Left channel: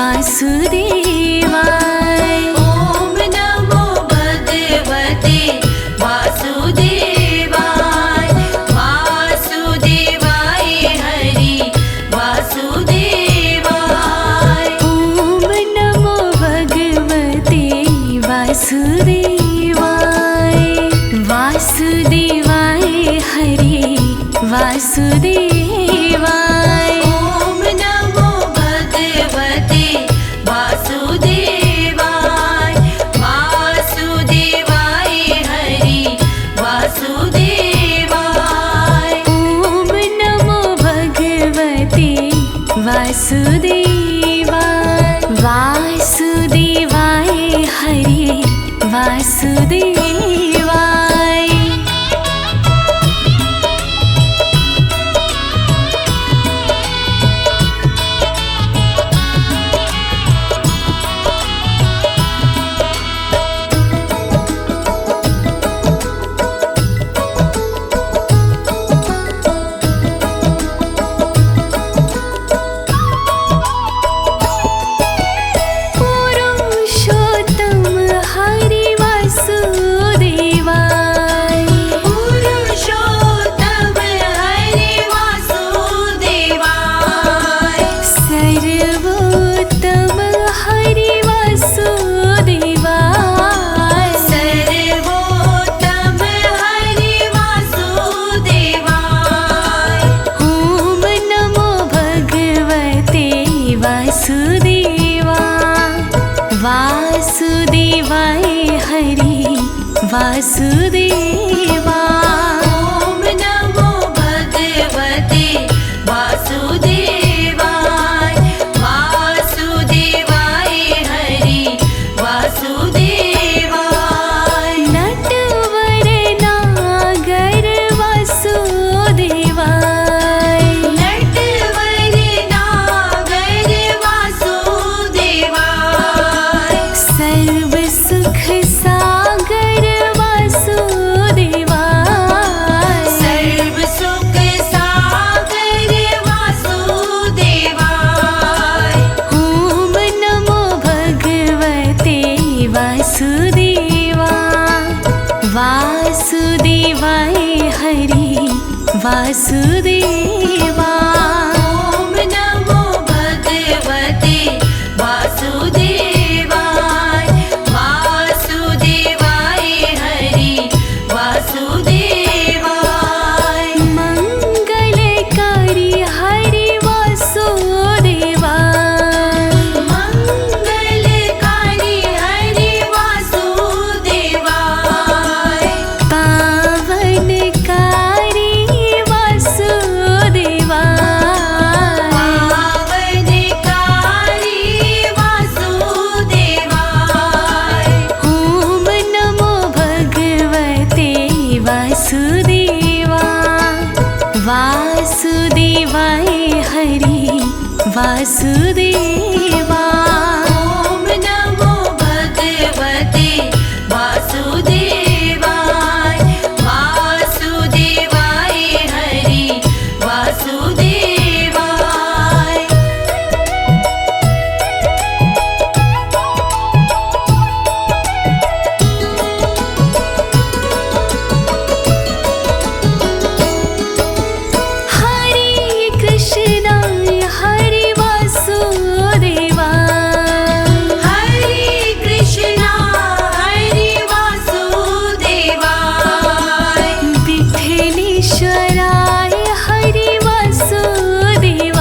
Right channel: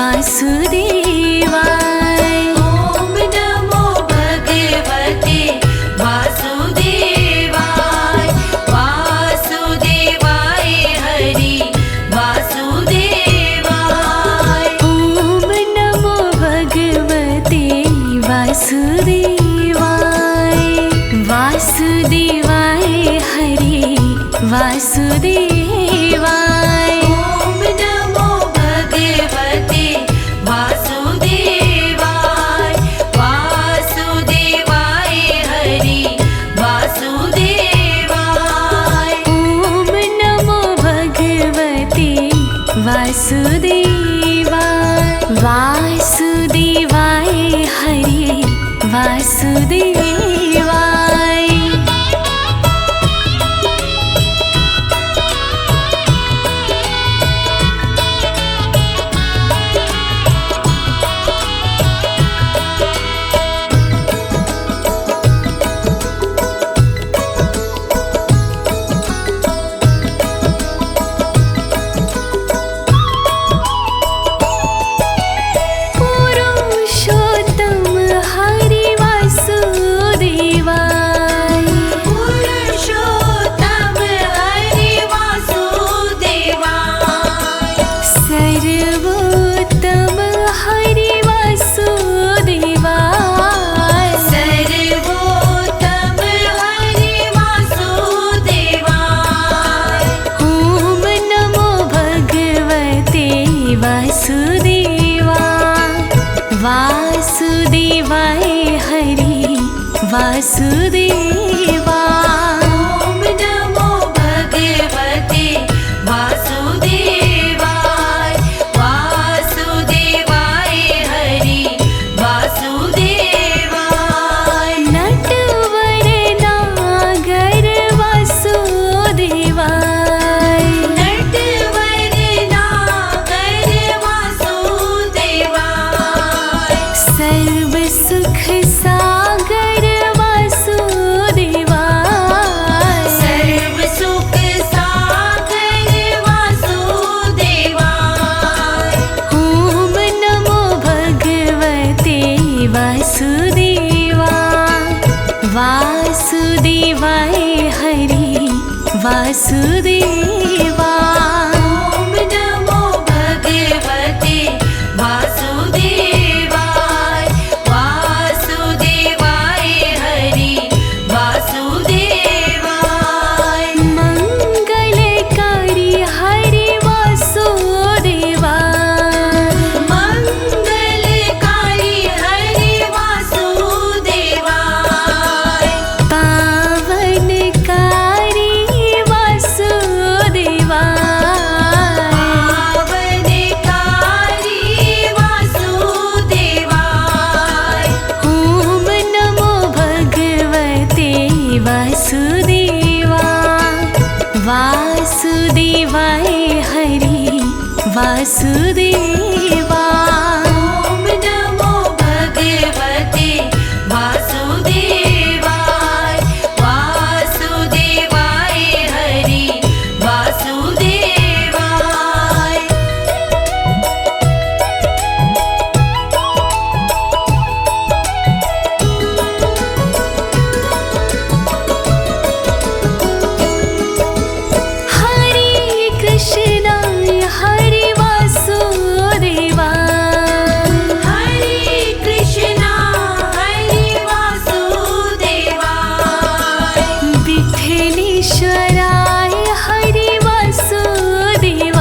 वासुदेवाय। ओम नमो भगवते वासुदेवाय। वासुदेवाय हरि वासुदेवाय। ओम नमो भगवते वासुदेवाय। वासुदेवाय हरि वासुदेवाय। ओम नमो भगवते वासुदेवाय। वासुदेवाय हरि वासुदेवाय। ओम नमो भगवते वासुदेवाय। वासुदेवाय हरि वासुदेवाय। पुरुषोत्तम हरि वासुदेवाय। पुरुषोत्तम हरि वासुदेवाय। सर्वोत्तम हरि वासुदेवाय। सर्वोत्तम हरि वासुदेवाय। ओम नमो भगवते वासुदेवाय। वासुदेवाय हरि वासुदेवाय। ओम नमो भगवते वासुदेवाय। वासुदेवाय हरि वासुदेवाय। नटवर नागर वासुदेवाय। नटवर नागर वासुदेवाय। सर्व सुख सागर वासुदेवाय। सर्व सुख सागर वासुदेवाय। ओम नमो भगवते वासुदेवाय। वासुदेवाय हरि वासुदेवाय। ओम नमो भगवते वासुदेवाय। वासुदेवाय हरि वासुदेवाय। मंगलकारी हरि वासुदेवाय। मंगलकारी हरि वासुदेवाय। पावनकारी वासुदेवाय। पावनकारी वासुदेवाय। ओम नमो भगवते वासुदेवाय। वासुदेवाय हरि वासुदेवाय। ओम नमो भगवते वासुदेवाय। वासुदेवाय हरि वासुदेवाय। हरे कृष्णा हरि वासुदेवाय। हरे कृष्णा हरि वासुदेवाय। विठ्ठलेश्वराय हरि वासुदेवाय।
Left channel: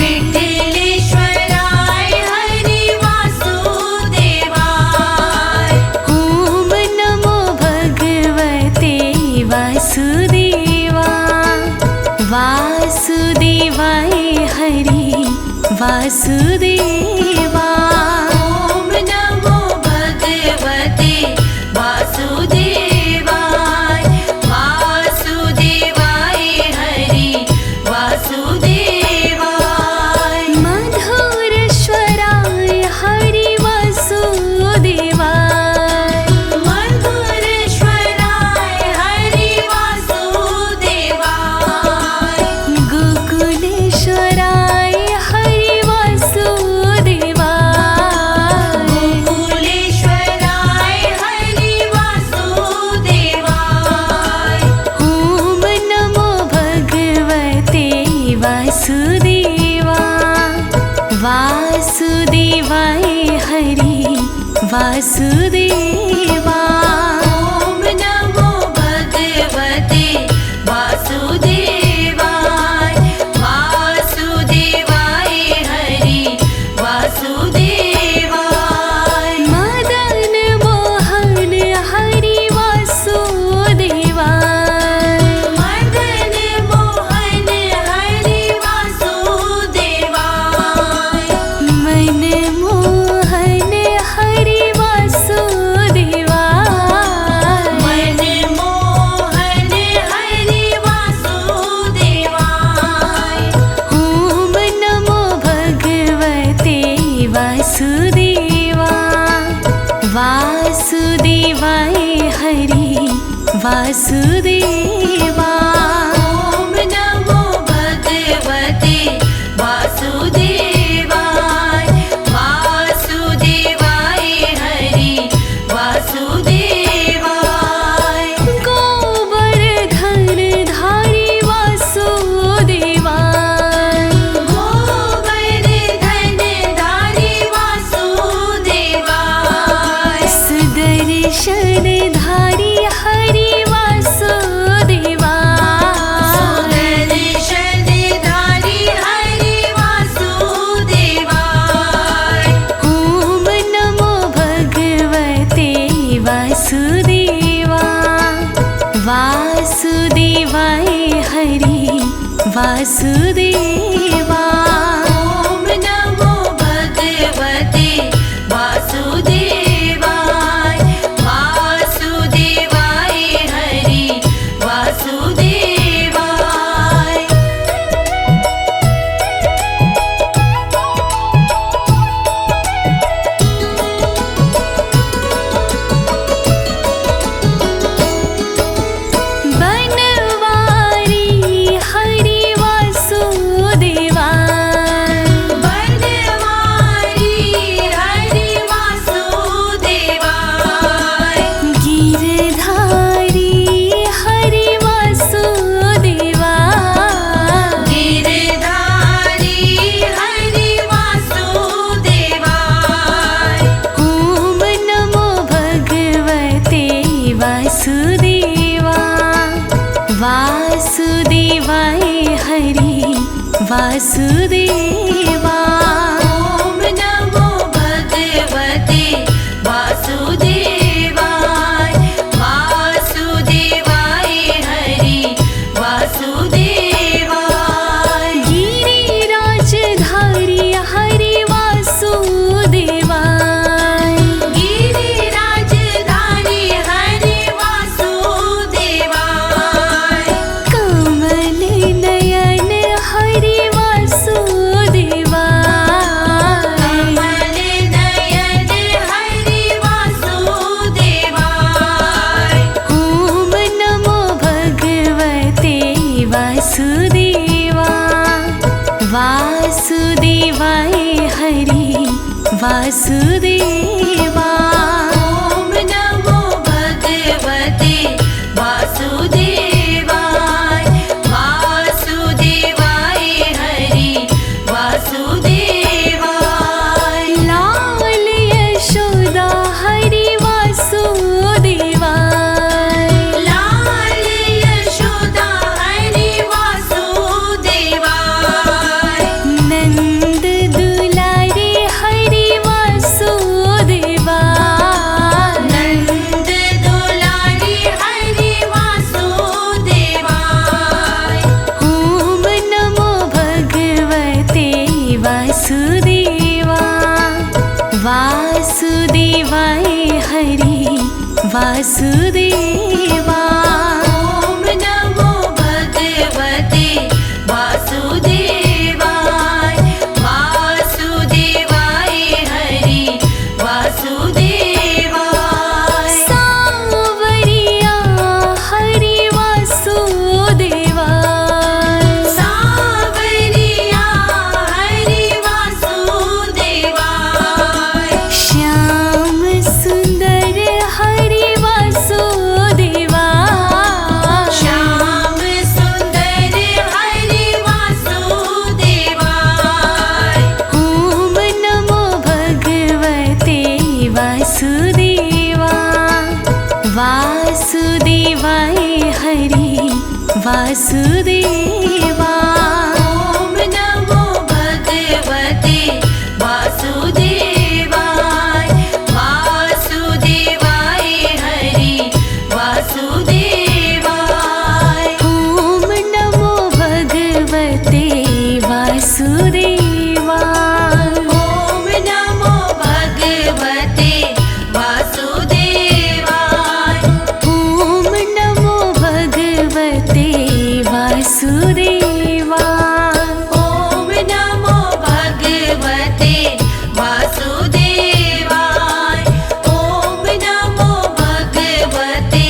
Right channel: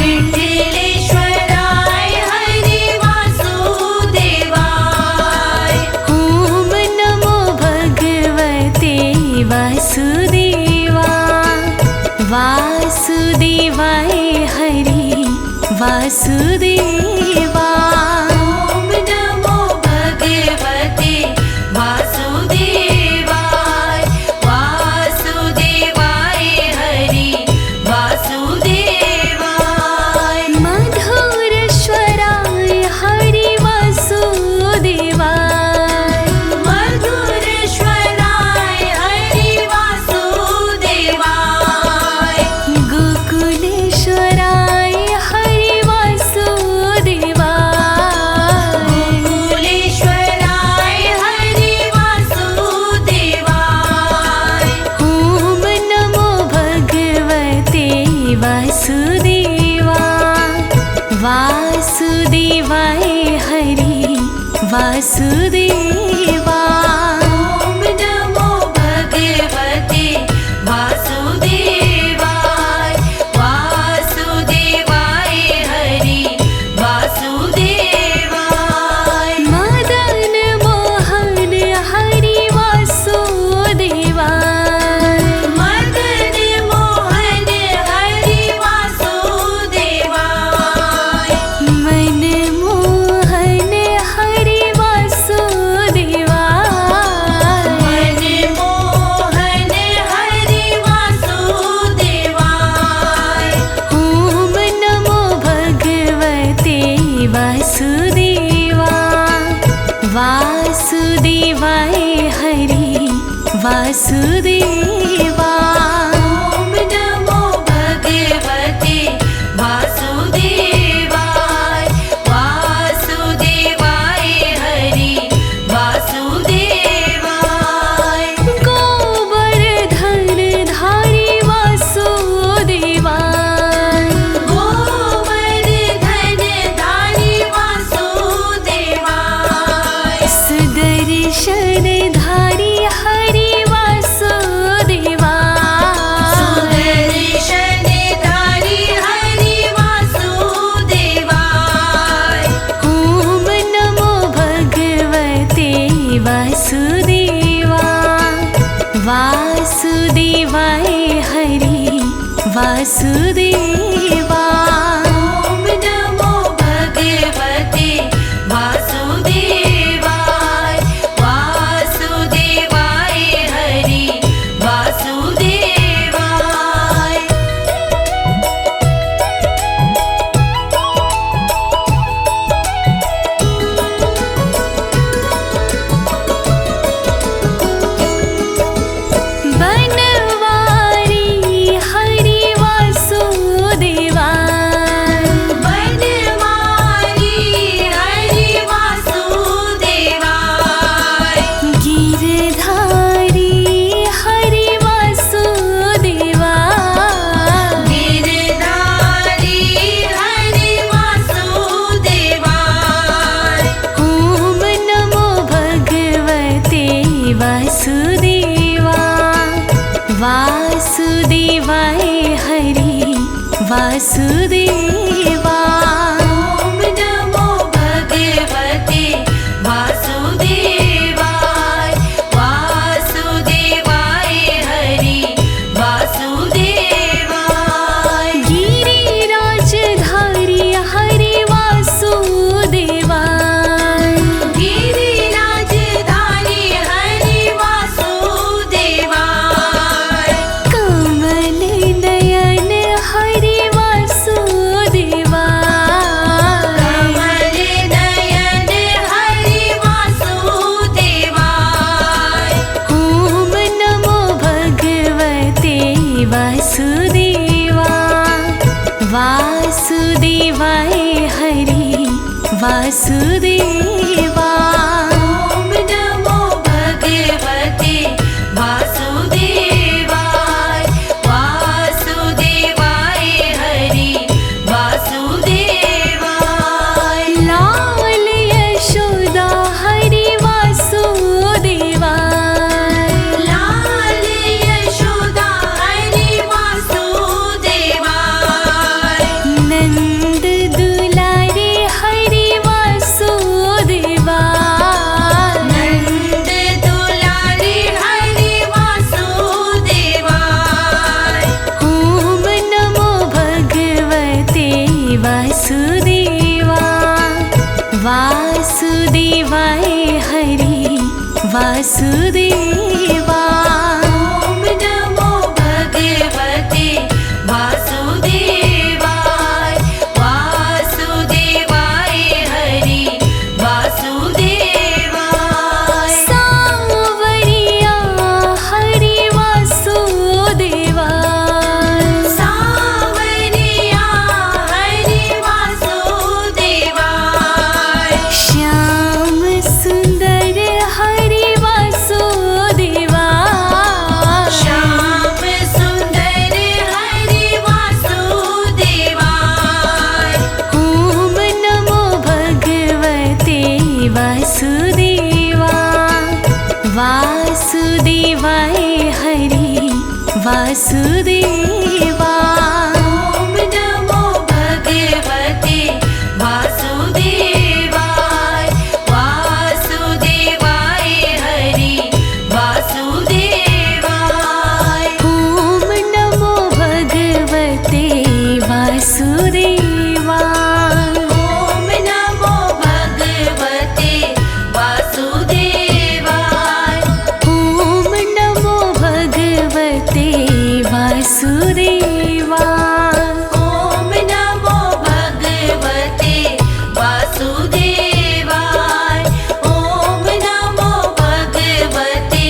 विठ्ठलेश्वराय हरि वासुदेवाय। ओम नमो भगवते वासुदेवाय। वासुदेवाय हरि वासुदेवाय। ओम नमो भगवते वासुदेवाय। वासुदेवाय हरि वासुदेवाय। मधुर स्वराय हरि वासुदेवाय। मधुरेश्वराय हरि वासुदेवाय। गोकुलेश्वराय हरि वासुदेवाय। वासुदेवा वासुदेवाय हरि वासुदेवा ॐ नमो भगवते वासुदेवाय वासुदेवाय हरि वासुदेवाय मदन मोहन हरि वासुदेवाय मदन मोहन हरि वासुदेवाय मन मोहन हरि वासुदेवाय मन मोहन हरि वासुदेवाय ॐ नमो भगवते वासुदेवा वासुदेवाय हरि वासुदेवा ॐ नमो भगवते वासुदेवाय वासुदेवाय हरि वासुदेवाय गोवर्धन धारी वासुदेवाय गोवर्धन धारी वासुदेवाय सुदर्शन धारी हरि वासुदेवाय सुदर्शनधारी हरि वासुदेवाय ॐ नमो भगवते वासुदेवा वासुदेवाय हरि वासुदेवा ॐ नमो भगवते वासुदेवाय वासुदेवाय हरि वासुदेवाय बनवारी हरि वासुदेवा बनवारी हरि वासुदेवाय गिरधारी हरि वासुदेवा गिरधारी हरि वासुदेवाय ॐ नमो भगवते वासुदेवा वासुदेवाय हरि वासुदेवा ॐ नमो भगवते वासुदेवाय वासुदेवाय हरि वासुदेवाय गिरिराजधारी हरि वासुदेवा गिरिराजधारी हरि वासुदेवाय कमल नयन हरि वासुदेवा कमल नयन हरि वासुदेवाय ॐ नमो भगवते वासुदेवा वासुदेवाय हरि वासुदेवा ॐ नमो भगवते वासुदेवाय वासुदेवाय हरि वासुदेवाय लाल यशोदा हरि वासुदेवा लाल यशोदा हरि वासुदेवाय नंद दुलारे हरि वासुदेवा नंद दुलारी हरि वासुदेवाय ॐ नमो भगवते वासुदेवा वासुदेवाय हरि वासुदेवा ॐ नमो भगवते वासुदेवाय वासुदेवाय हरि वासुदेवाय सावरिया हरि वासुदेवा सावरिया हरि वासुदेवाय श्याम सुंदर हरि वासुदेवा देवाय हरि वासुदेवा। ॐ नमो भगवते वासुदेवाय। वासुदेवाय हरि वासुदेवाय। ॐ नमो भगवते वासुदेवा। ॐ नमो भगवते वासुदेवाय। ॐ नमो भगवते वासुदेवा। ॐ नमो भगवते वासुदेवाय। ॐ नमो भगवते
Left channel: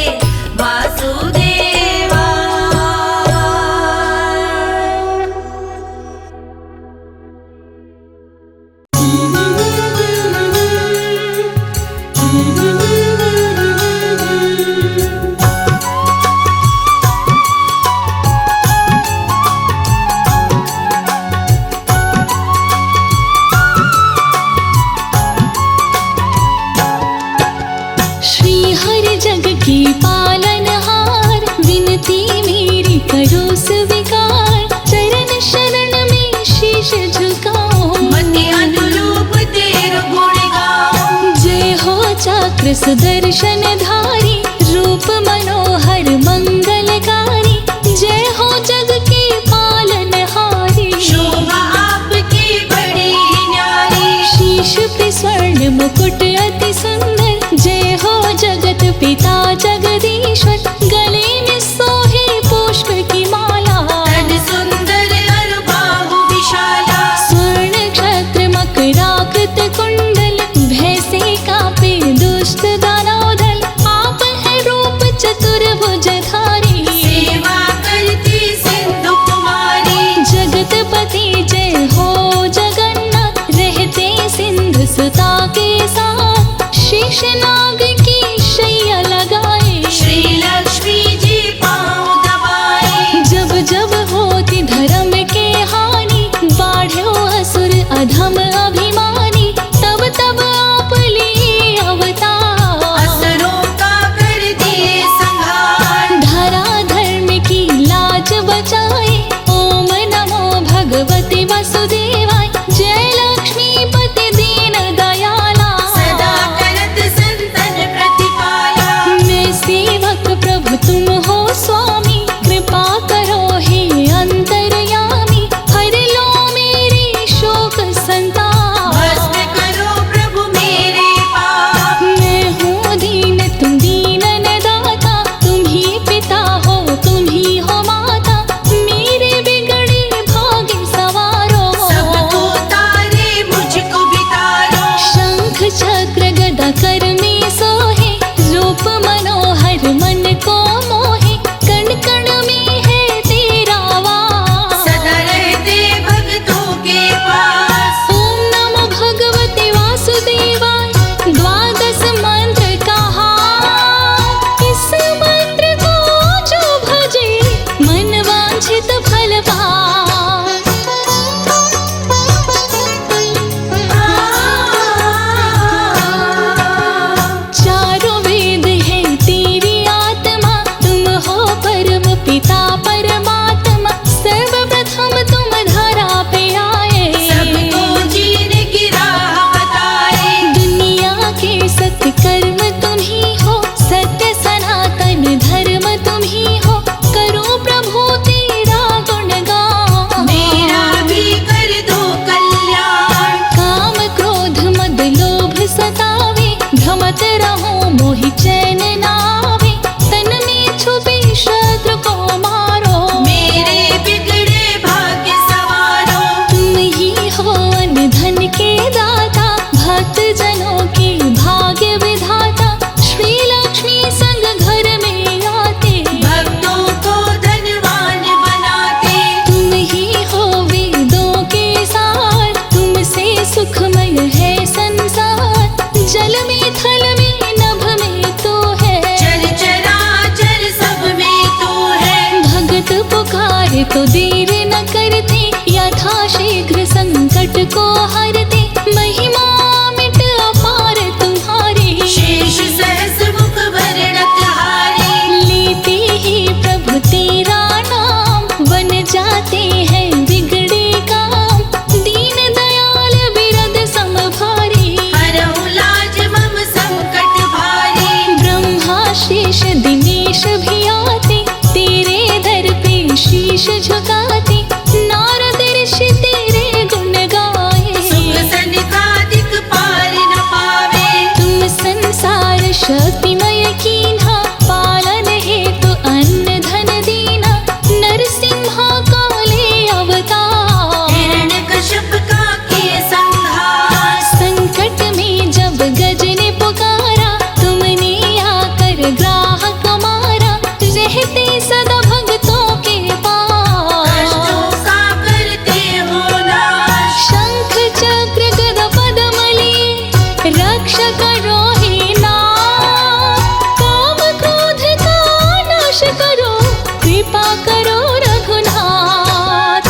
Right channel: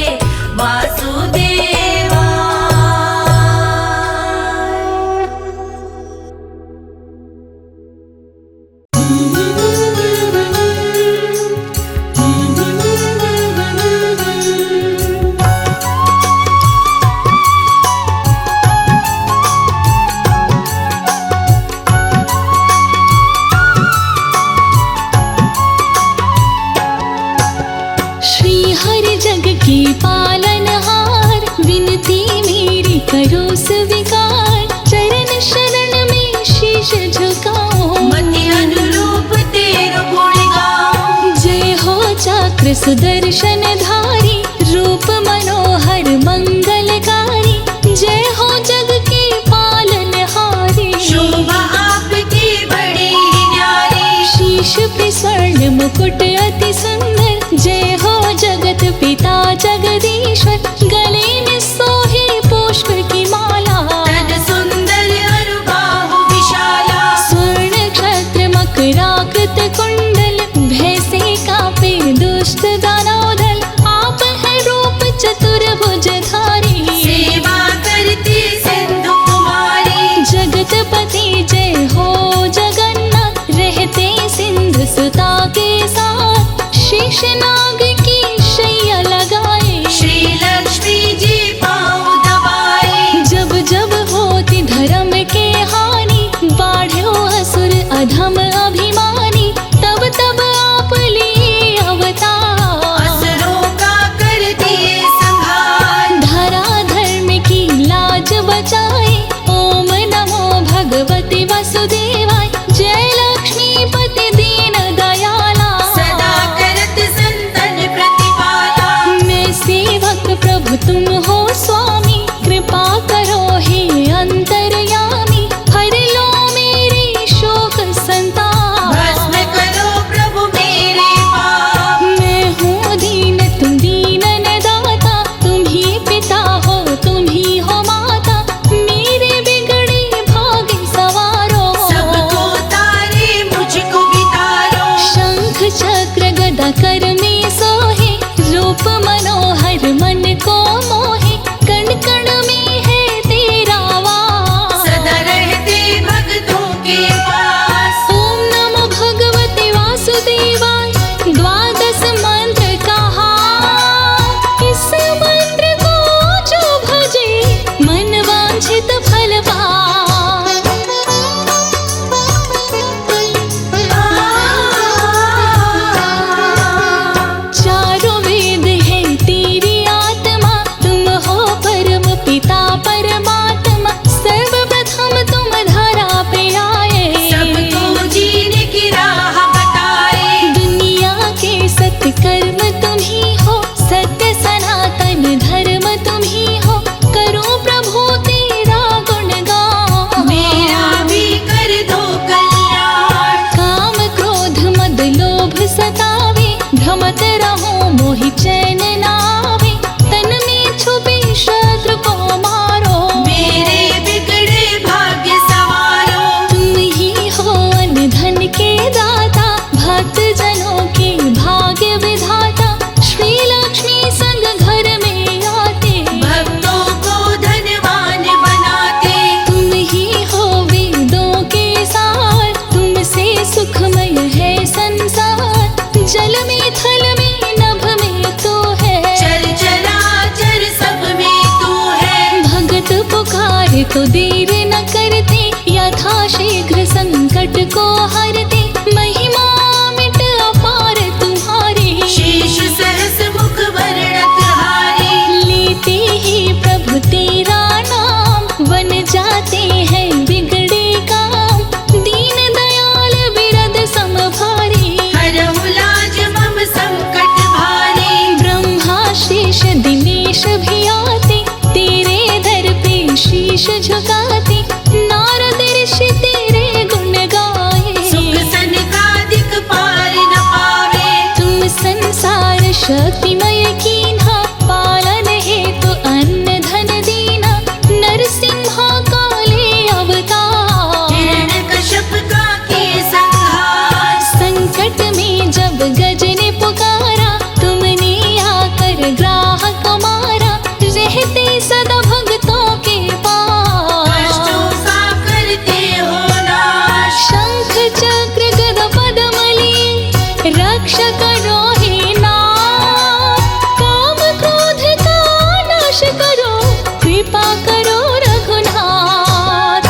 श्री हरि जग की पालनहार, विनती मेरी करो स्वीकार। चरण शरण में शीश झुकाओ, मति अनुरूप तेरो गुण गाओ। जय हो चक्र सुदर्शन धारी, रूप मनोहर मंगलकारी। जय हो जग की पालनहारी, शोभा आपकी बड़ी न्यारी। शीश पे स्वर्ण मुकुट अति सुंदर। जय हो जगत पिता जगदीश्वर, गले में सोहे पुष्प की माला। तन सुंदर अरुबाहु विशाला। स्वर्ण क्षत्र मकराकृत कुंडल, भय से कांपे दुष्ट दानव दल। आप है रूप चतुर्भुजधारी, सेवा करती सिंधु कुमारी। जगतपति जय हो जगन्नाथ, रहते सिंधु सुता के साथ। शेषनाग की शैया लगाए, श्री लक्ष्मी जी पाँव दबाए। जब जब होती धर्म के हानि, बाढ़ो असुर अधम अभिमानी। तब तब आप लिए अवतार, असुरों का कर दिए संहार। धरा धर्म की लाज बचाए। ओम नमो भगवते वासुदेवाय। जय लक्ष्मीपति दीन दयाला, सदा करत संतन प्रतिपाला। मैं सेवक प्रभु तुम हो स्वामी। कृपा करो हे अंतर्यामी, हर लो मेरी शोक संताप। भस्म करो प्रभु मेरे पाप। मैं हूँ दीन तुम दीनन दाता, तुम ही पिता हो तुम ही हो माता। मेरे बिगड़े भाग्य सवारो, सबको तारे मुझको बितारो। शंख चक्र गदा कर में सोहे। रूप मनोहर मन को मोहे, कण कण में है तेरा वास। सदा रहते भक्तों के पास। ओम नमो भगवते वासुदेवाय। द्वादश मंत्र कहा, इस मंत्र को जो भजे, मन वांछित फल पाए। चारों वेद है तेरी आत्मा, तुम हो परम पिता परमात्मा। सर्वप्रथम तुम धरा पे आए, सबको जीने की राह बताए। दुनिया के सत्य कर्म तुम ही हो, सत्य सनातन धर्म तुम ही हो। करो प्रभु तेरा गुणगान, मेरा भी कर दो कल्याण। काम क्रोध मद लोभ सतावे। भ्रमत रहो मोहि चैन नावे, तन में छुपे शत्रु को मारो। मेरे बिगड़े भाग्य सवारो। तुम ही हो अन्न धन के दाता, भक्त जनों के भाग्य विधाता। श्री लक्ष्मी संग घर में आते, भक्तों को धनवान बनाते। तुम ही हो वेदों के सार, तुमसे सुखमय है संसार। जल में थल में नभ में तो है, चल चराचर सब में तू है। भगत पुकारे तो देर न करते, यथा शीघ्र संकट को हरते। महिमा मिट अपार तुम्हारी, शेष सहस्र मुख वर्णक हारे। लेते प्रभु तेरा नाम, बन जाते हैं बिगड़े काम। दीन दयाल बिरद समभारी, हरहु लाज मम संकट भारी। ब्रह्मा शेष दिनेश भी आते, तेरे दर पे शीश झुकाते। नारद ऋषि तेरे गुण गाए, सुख सनकादिक पार न पावे। तुम संसार शक्तिमय कीन्हा, पालन हेतु अन्न धन दीना। नरसिम्हा काले अवतार, हिरण्यकश्यप का के संहार। संकट में जब गज ने पुकारा, तुमने आकर ग्राहक मारा। रहते सदा भक्तों के पास, कष्टों सा करते हो नाश। शंख चक्र गदा पद्म लिए, रक्षा करो हे नाथ। काम क्रोध का नाश करो, कृपा करो रघुनाथ।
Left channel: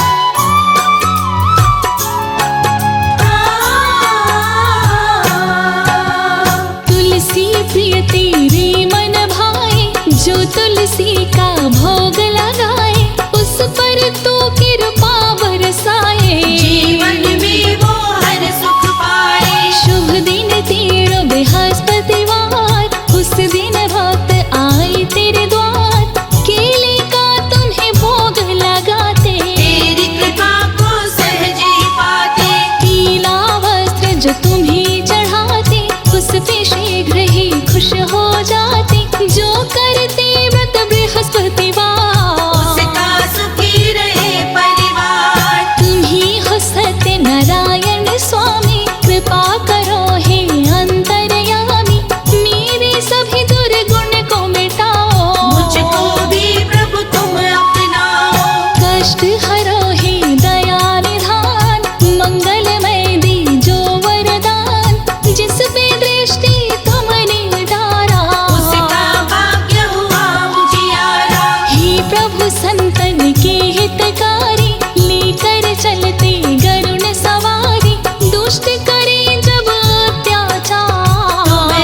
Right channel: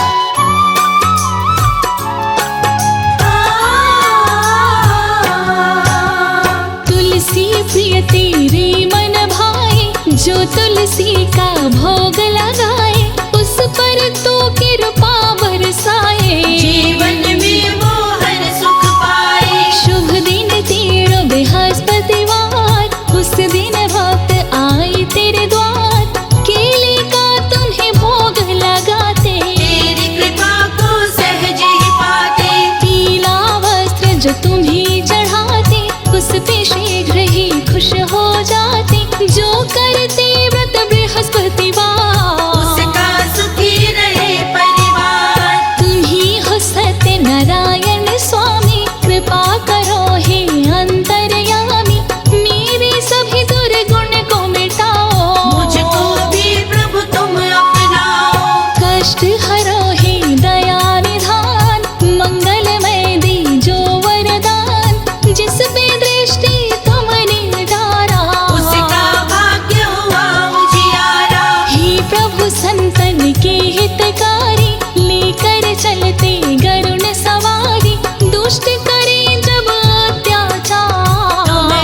तुलसी प्रिय तेरे मन भाए, जो तुलसी का भोग लगाए। उस पर तू कृपा बरसाए, जीवन में वो हर सुख पाए। शुभ दिन तेरो बृहस्पतिवार, उस दिन भक्त आए तेरे द्वार। केले का तुम्हें भोग लगाते, तेरी कृपा को सहज ही पाते। पीला वस्त्र जो तुम्हें चढ़ाते, उस पे शीघ्र ही खुश हो जाते। जो करते व्रत बृहस्पतिवार, उसका सुखी रहे परिवार। तुम ही हो सत्य नारायण स्वामी, कृपा करो हे अंतर्यामी। मेरे सभी दुर्गुण को मिटाओ, मुझको भी प्रभु तुम अपनाओ। कष्ट हरो हे दया निधान। मंगलमय दीजो वरदान, जिस पे दृष्टि तुमने डारा। उसका भाग्य हुआ उजियारा। हे प्रभु संतन के हितकारी, लेकर चलते गरुण सवारी। दुष्ट करे जब अत्याचार,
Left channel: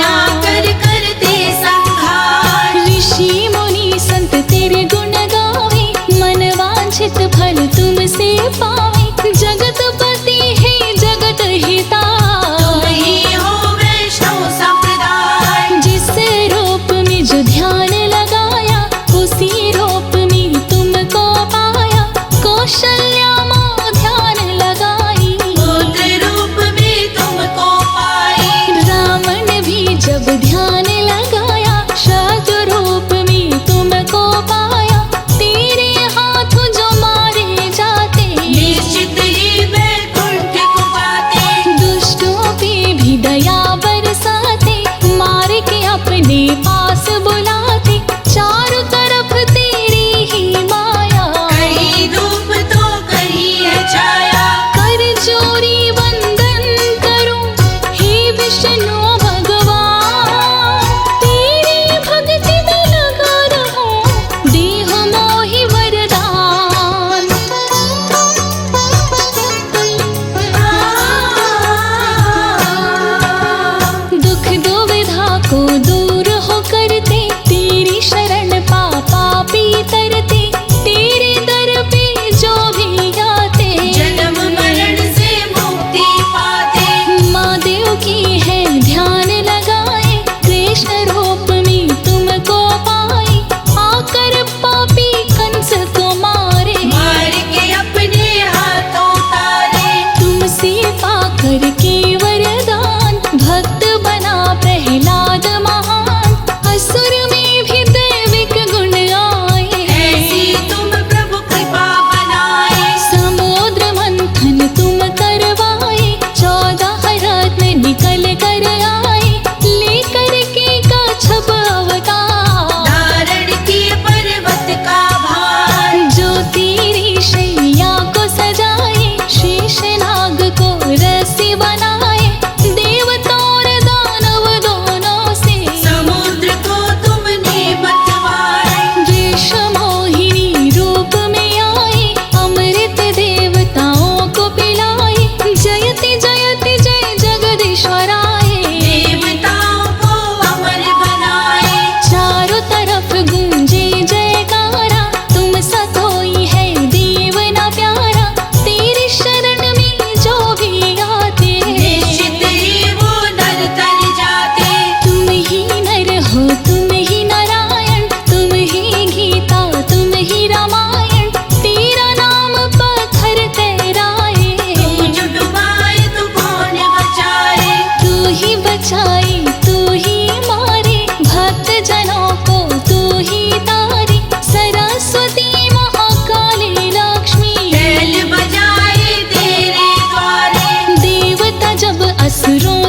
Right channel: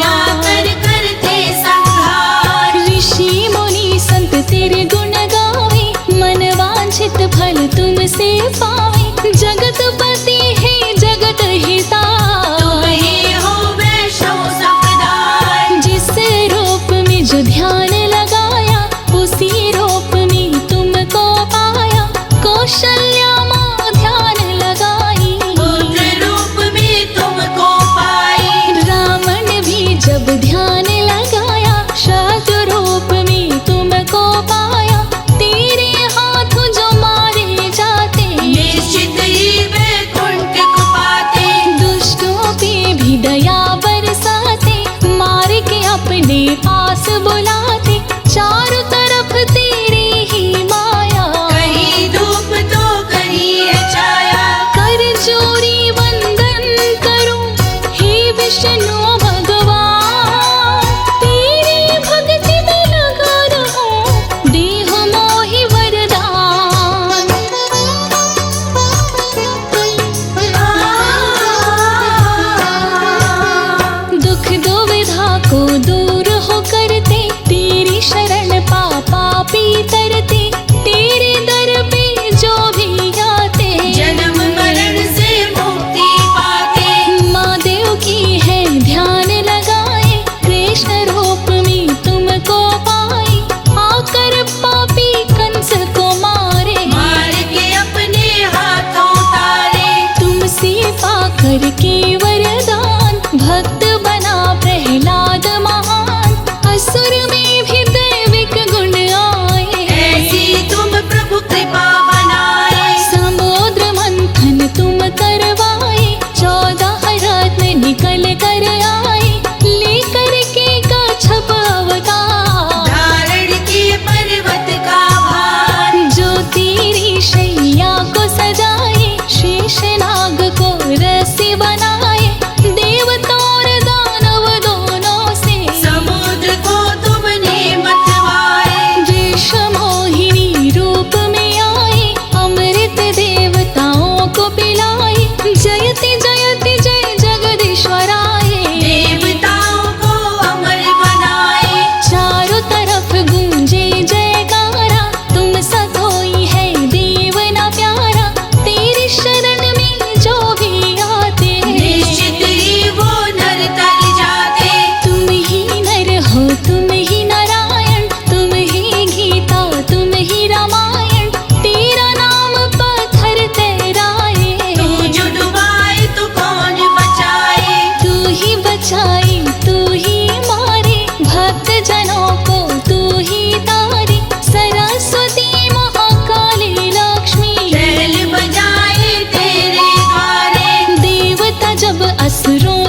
आकर करते संहार। ऋषि मुनि संत तेरे गुण गावे। मन वांछित फल तुमसे पावे, जगतपति है जगत हिता। तुम ही हो वैष्णव संप्रदाय। जिस रूप में जो ध्यान लगाया, उसी रूप में तुमको पाया। कौशल्या माँ ध्यान लगाई, पुत्र रूप में तुमको पाई। रावण भी जब ध्यान लगाया, शत्रु रूप में तुमको पाया। तेरे हाथों जो मारे जाते, निश्चित ही वैकुंठ को पाते। दुष्टों पे भी दया बरसाते। मार के अपने पास बुलाते, चारों तरफ तेरी ही माया। कहीं धूप तो कहीं है छाया। कर जोरी वंदन करूं हे विष्णु भगवान। तेरी भक्ति में लगा रहूं, देहु मोहि वरदान। दुख दुविधा को दूर हो करते, तेरी शरण पापी तरते। तेरे दर पे जो भी आते, जन्म मरण से मुक्ति पाते। माँ देव की है ध्यान लगाए। कृष्ण रूप में तुमको पाए, आकर पापी कंस को मारे। मार के अपने हाथों तारे। तुमसे पाकर के वरदान, भक्त बना प्रहलाद महान। असुर में भी दैविक गुण आए, ऐसी तुम प्रभु कृपा बनाए। समुद्र मंथन तुम करवाए। 14 रत्न निकल कर आए, लेकर के कच्छप अवतार। धारण किए पर्वत का भार। जो तेरी शैया को सजाए, शेषनाग को रस्सी बनाए। देवता और दानव दोनों से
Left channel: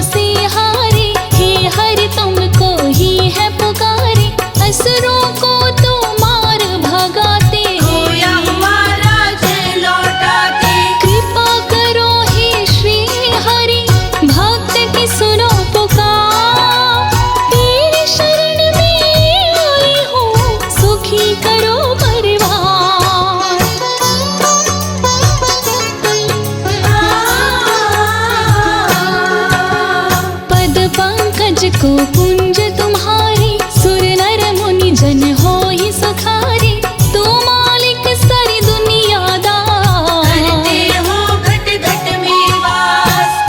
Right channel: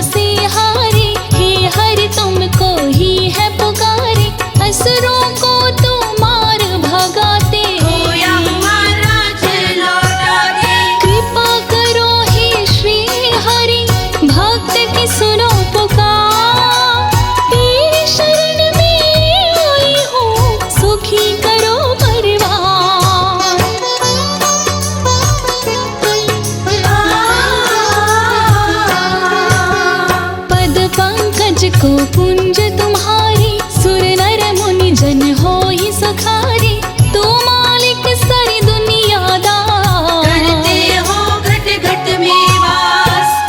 से हारे, हे हरि तुमको ही है पुकारे, असुरों को तो मार भगाते, कृपा करो हे श्री हरि, भक्त की सुनो पुकार, तेरी शरण में आई हूँ, सुखी करो परिवार। पद पंकज को पुंज तुम्हारी, सुर नर मुनि जन हो ही सुखारी, तू मालिक सारी दुनियादार,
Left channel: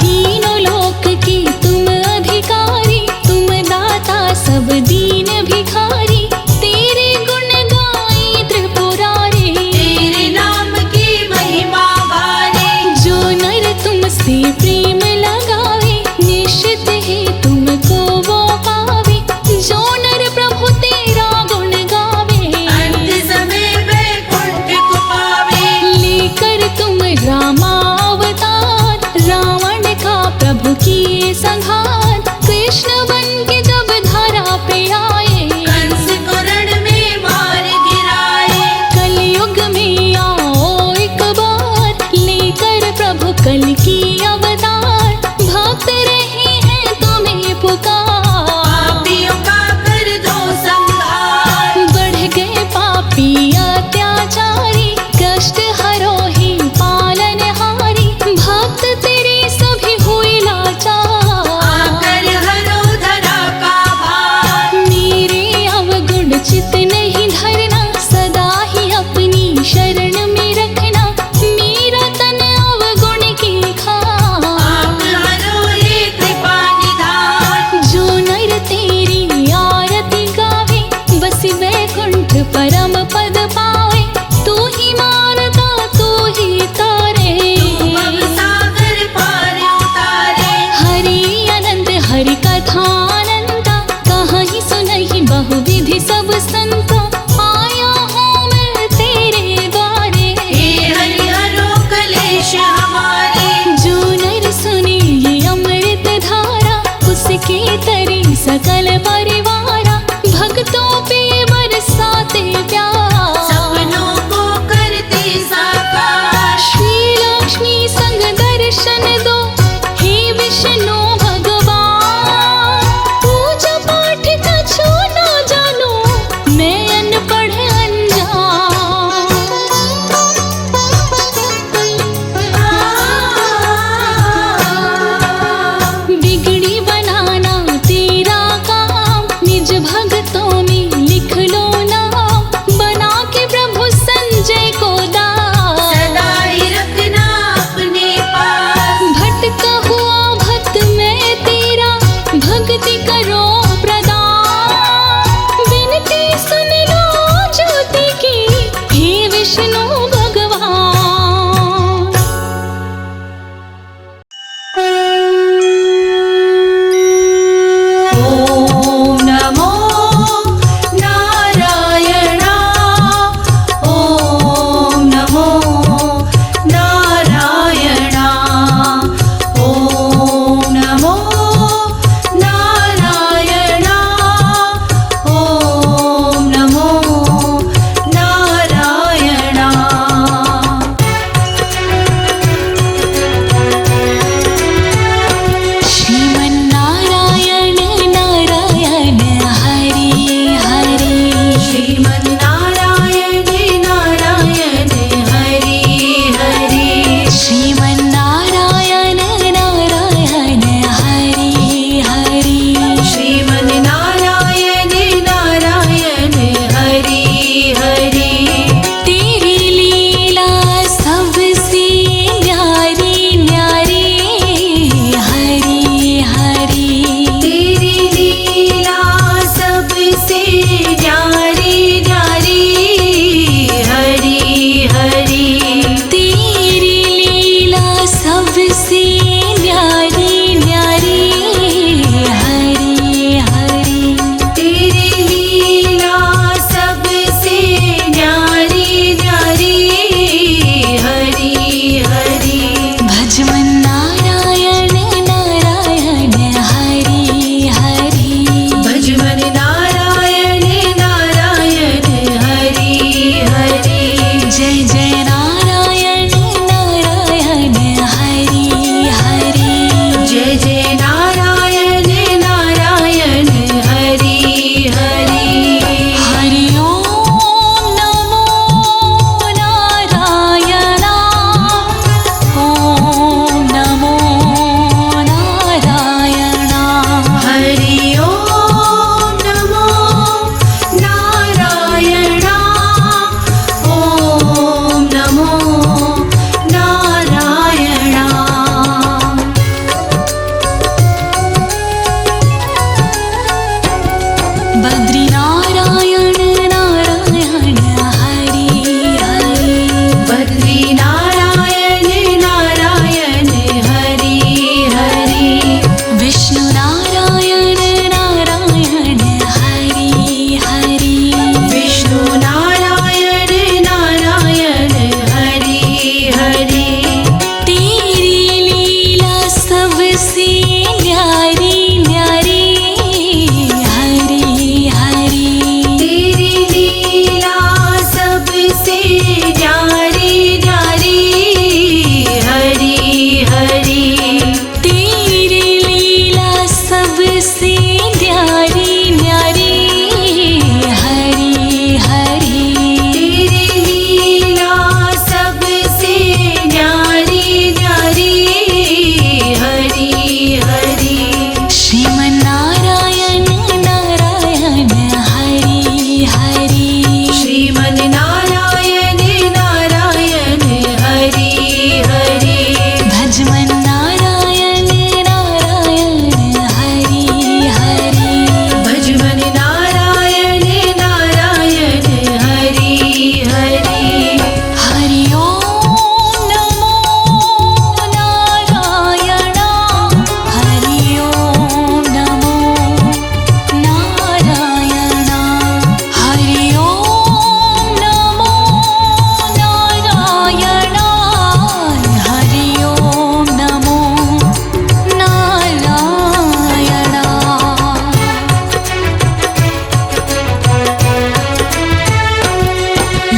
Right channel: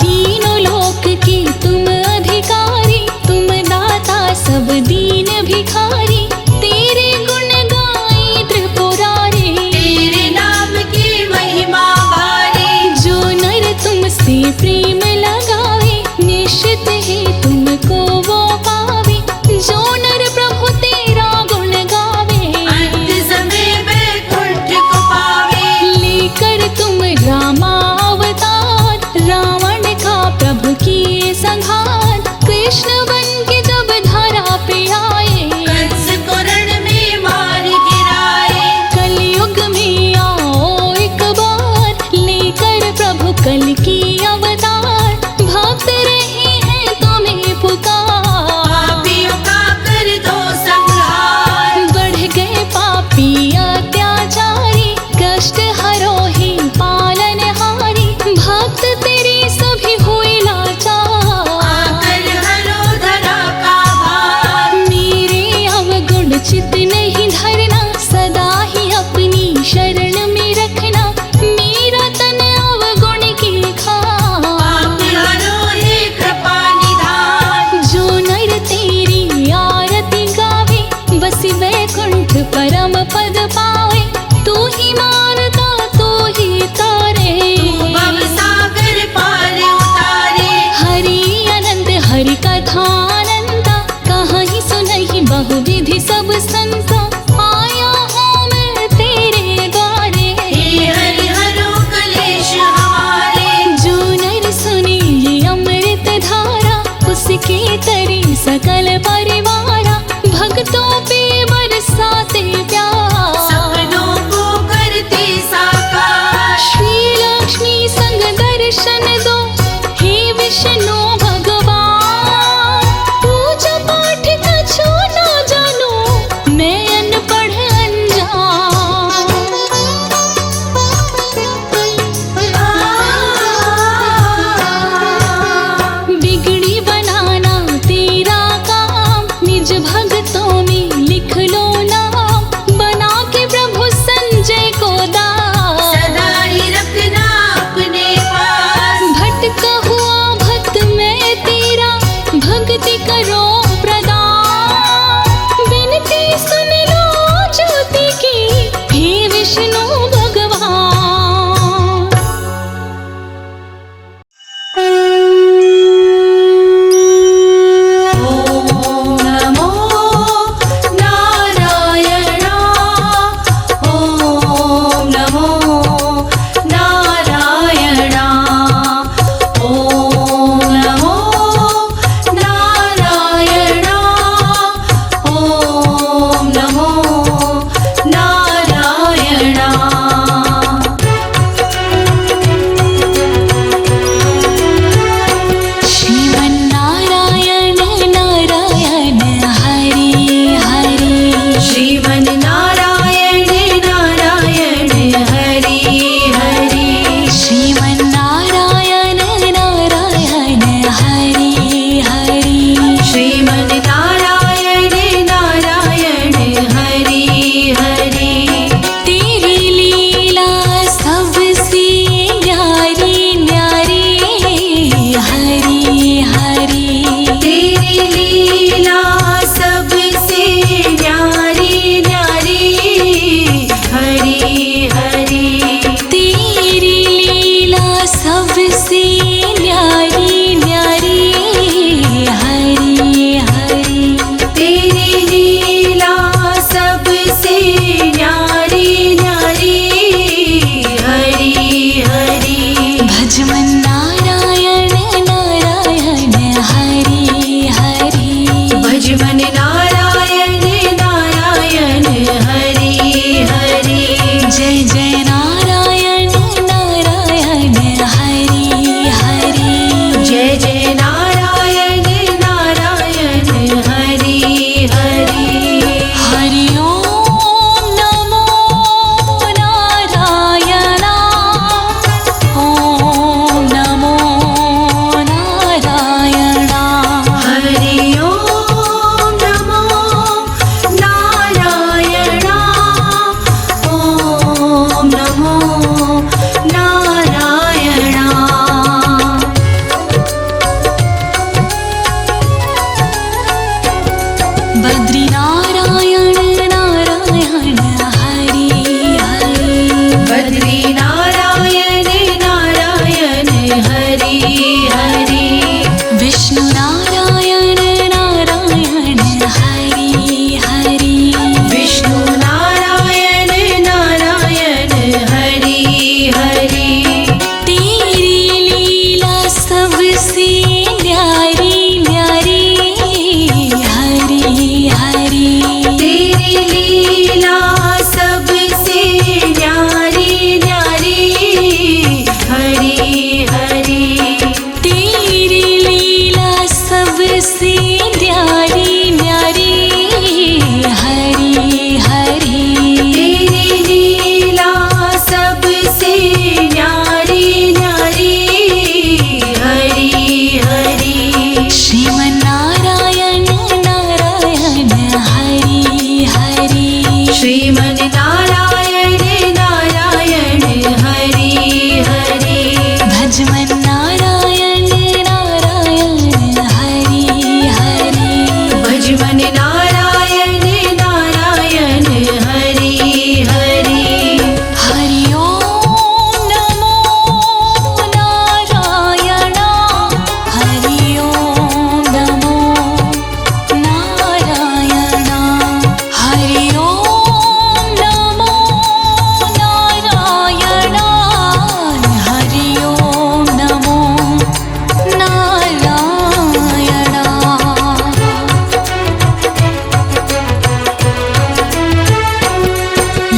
तीनों लोक की तुम अधिकारी, तुम दाता सब दीन भिखारी, तेरे गुण गाए त्रिपुरारी, तेरे नाम की महिमा भारी, जो नर तुमसे प्रेम लगावे, निश्चित ही तुमको वो पावे, जो नर प्रभु तेरा गुण गावे, अंत समय वैकुंठ को पावे, लेकर तुम रामावतार, रावण का प्रभु किए संहार, कृष्ण बन के जब धरा पे आए, कंस को रण में मार गिराए, कलयुग में आओ एक बार, लेकर प्रभु कल की अवतार, भक्त रहे हैं तुम्हें पुकार, पापियों का कर दो संहार, बढ़ गए पापी अत्याचारी, कष्ट हरो ही पालनहारी, भक्त तेरे सभी हुए लाचार, कर हरो धरा का भार, मेरे अवगुण चित नहीं धरना, सदा ही अपनी शरण में रखना, मेरा तन अवगुण की खार, हरो हे कृपा निधान, जो नर तेरी आरती गावे, बस वैकुंठ परम पद पावे, तू ही मारता तू ही तारे, भव सागर पार उतारे, हरि अनंत हरि कथानंता, कहाँ ही सुनहि बहुविधि सब संता, आया हूँ मैं तेरे द्वारे, हे हरि हरो कलेश हमारे, जो नर सुने ये अमृत धारा, उसके तरे सकल परिवारा, भक्तों पे बरसाते प्यार, सपनों को करते साकार, श्री लक्ष्मी संग दर्शन दो, हे विष्णु भगवान, पूजा पाठ कछु ना जानो, मैं अनपढ़ अनजान, बिगड़ी बनाना तेरा काम, निज भक्तों में लिख लो नाम, बना के प्रभु संजय को दास, सदा ही रखना अपने पास, भटका हुआ भक्त मैं तेरा, भक्ति करो प्रदान, बिनती सुन लो ज्योति की, हे विष्णु भगवान। ओम नमो नारायणा, ओम नमो नारायणा, ओम नमो नारायणा, ओम नमो नारायणा। श्रीमन्नारायण नारायण हरि हरि, श्रीमन्नारायण नारायण हरि हरि, श्रीमन्नारायण नारायण हरि हरि, श्रीमन्नारायण नारायण हरि हरि, तेरी लीला सबसे न्यारी न्यारी, हरि हरि, तेरी लीला सबसे न्यारी न्यारी, हरि हरि, तेरी लीला सबसे न्यारी न्यारी, हरि हरि, तेरी लीला सबसे न्यारी न्यारी, हरि हरि, भज मन नारायण नारायण सबसे न्यारी न्यारी हरी हरी। तेरी लीला सबसे न्यारी न्यारी हरी हरी। श्रीमन्नारायण नारायण हरि हरि। श्रीमन्नारायण नारायण हरि हरि। भजमन नारायण नारायण हरि हरि। भजमन नारायण नारायण हरि हरि। हरि ओम नमो नारायण हरि ओम नमो नारायण हरि ओम नमो नारायण हरि ओम नमो नारायण।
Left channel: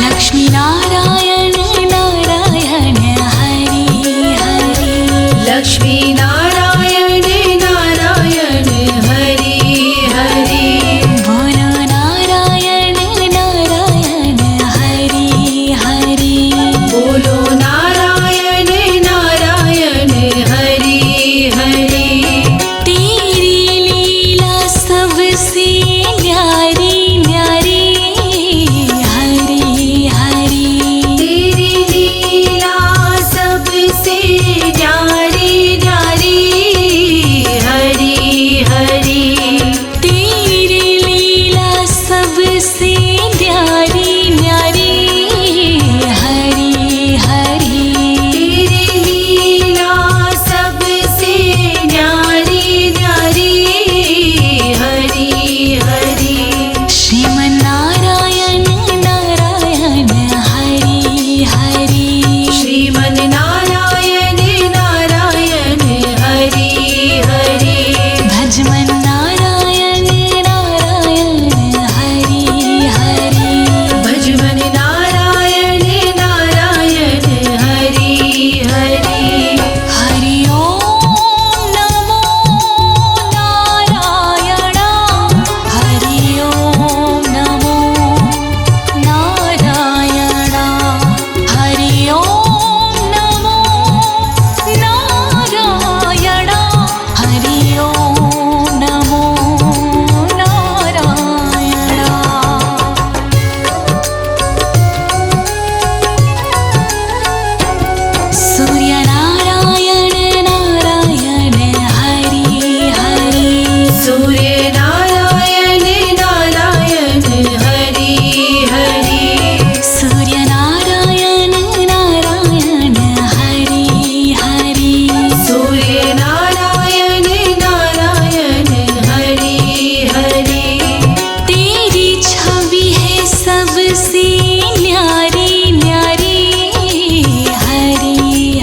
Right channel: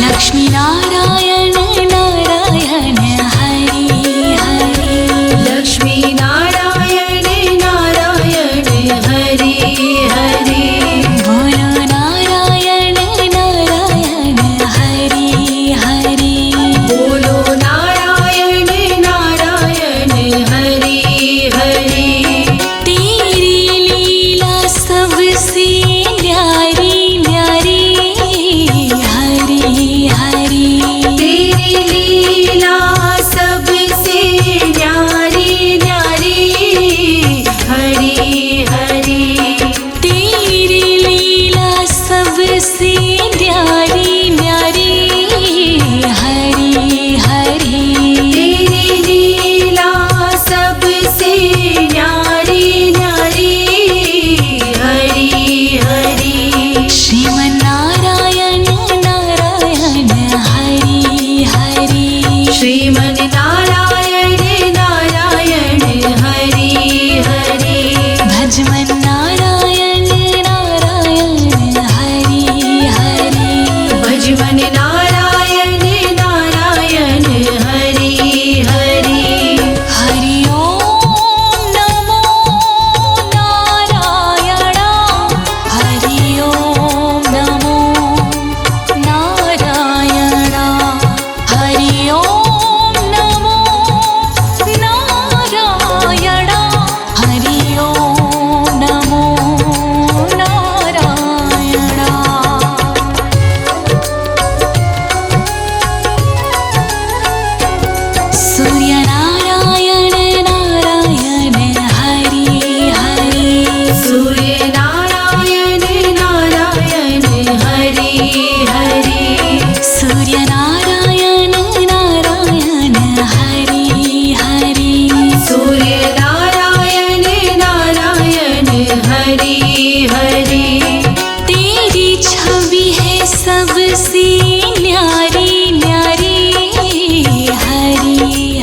लक्ष्मी नारायण नारायण हरि हरि। लक्ष्मी नारायण नारायण हरि हरि। बोलो नारायण नारायण हरि हरि। बोलो नारायण नारायण हरि हरि। तेरी लीला सबसे न्यारी न्यारी हरि हरि। तेरी लीला सबसे न्यारी न्यारी हरि हरि। तेरी लीला सबसे न्यारी न्यारी हरि हरि। तेरी लीला सबसे न्यारी न्यारी हरि हरि। श्रीमन्नारायण नारायण हरि हरि। श्रीमन्नारायण नारायण हरि हरि। भजमन नारायण नारायण हरि हरि। भजमन नारायण नारायण हरि हरि। हरि ओम नमो नारायण हरि ओम नमो नारायण हरि ओम नमो नारायण हरि ओम नमो नारायण। सूर्य नारायण नारायण हरि हरि। सूर्य नारायण नारायण हरि हरि। सूर्य नारायण नारायण हरि हरि। सूर्य नारायण नारायण हरि हरि। तेरी छवि है सबसे न्यारी न्यारी हरि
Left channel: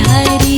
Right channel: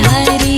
हरि।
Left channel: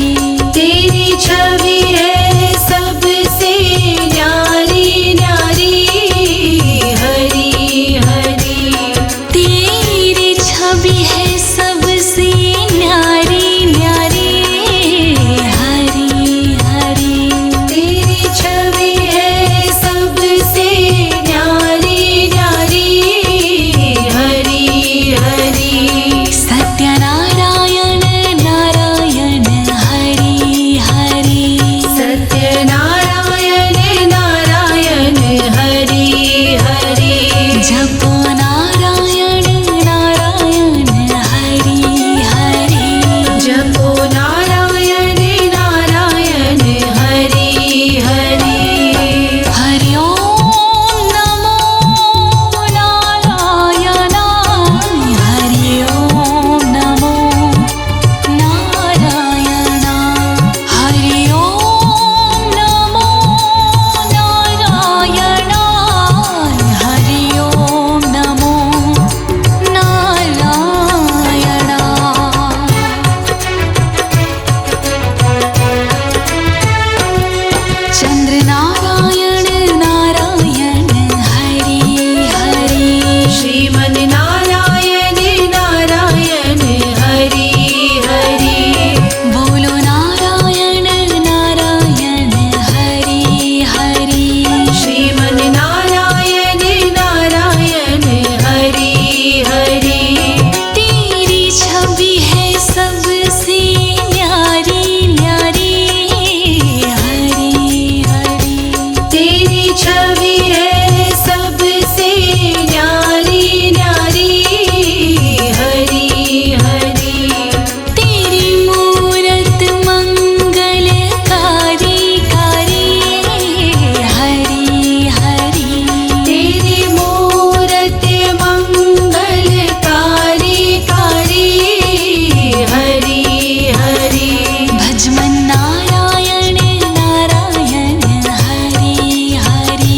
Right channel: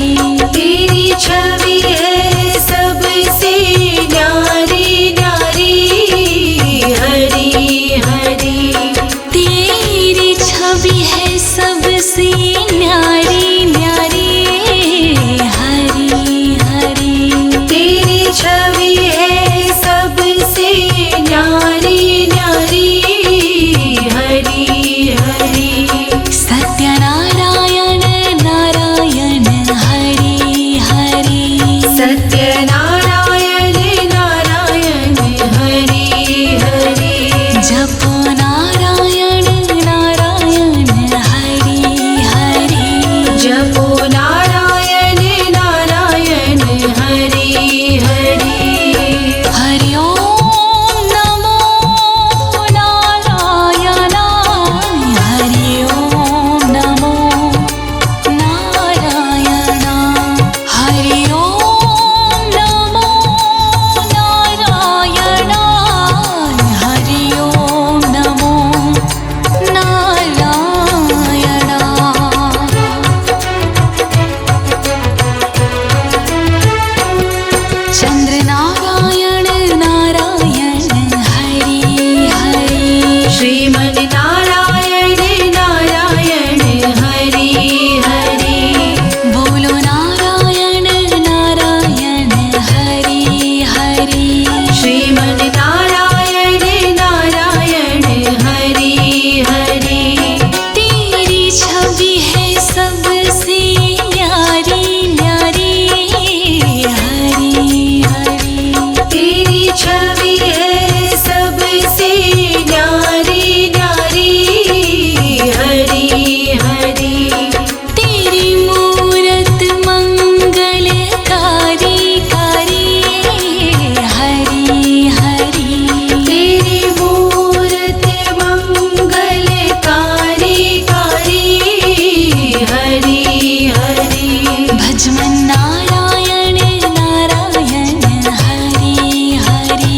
नारायण नारायण हरि हरि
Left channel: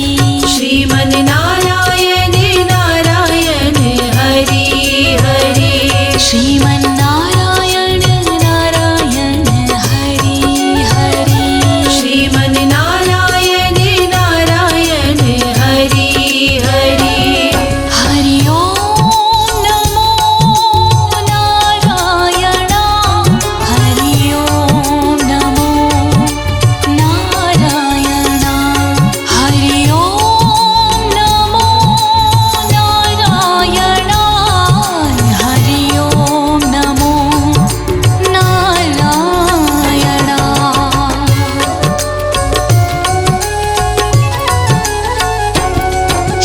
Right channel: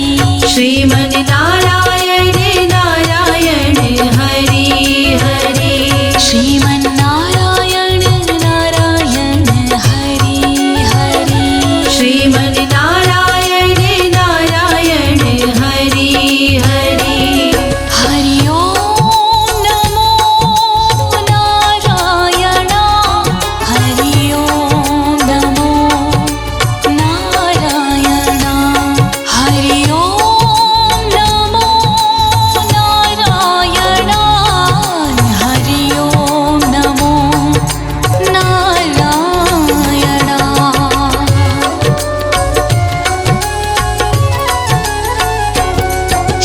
श्रीमन्नारायण नारायण हरि हरि श्रीमन्नारायण नारायण हरि हरि श्रीमन्नारायण नारायण हरि हरि हरि ओम नमो नारायण हरि ओम नमो नारायण हरि ओम नमो नारायण हरि ओम नमो नारायण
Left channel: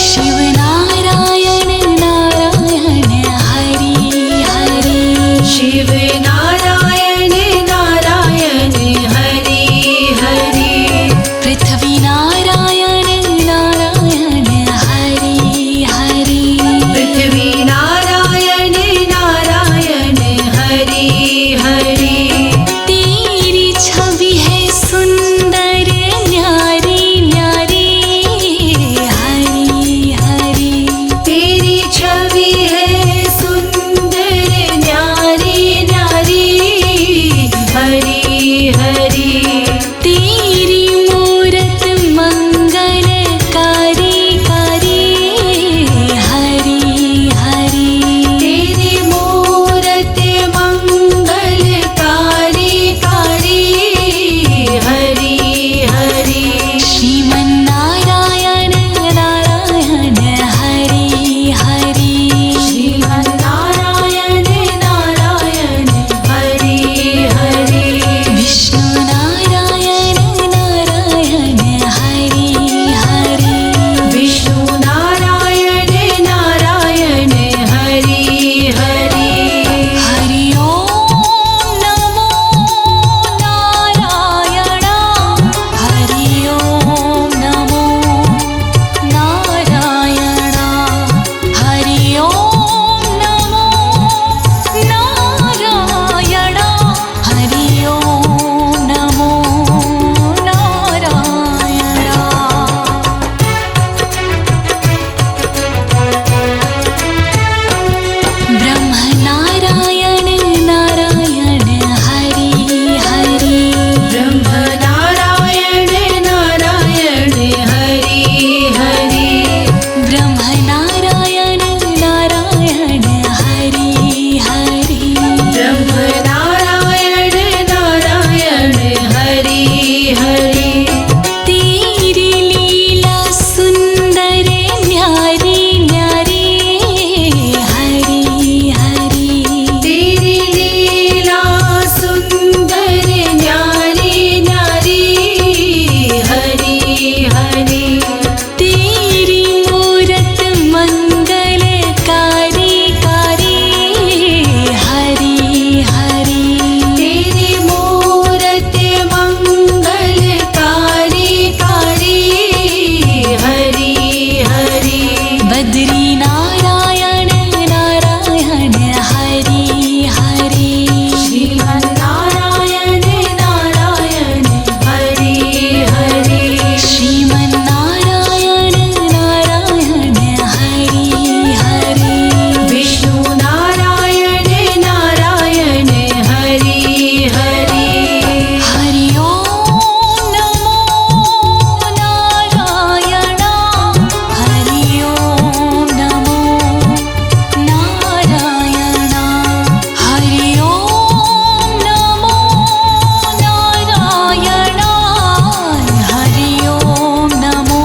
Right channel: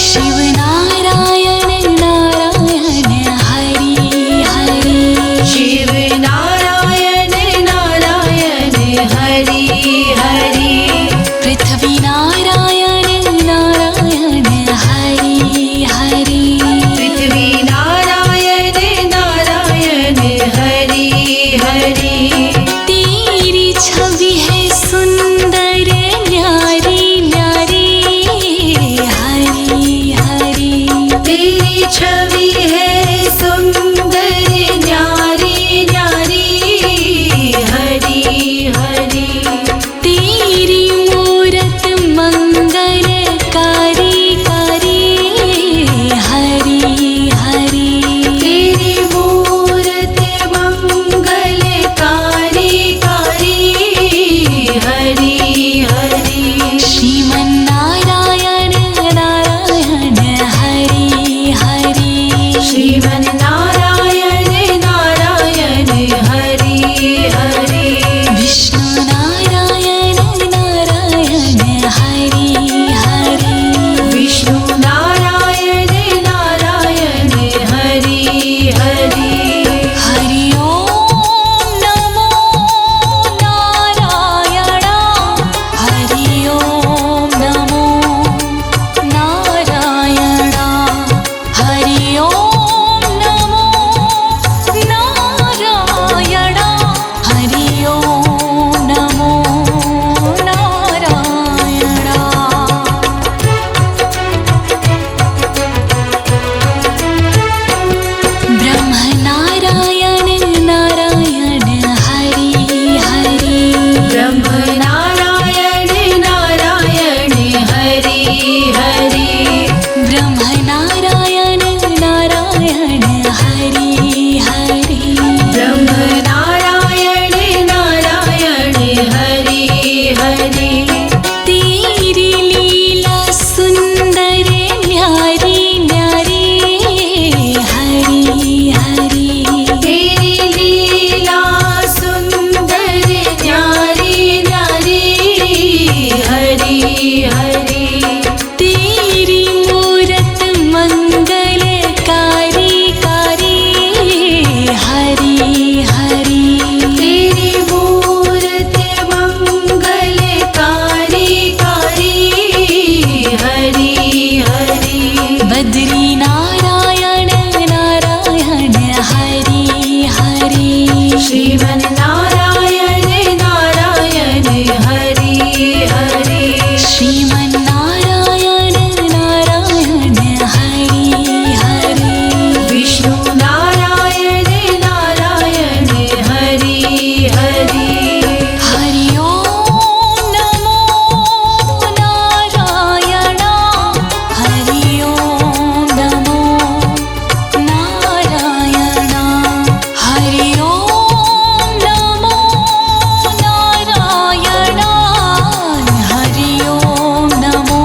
शिव नारायण नारायण हरि हरि शिव नारायण नारायण हरि हरि पृथ्वी नारायण नारायण हरि हरि पृथ्वी नारायण नारायण हरि हरि तेरी छवि है सुंदर न्यारी न्यारी हरि हरि तेरी छवि है सुंदर न्यारी न्यारी हरि हरि तेरी मूरत मंगलकारी कारी हरि हरि तेरी मूरत मंगलकारी कारी हरि हरि श्रीमन्नारायण नारायण हरि हरि श्रीमन्नारायण नारायण हरि हरि विष्णु नारायण नारायण हरि हरि विष्णु नारायण नारायण हरि हरि हरि ओम नमो नारायण हरि ओम नमो नारायण हरि ओम नमो नारायण हरि ओम नमो नारायण ब्रह्म नारायण नारायण हरि हरि ब्रह्म नारायण नारायण हरि हरि ब्रह्म नारायण नारायण हरि हरि ब्रह्म नारायण नारायण हरि हरि तेरी लीला सुंदर न्यारी न्यारी हरि हरि तेरी लीला सुंदर न्यारी न्यारी हरि हरि तेरी मूरत मंगलकारी कारी हरि हरि तेरी मूरत मंगलकारी कारी हरि हरि बद्री नारायण नारायण हरि हरि श्रीमन्नारायण नारायण हरि हरि श्रीमन्नारायण नारायण हरि हरि विष्णु नारायण नारायण हरि हरि हरि ओम नमो नारायण हरि ओम नमो नारायण हरि ओम नमो नारायण हरि ओम नमो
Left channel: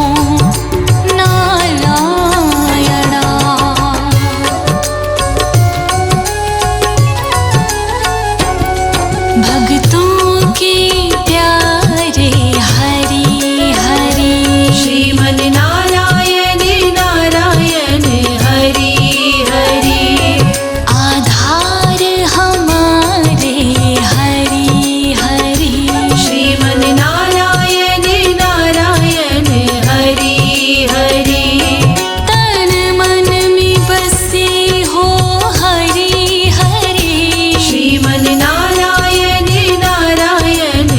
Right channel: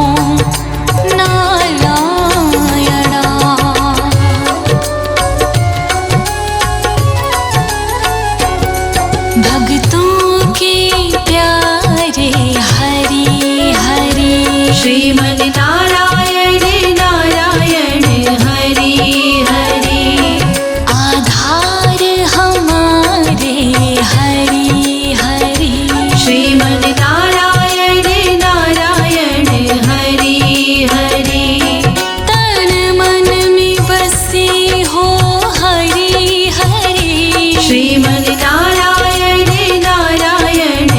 नारायण भक्तों के प्यारे हरि हरि श्रीमन्नारायण नारायण हरि हरि आधार हमारे हरि हरि श्रीमन्नारायण नारायण हरि हरि तन मन में बसे हो हरि हरि श्रीमन्नारायण नारायण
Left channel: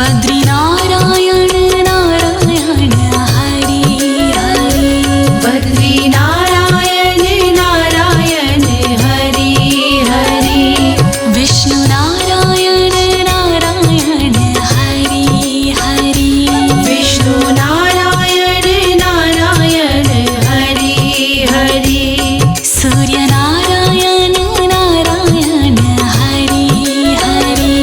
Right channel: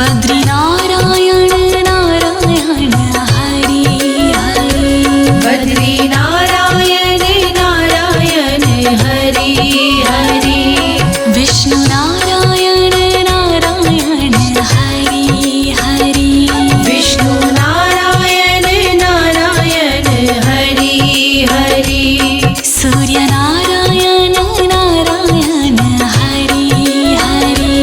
बद्री नारायण नारायण हरि हरि बद्री नारायण नारायण हरि हरि विष्णु नारायण नारायण हरि हरि विष्णु नारायण नारायण हरि हरि सूर्य नारायण नारायण हरि हरि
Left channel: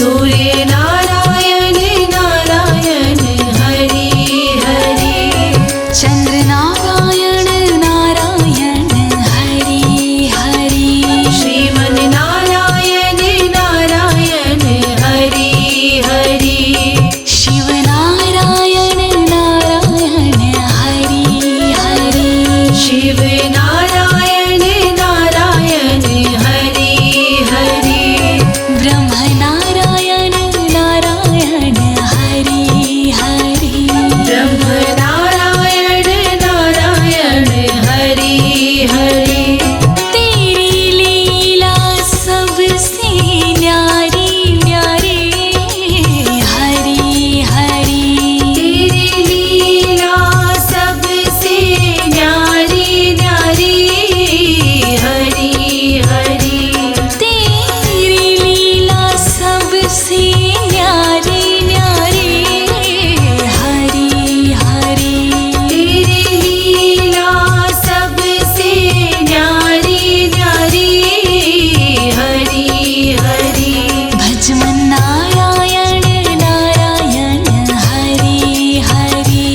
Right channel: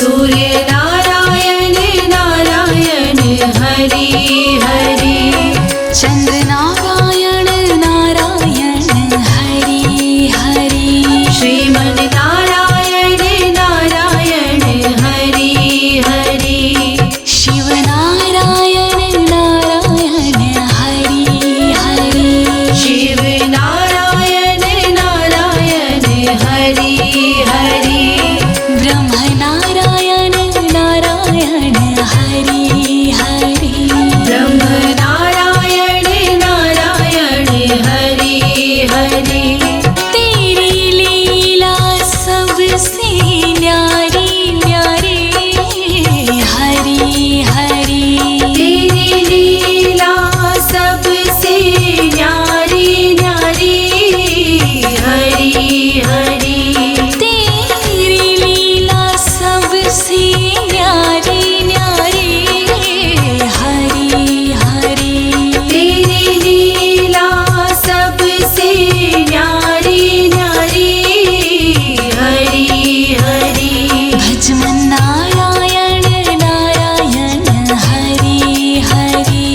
सूर्य नारायण नारायण हरि हरि चंद्र नारायण नारायण हरि हरि श्रीमन नारायण नारायण हरि हरि शिव नारायण नारायण हरि हरि शिव नारायण नारायण हरि हरि ब्रह्म नारायण नारायण हरि हरि ब्रह्म नारायण नारायण हरि हरि तेरी लीला सबसे न्यारी न्यारी हरि हरि तेरी लीला सबसे न्यारी न्यारी हरि हरि तेरी लीला सबसे न्यारी न्यारी हरि हरि तेरी लीला सबसे न्यारी न्यारी हरि हरि भजमन नारायण नारायण हरि हरि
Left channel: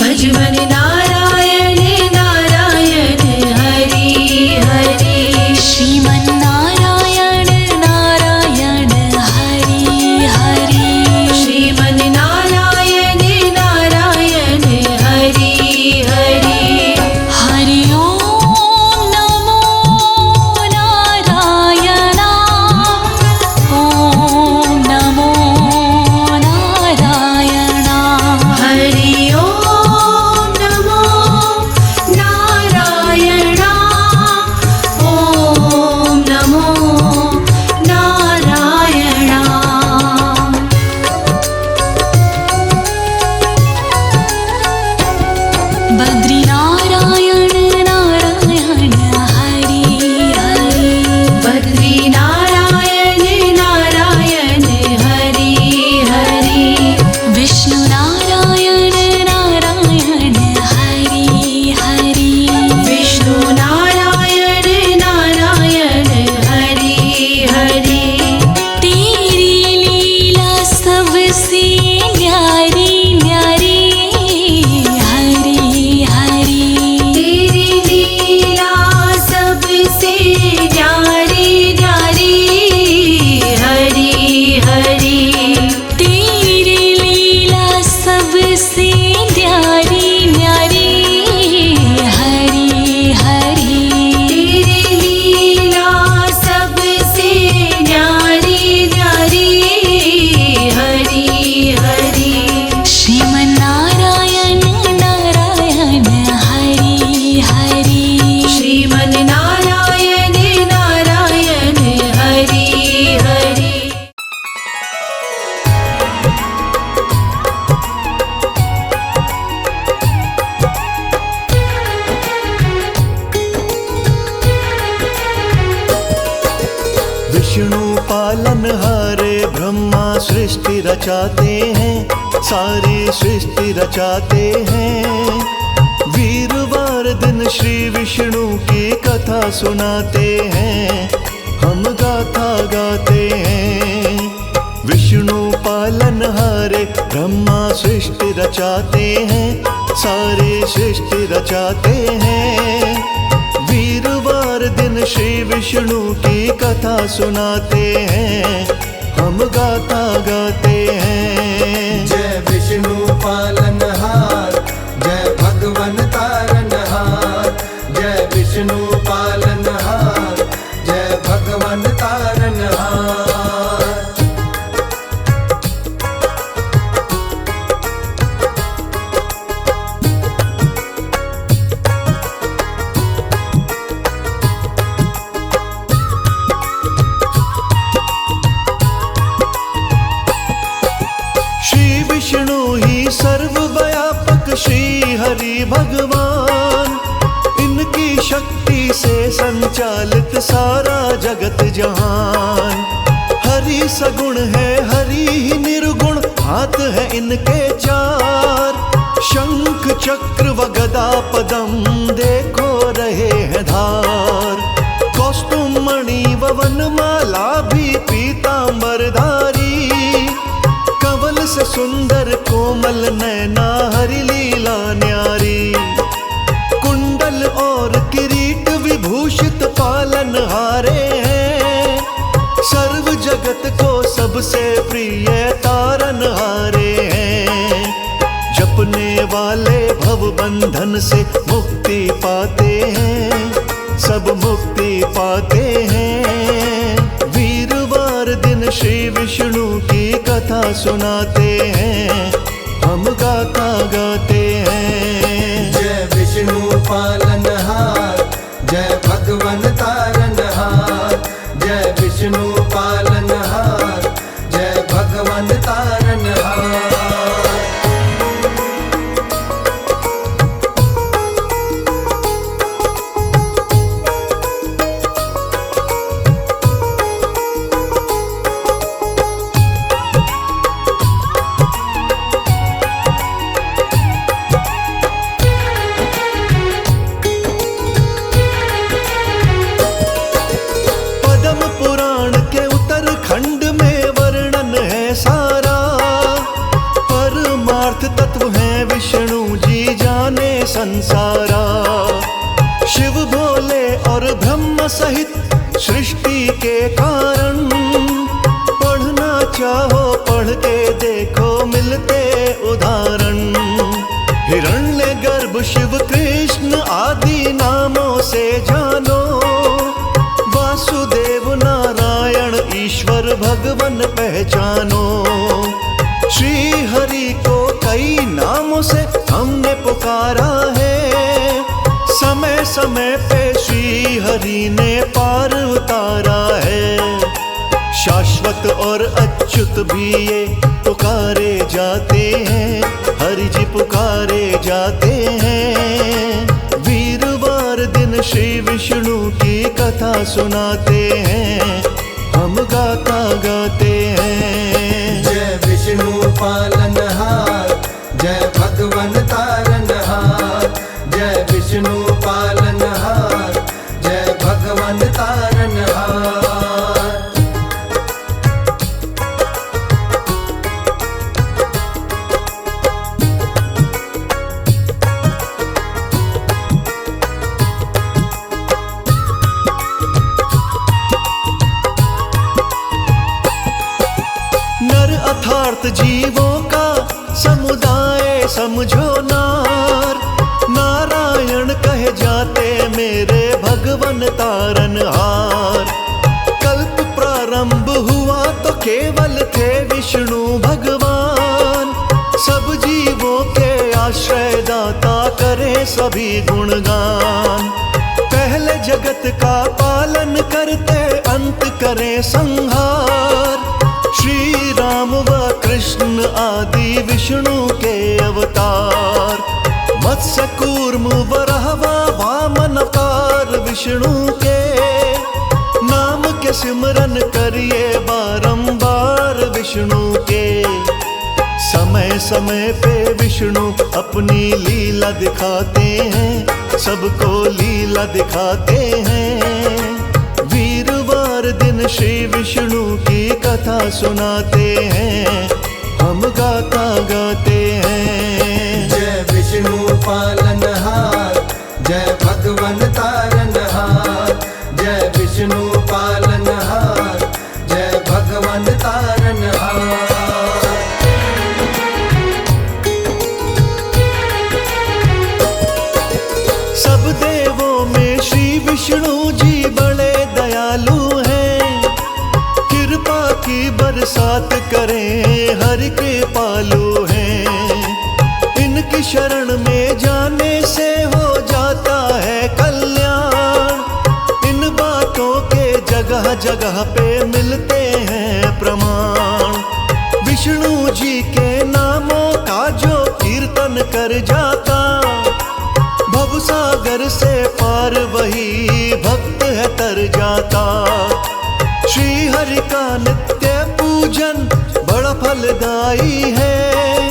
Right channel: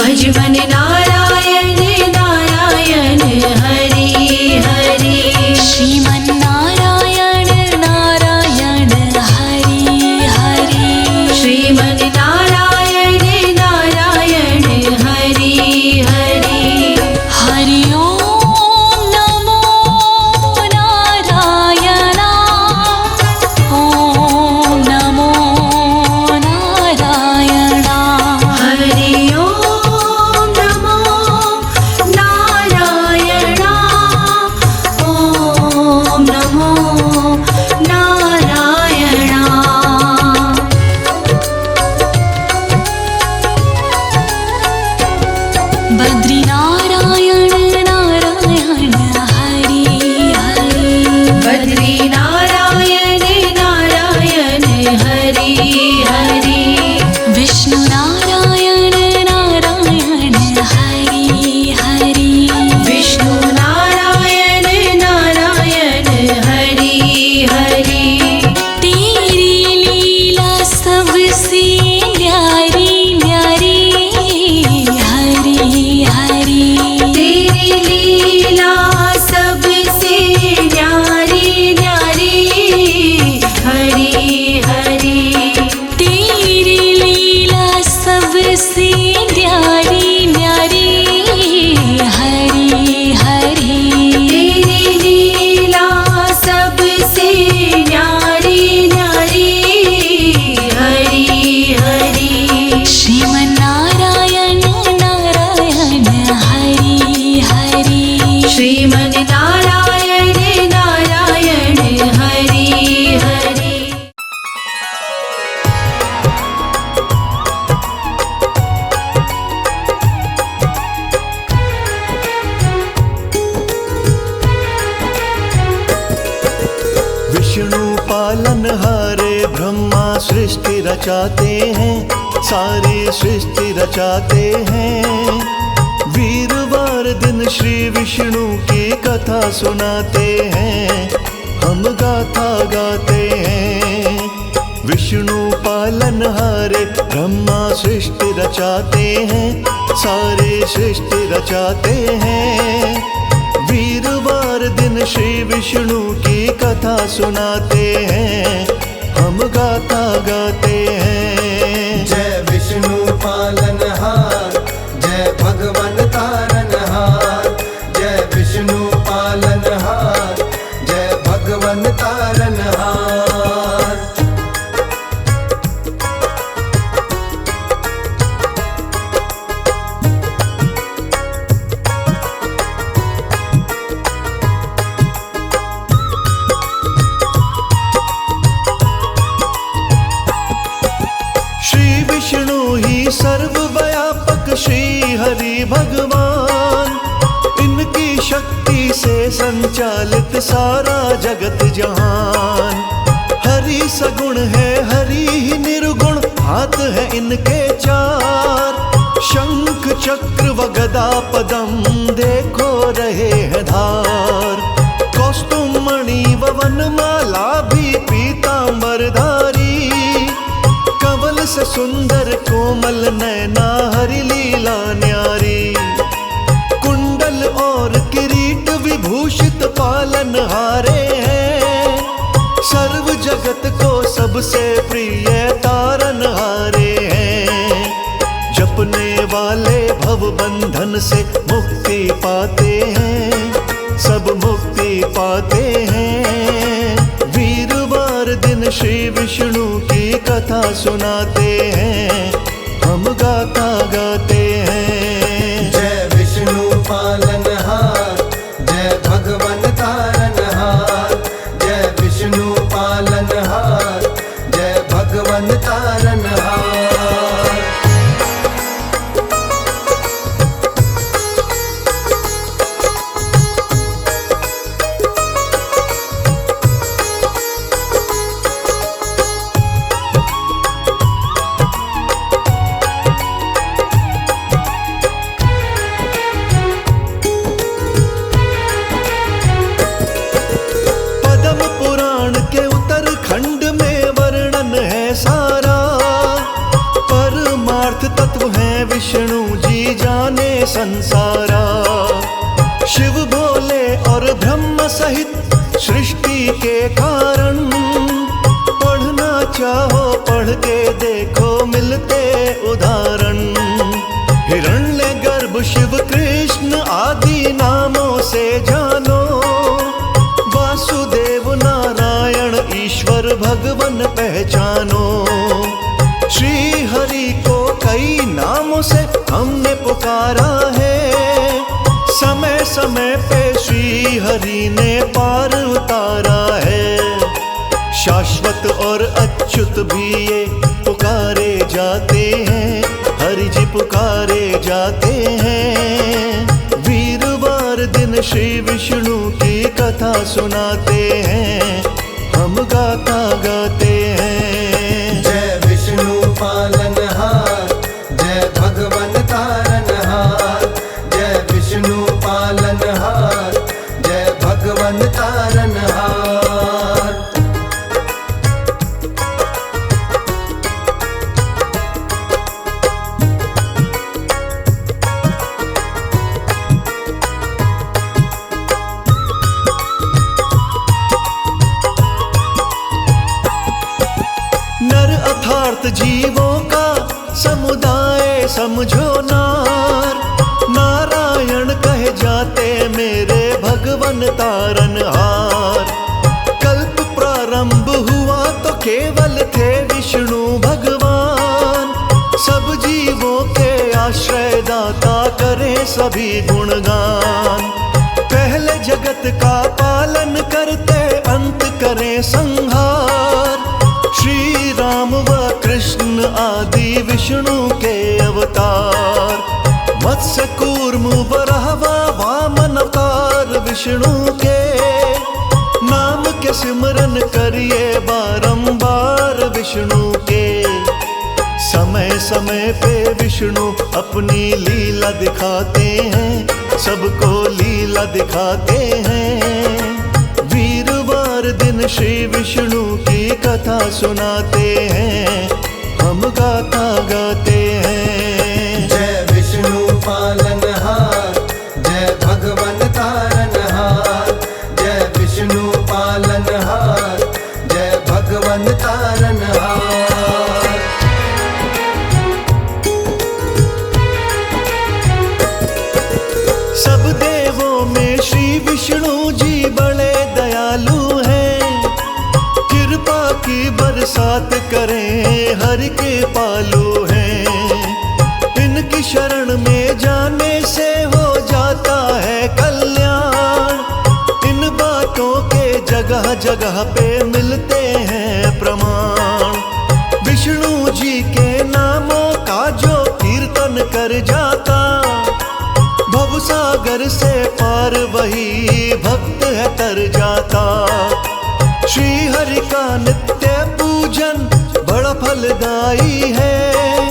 भजवन नारायण नारायण हरि हरि श्रीमन नारायण नारायण हरि हरि श्रीमन नारायण नारायण हरि हरि हरि ओम नमो नारायण ओम नमो नारायण हरि ओम नमो नारायण ओम नमो नारायण बद्री नारायण नारायण हरि हरि बद्री नारायण नारायण हरि हरि विष्णु नारायण नारायण हरि हरि विष्णु नारायण नारायण हरि हरि तेरी लीला सबसे न्यारी न्यारी हरि हरि तेरी लीला सबसे न्यारी न्यारी हरि हरि तेरी लीला सबसे न्यारी न्यारी हरि हरि तेरी लीला सबसे न्यारी न्यारी हरि हरि श्रीमन नारायण नारायण हरि हरि श्रीमन नारायण नारायण हरि हरि विष्णु पालनहारे ब्रह्मा सृष्टि रचाते हैं, सारी सृष्टि रचाते हैं। वीरवार दिन श्री विष्णु की कथा सुनाते हैं, हम गाथा गाते हैं। विष्णु पालनहारे ब्रह्मा सृष्टि रचाते हैं, सारी सृष्टि रचाते हैं। वीरवार दिन श्री विष्णु की कथा सुनाते हैं, हम गाथा गाते हैं। जय विष्णु पालनहार, जय भगवन तारनहार। जय विष्णु पालनहार, जय भगवन तारनहार। श्री विष्णु ही सर्वव्यापक श्री हरि भगवान, इनकी शक्ति से संचालित सारा जगत जहान। हरि सगुण है हरि ही निर्गुण, हाथ है इनके चार। शंख चक्र व गदा पदम देखो रहे हैं धार। कौस्तुम मणि व वनमाला भी पीतांबरधारी, कवल से सुंदर कोमल नैना हरि लीला न्यारी। कुंडल और किरीट विभूषित पालनहारे हैं, सर्व जगत को सबसे प्रिय तारनहारे हैं। जपने वाले भव बंधन से मुक्ति पाते हैं, सब मुक्ति पाते हैं। वीरवार दिन श्री विष्णु की कथा सुनाते हैं, हम गाथा गाते हैं। जय विष्णु पालनहार, जय भगवन तारनहार। जय विष्णु पालनहार, जय भगवन तारनहार। पुराण के उत्तरखंड में वर्णन है सारा, परमार्थ तत्व है विष्णु जी जाने संसारा। शिव भोले और ब्रह्म सहित सृष्टि के कारण, पढ़ना चाहो पढ़ के देखो मिलते उदाहरण। हिरण्यगर्भ शिव कृष्ण आदि नामों से जानो, वासुदेव नारायण ईश्वर भगवन पहचानो। श्री हरि को कई नामों से हमने पुकारा है, समय समय पे श्री हरि ने पार उतारा है। शाश्वत और अच्युत भी ये पुकारे जाते हैं, हरि जी पुकारे जाते हैं। वीरवार दिन श्री विष्णु की कथा सुनाते हैं, हम गाथा गाते हैं। जय विष्णु पालनहार, जय भगवन तारनहार। जय विष्णु पालनहार, जय भगवन तारनहार। नर अर्थात जीवों का समुदाय समझो नार, नारायण कहे जाते मेरे भगवन तारनहार। कल्प प्रारंभ हुआ तो केवल थे विष्णु भगवान, सब जीवों के आश्रय दाता करें सभी गुणगान। पहले जगत का पालन करते अंत करें संहार, श्री राम व कृष्ण आदि विष्णु के अवतार। मत्स्य कूर्म वराह वामन अवतार विष्णु के, नाम के सिमरन करिए बारंबार विष्णु के। समय समय पे विष्णु अपनी लीला दिखाते हैं, सबको लीला दिखाते हैं। वीरवार दिन श्री विष्णु की कथा सुनाते हैं, हम गाथा गाते हैं। जय विष्णु पालनहार, जय भगवन तारनहार। जय विष्णु पालनहार, जय भगवन तारनहार। सब देवों में श्री विष्णु जी बड़े दयालु हैं, कृपा की बरसात करें हरि कृपालु हैं। इनकी शरण में जाने से हो जाता है कल्याण, इन बातों के जगह जगह पे मिलते हैं प्रमाण। विष्णु जी के नामों का जो कीर्तन कर जाता, भवसागर से पार वही भक्त है तर जाता। श्री हरि का नित्य पूजन बड़ा फलदायी है,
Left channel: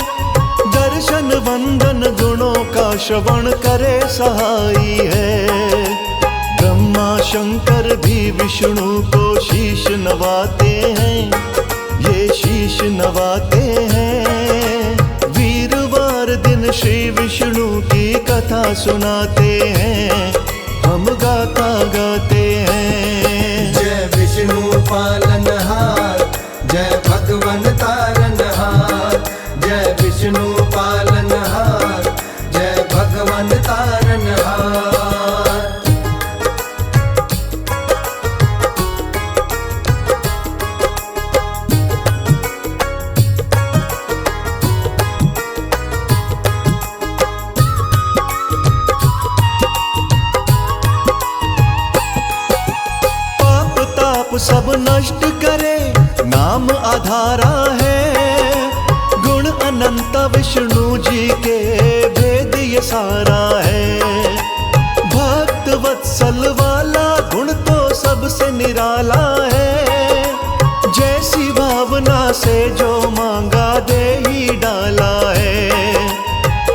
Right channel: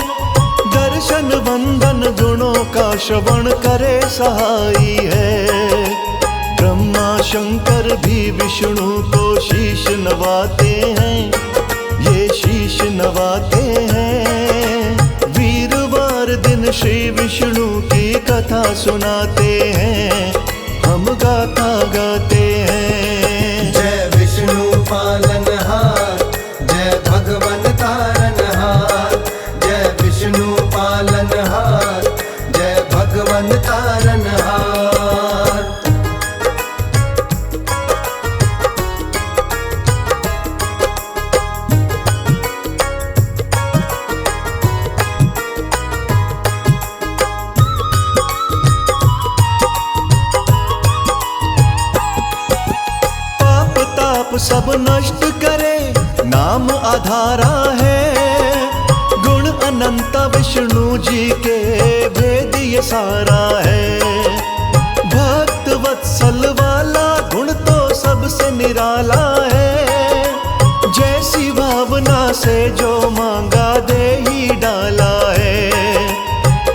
दर्शन वंदन गुणों का श्रवण करे सहाई है। ब्रह्मा शंकर भी विष्णु को शीश नवाते हैं, ये शीश नवाते हैं। वीरवार दिन श्री विष्णु की कथा सुनाते हैं, हम गाथा गाते हैं। जय विष्णु पालनहार, जय भगवन तारनहार। जय विष्णु पालनहार, जय भगवन तारनहार। सब नष्ट करे नाम आधारा है, गुण अनंत विष्णु जी के भेद ये सारा है। भक्त वत्सल वाला गुण तो सबसे निराला है, जैसी भावना से जो मांगा दे ही डाला है।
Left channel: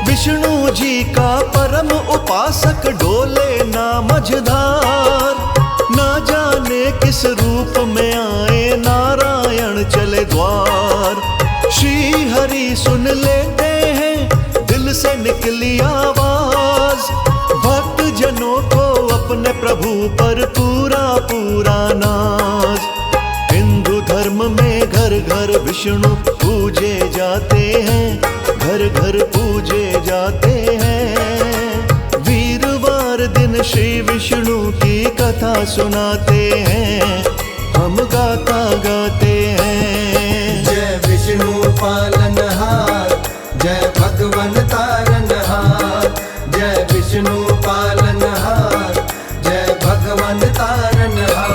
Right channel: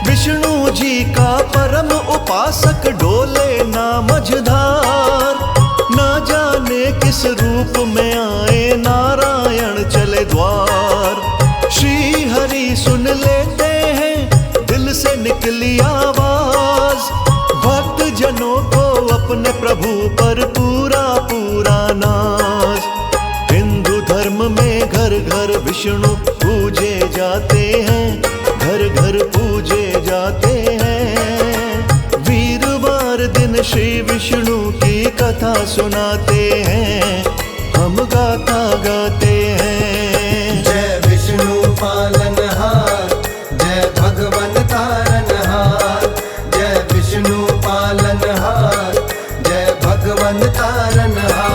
विष्णु जी का परम उपासक डोले ना मझधार, ना जाने किस रूप में आए नारायण चले द्वार। श्री हरि सुन लेते हैं दिल से निकली आवाज, भक्त जनों को अपने प्रभु पर पूरा पूरा नाज। हिंदू धर्म में घर घर विष्णु पूजे जाते हैं, घर घर पूजे जाते हैं। वीरवार दिन श्री विष्णु की कथा सुनाते हैं, हम गाथा गाते हैं। जय विष्णु पालनहार, जय भगवन तारनहार। जय विष्णु पालनहार, जय भगवन तारनहार।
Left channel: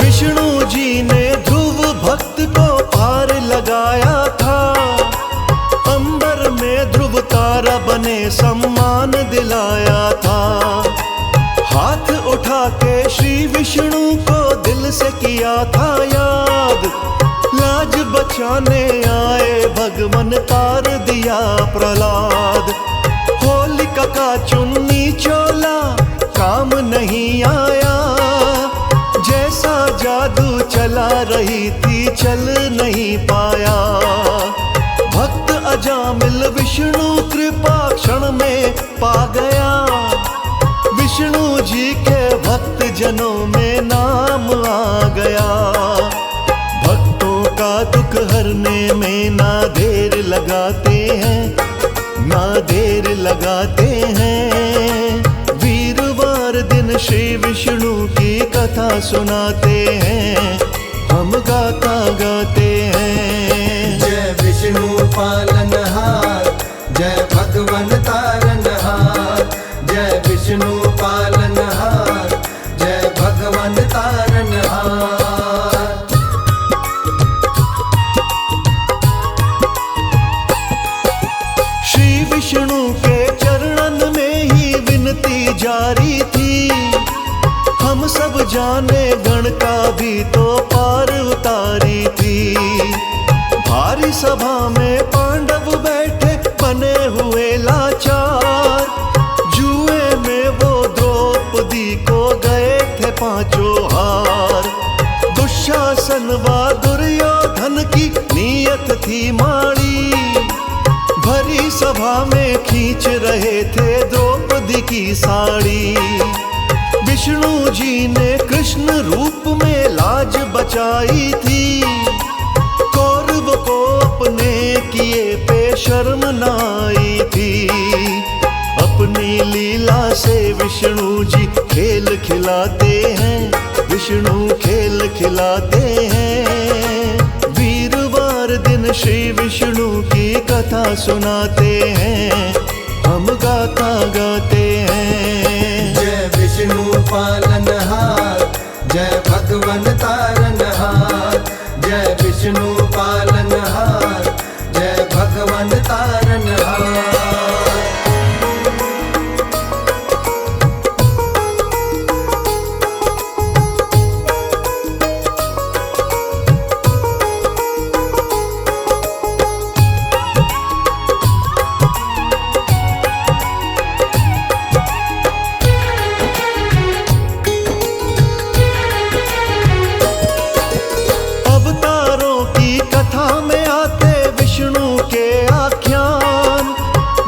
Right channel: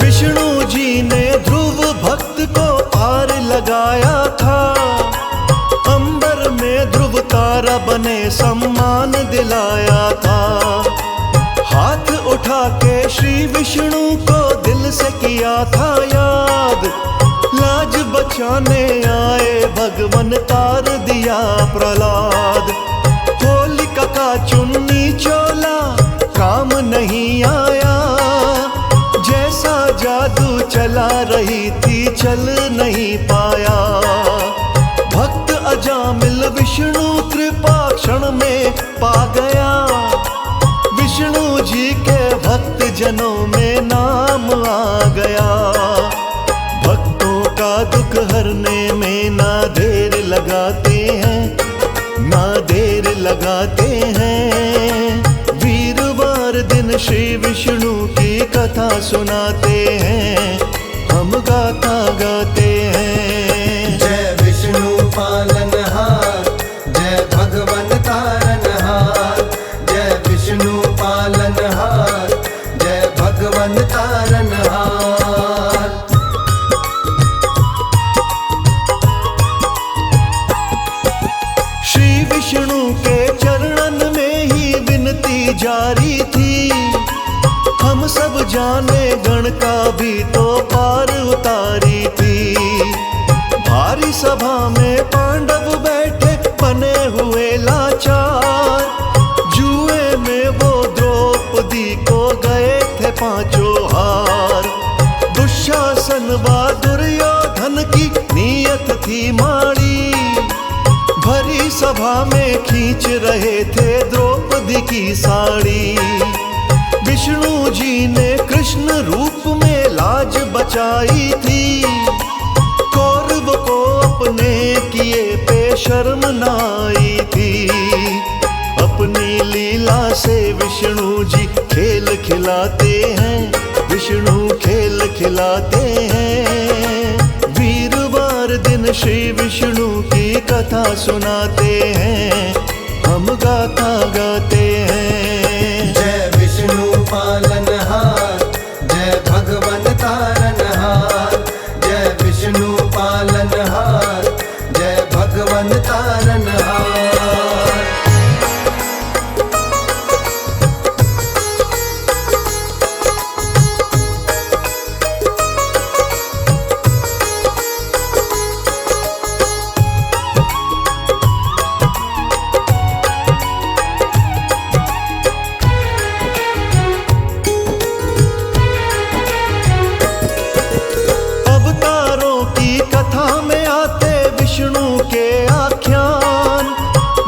विष्णु जी ने ध्रुव भक्त को पार लगाया था, अंबर में ध्रुव तारा बने सम्मान दिलाया था। हाथ उठा के श्री विष्णु को दिल से किया था याद, लाज बचाने आए भगवन तार दिया प्रहलाद। होलिका का चुन्नी चोला काम नहीं आया, जैसा जादू चला रही थी चल नहीं पाया। भक्त अजामिल विष्णु कृपा क्षण में पा गया, विष्णु जी के भक्त जनों में नाम आ गया। भक्तों का दुख हरने में ना देर लगाते हैं, ना देर लगाते हैं। वीरवार दिन श्री विष्णु की कथा सुनाते हैं, हम गाथा गाते हैं। जय विष्णु पालनहार, जय भगवन तारनहार। जय विष्णु पालनहार, जय भगवन तारनहार। श्री विष्णु के चरणन में ही विनती जारी थी, हम सब जाने गण का भी तो पार उतारी थी। भारी सभा में पांडव बैठे बने हुए लाचार, जुए में वो द्रौपदी को गए थे पांचों हार। दुशासन व दुर्योधन की नीयत थी माड़ी, भरी सभा में खींच रहे थे द्रौपदी की साड़ी। विष्णु जी ने कृष्ण रूप में लाज बचाई थी, कौरव को अपने किए पे शर्म न आई थी। अपनी लीला से विष्णु जी खेल खिलाते हैं, विष्णु खेल खिलाते हैं। वीरवार दिन श्री विष्णु की कथा सुनाते हैं, हम गाथा गाते हैं। जय विष्णु पालनहार, जय भगवन तारनहार। जय विष्णु पालनहार, जय भगवन तारनहार। अवतारों की कथा में आते विष्णु के आख्यान,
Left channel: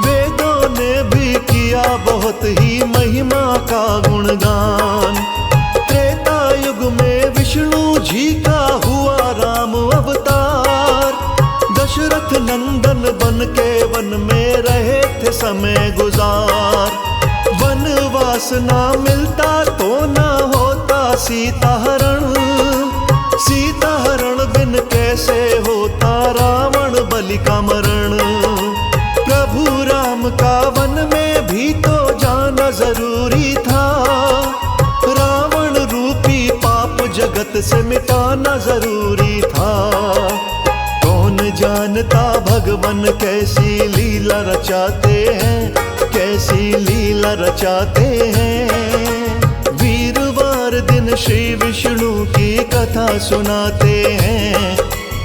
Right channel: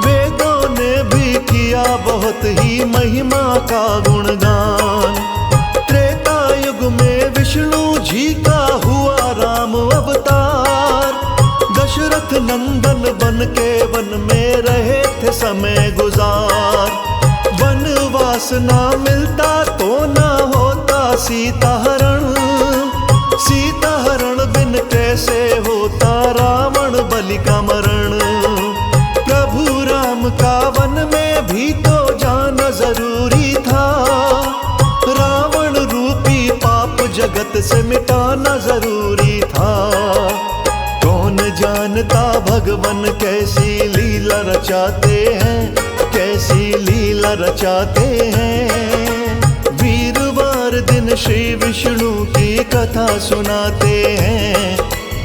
वेदों ने भी किया बहुत ही महिमा का गुणगान। त्रेता युग में विष्णु जी का हुआ राम अवतार, दशरथ नंदन बन के वन में रहे थे समय गुजार। वनवास ना मिलता तो ना होता सीता हरण, सीता हरण बिन कैसे होता रावण बलि का मरण। प्रभु राम का वन में भी तो जाना जरूरी था, रावण रूपी पाप जगत से मिटाना जरूरी था। कौन जानता भगवान कैसी लीला रचाते हैं, कैसी लीला रचाते हैं। वीरवार दिन श्री विष्णु की कथा सुनाते हैं,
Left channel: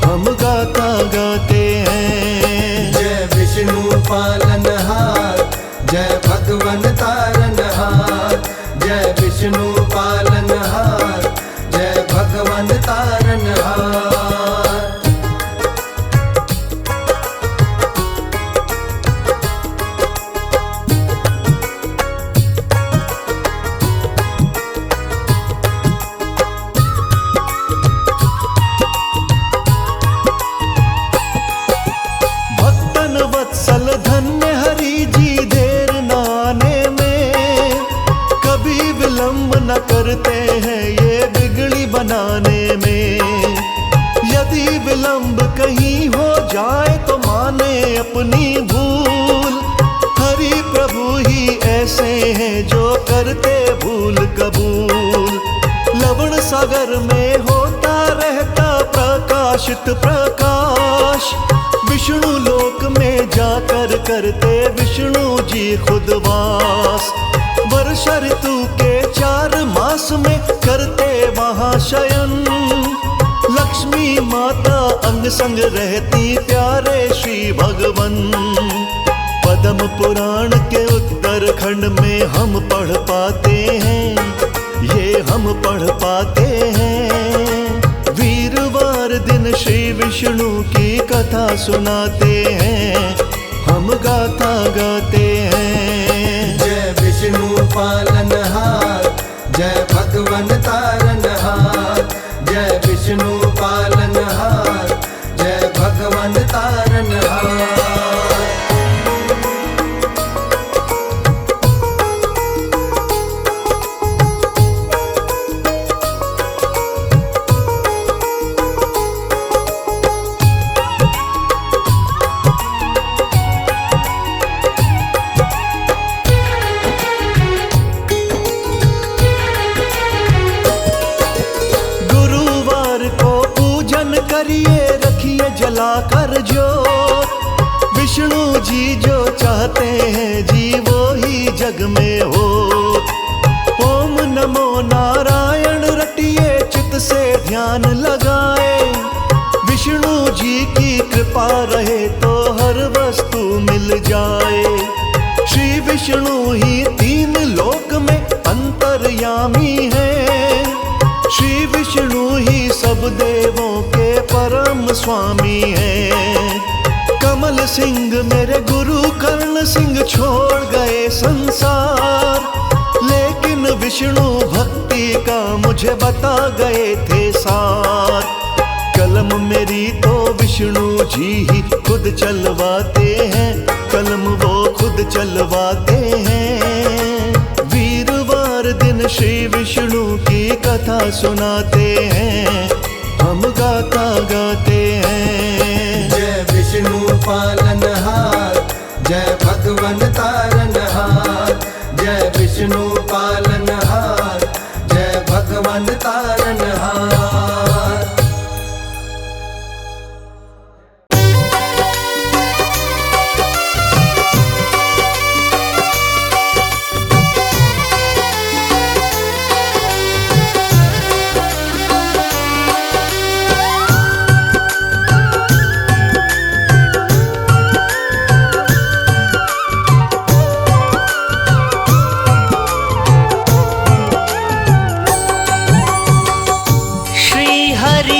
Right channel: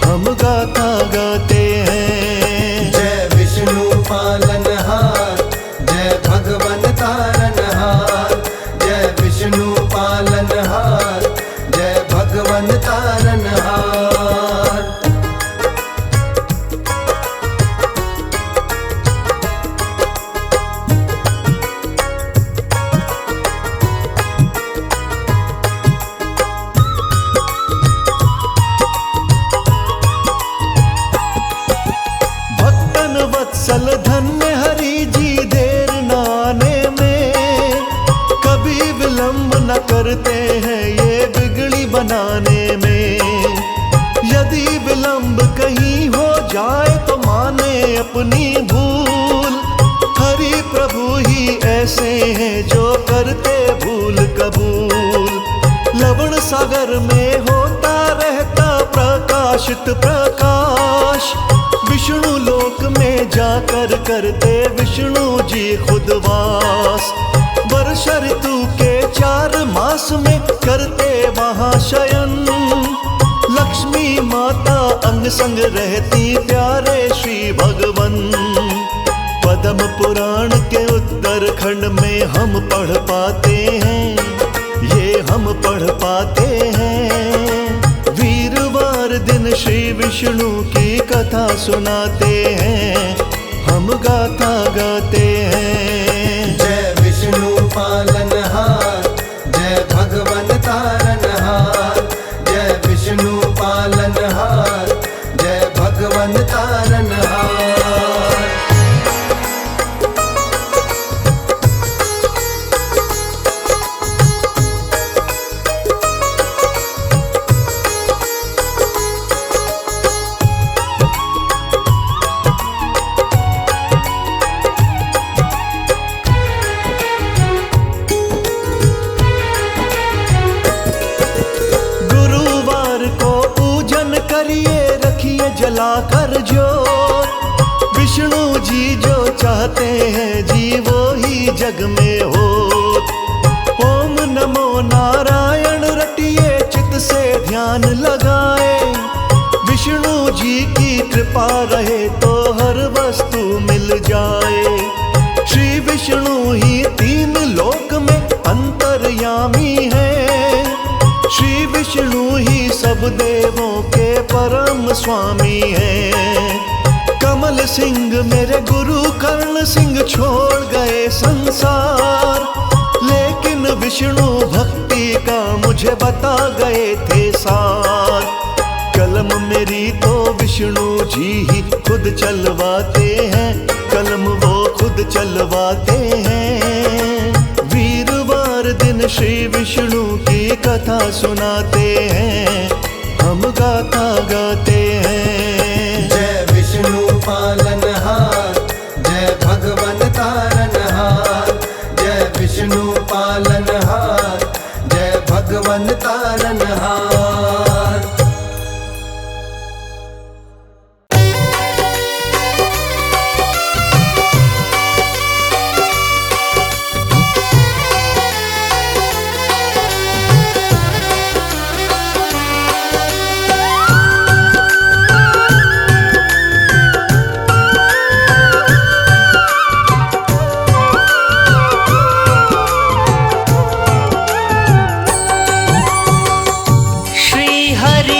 हम गाथा गाते हैं। जय विष्णु पालनहार, जय भगवन तारनहार। जय विष्णु पालनहार, जय भगवन तारनहार। वत्सल धन्य हरि जी देर नाने में, कभी विलंब न करते हैं ये बिगड़ी बनाने में। यदि विलंब कहीं हो जाए तो माने अपनी भूल, हरि प्रभु ही ऐसे हैं जो करते भूल कबूल। लवण सागर में होता रहता प्रकाशित प्रकाश, विष्णु लोक में जाकर करते विष्णु जी खुद वास। वर्षा ऋतु के 4 मास में करते वहाँ शयन, लक्ष्मी माता अंग संग रहती प्यारे श्री भगवन। पद्म पुराण के उत्तरखंड में हम पढ़ पाते हैं, ये हम पढ़ पाते हैं। वीरवार दिन श्री विष्णु की कथा सुनाते हैं, हम गाथा गाते हैं। जय विष्णु पालनहार, जय भगवन तारनहार। जय विष्णु पालनहार, जय भगवन तारनहार। करिए रखिए जलाकर ज्योत, विष्णु जी जो चाहते हैं जी वो ही जग में हो। ओम नमो नारायण रटिए चित से ध्यान लगाए, विष्णु जी की कृपा रहे तो हर वस्तु मिल जाए। श्री विष्णु ही 3 लोक में अंतर्यामी है, श्री विष्णु ही सब देवों के परम स्वामी हैं। कमल सिंह मेरे गुरु कर्ण सिंह छोड़ गए संसार, लेकिन विष्णु भक्ति का मुझे बता गए थे सार। कलम मेरी तो विष्णु जी ही खुद चलवाते हैं, कलम वो खुद चलवाते हैं। वीरवार दिन श्री विष्णु की कथा सुनाते हैं, हम गाथा गाते हैं। जय विष्णु पालनहार, जय भगवन तारनहार। जय विष्णु पालनहार, जय भगवन तारनहार।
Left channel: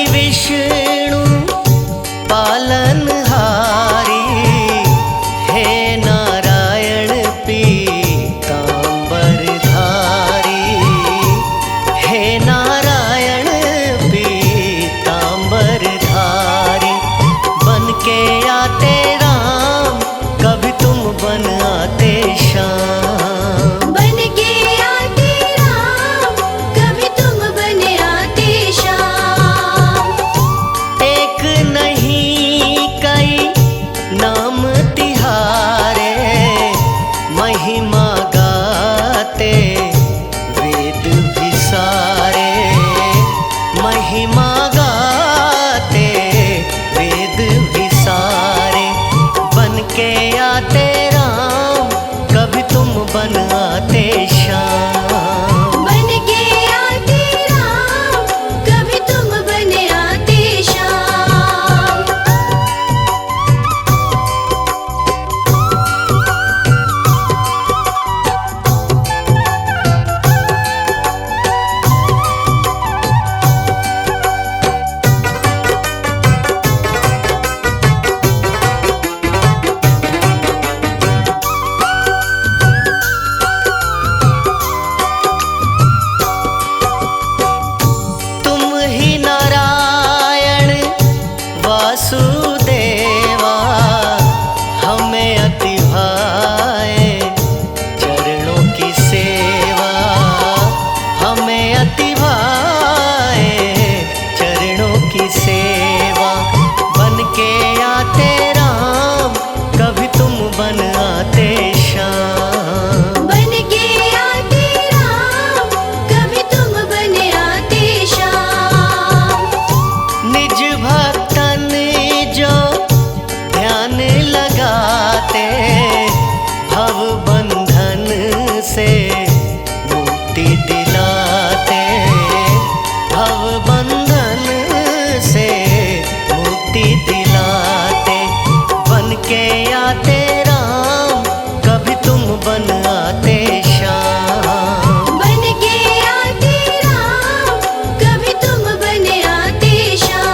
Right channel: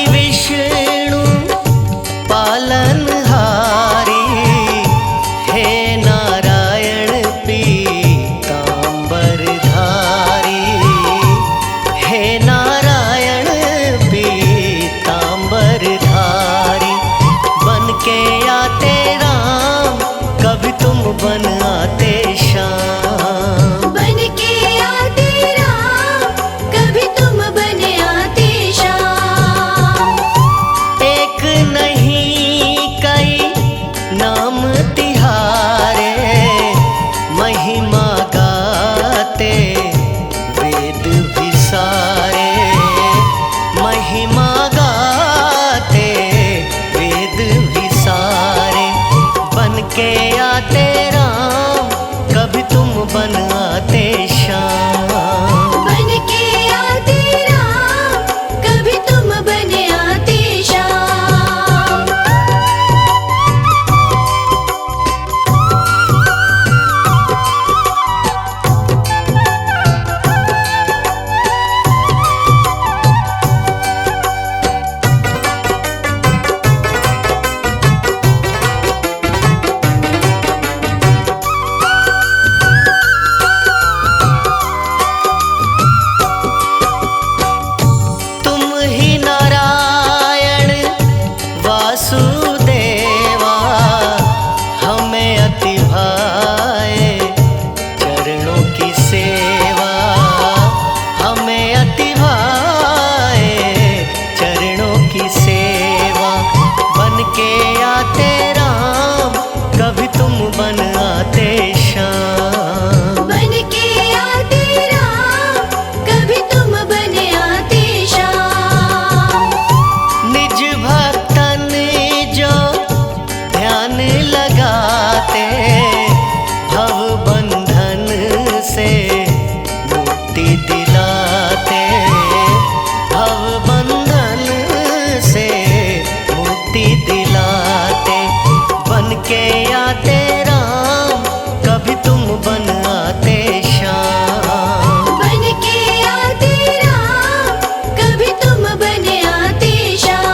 विष्णु पालनहारी, हे नारायण पीतांबरधारी। हे नारायण पीतांबरधारी, बन के आते राम, कभी तुम बन आते श्याम। बन के आते राम, कभी तुम बन आते श्याम। एक नहीं कई नाम तिहारे, महिमा गाते वेद भी सारे। महिमा गाते वेद भी सारे, बन के आते राम, कभी तुम बन आते श्याम। बन के आते राम, कभी तुम बन आते श्याम। वासुदेवा, हमें अति भाए चरणों की सेवा। हमें अति भाए चरणों की सेवा, बन के आते राम, कभी तुम बन आते श्याम। बन के आते राम, कभी तुम बन आते श्याम। निज भक्तन जो ध्यान लगाते, भव बंधन से मुक्ति दिलाते। भव बंधन से मुक्ति दिलाते, बन के आते राम, कभी तुम बन आते श्याम। बन के आते राम, कभी तुम बन आते श्याम।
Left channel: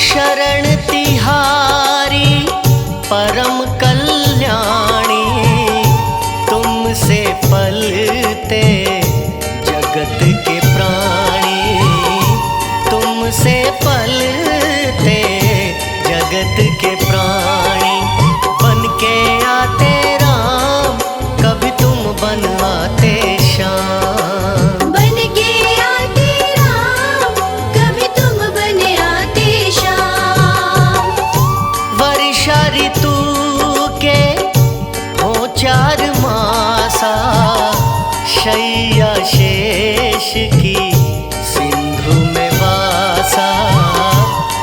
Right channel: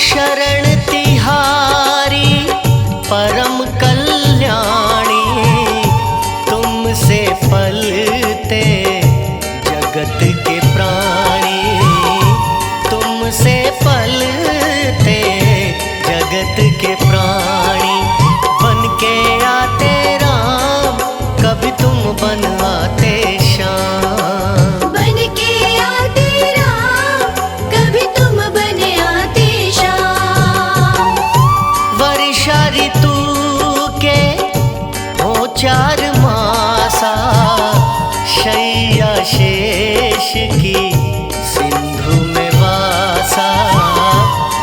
शरण तिहारी परम कल्याणी, तुमसे पलते जगत के प्राणी। तुमसे पलते जगत के प्राणी, बन के आते राम, कभी तुम बन आते श्याम। बन के आते राम, कभी तुम बन आते श्याम। वर्षा ऋतु के हो 4 मासा, शैया शेष की सिंधु में वासा।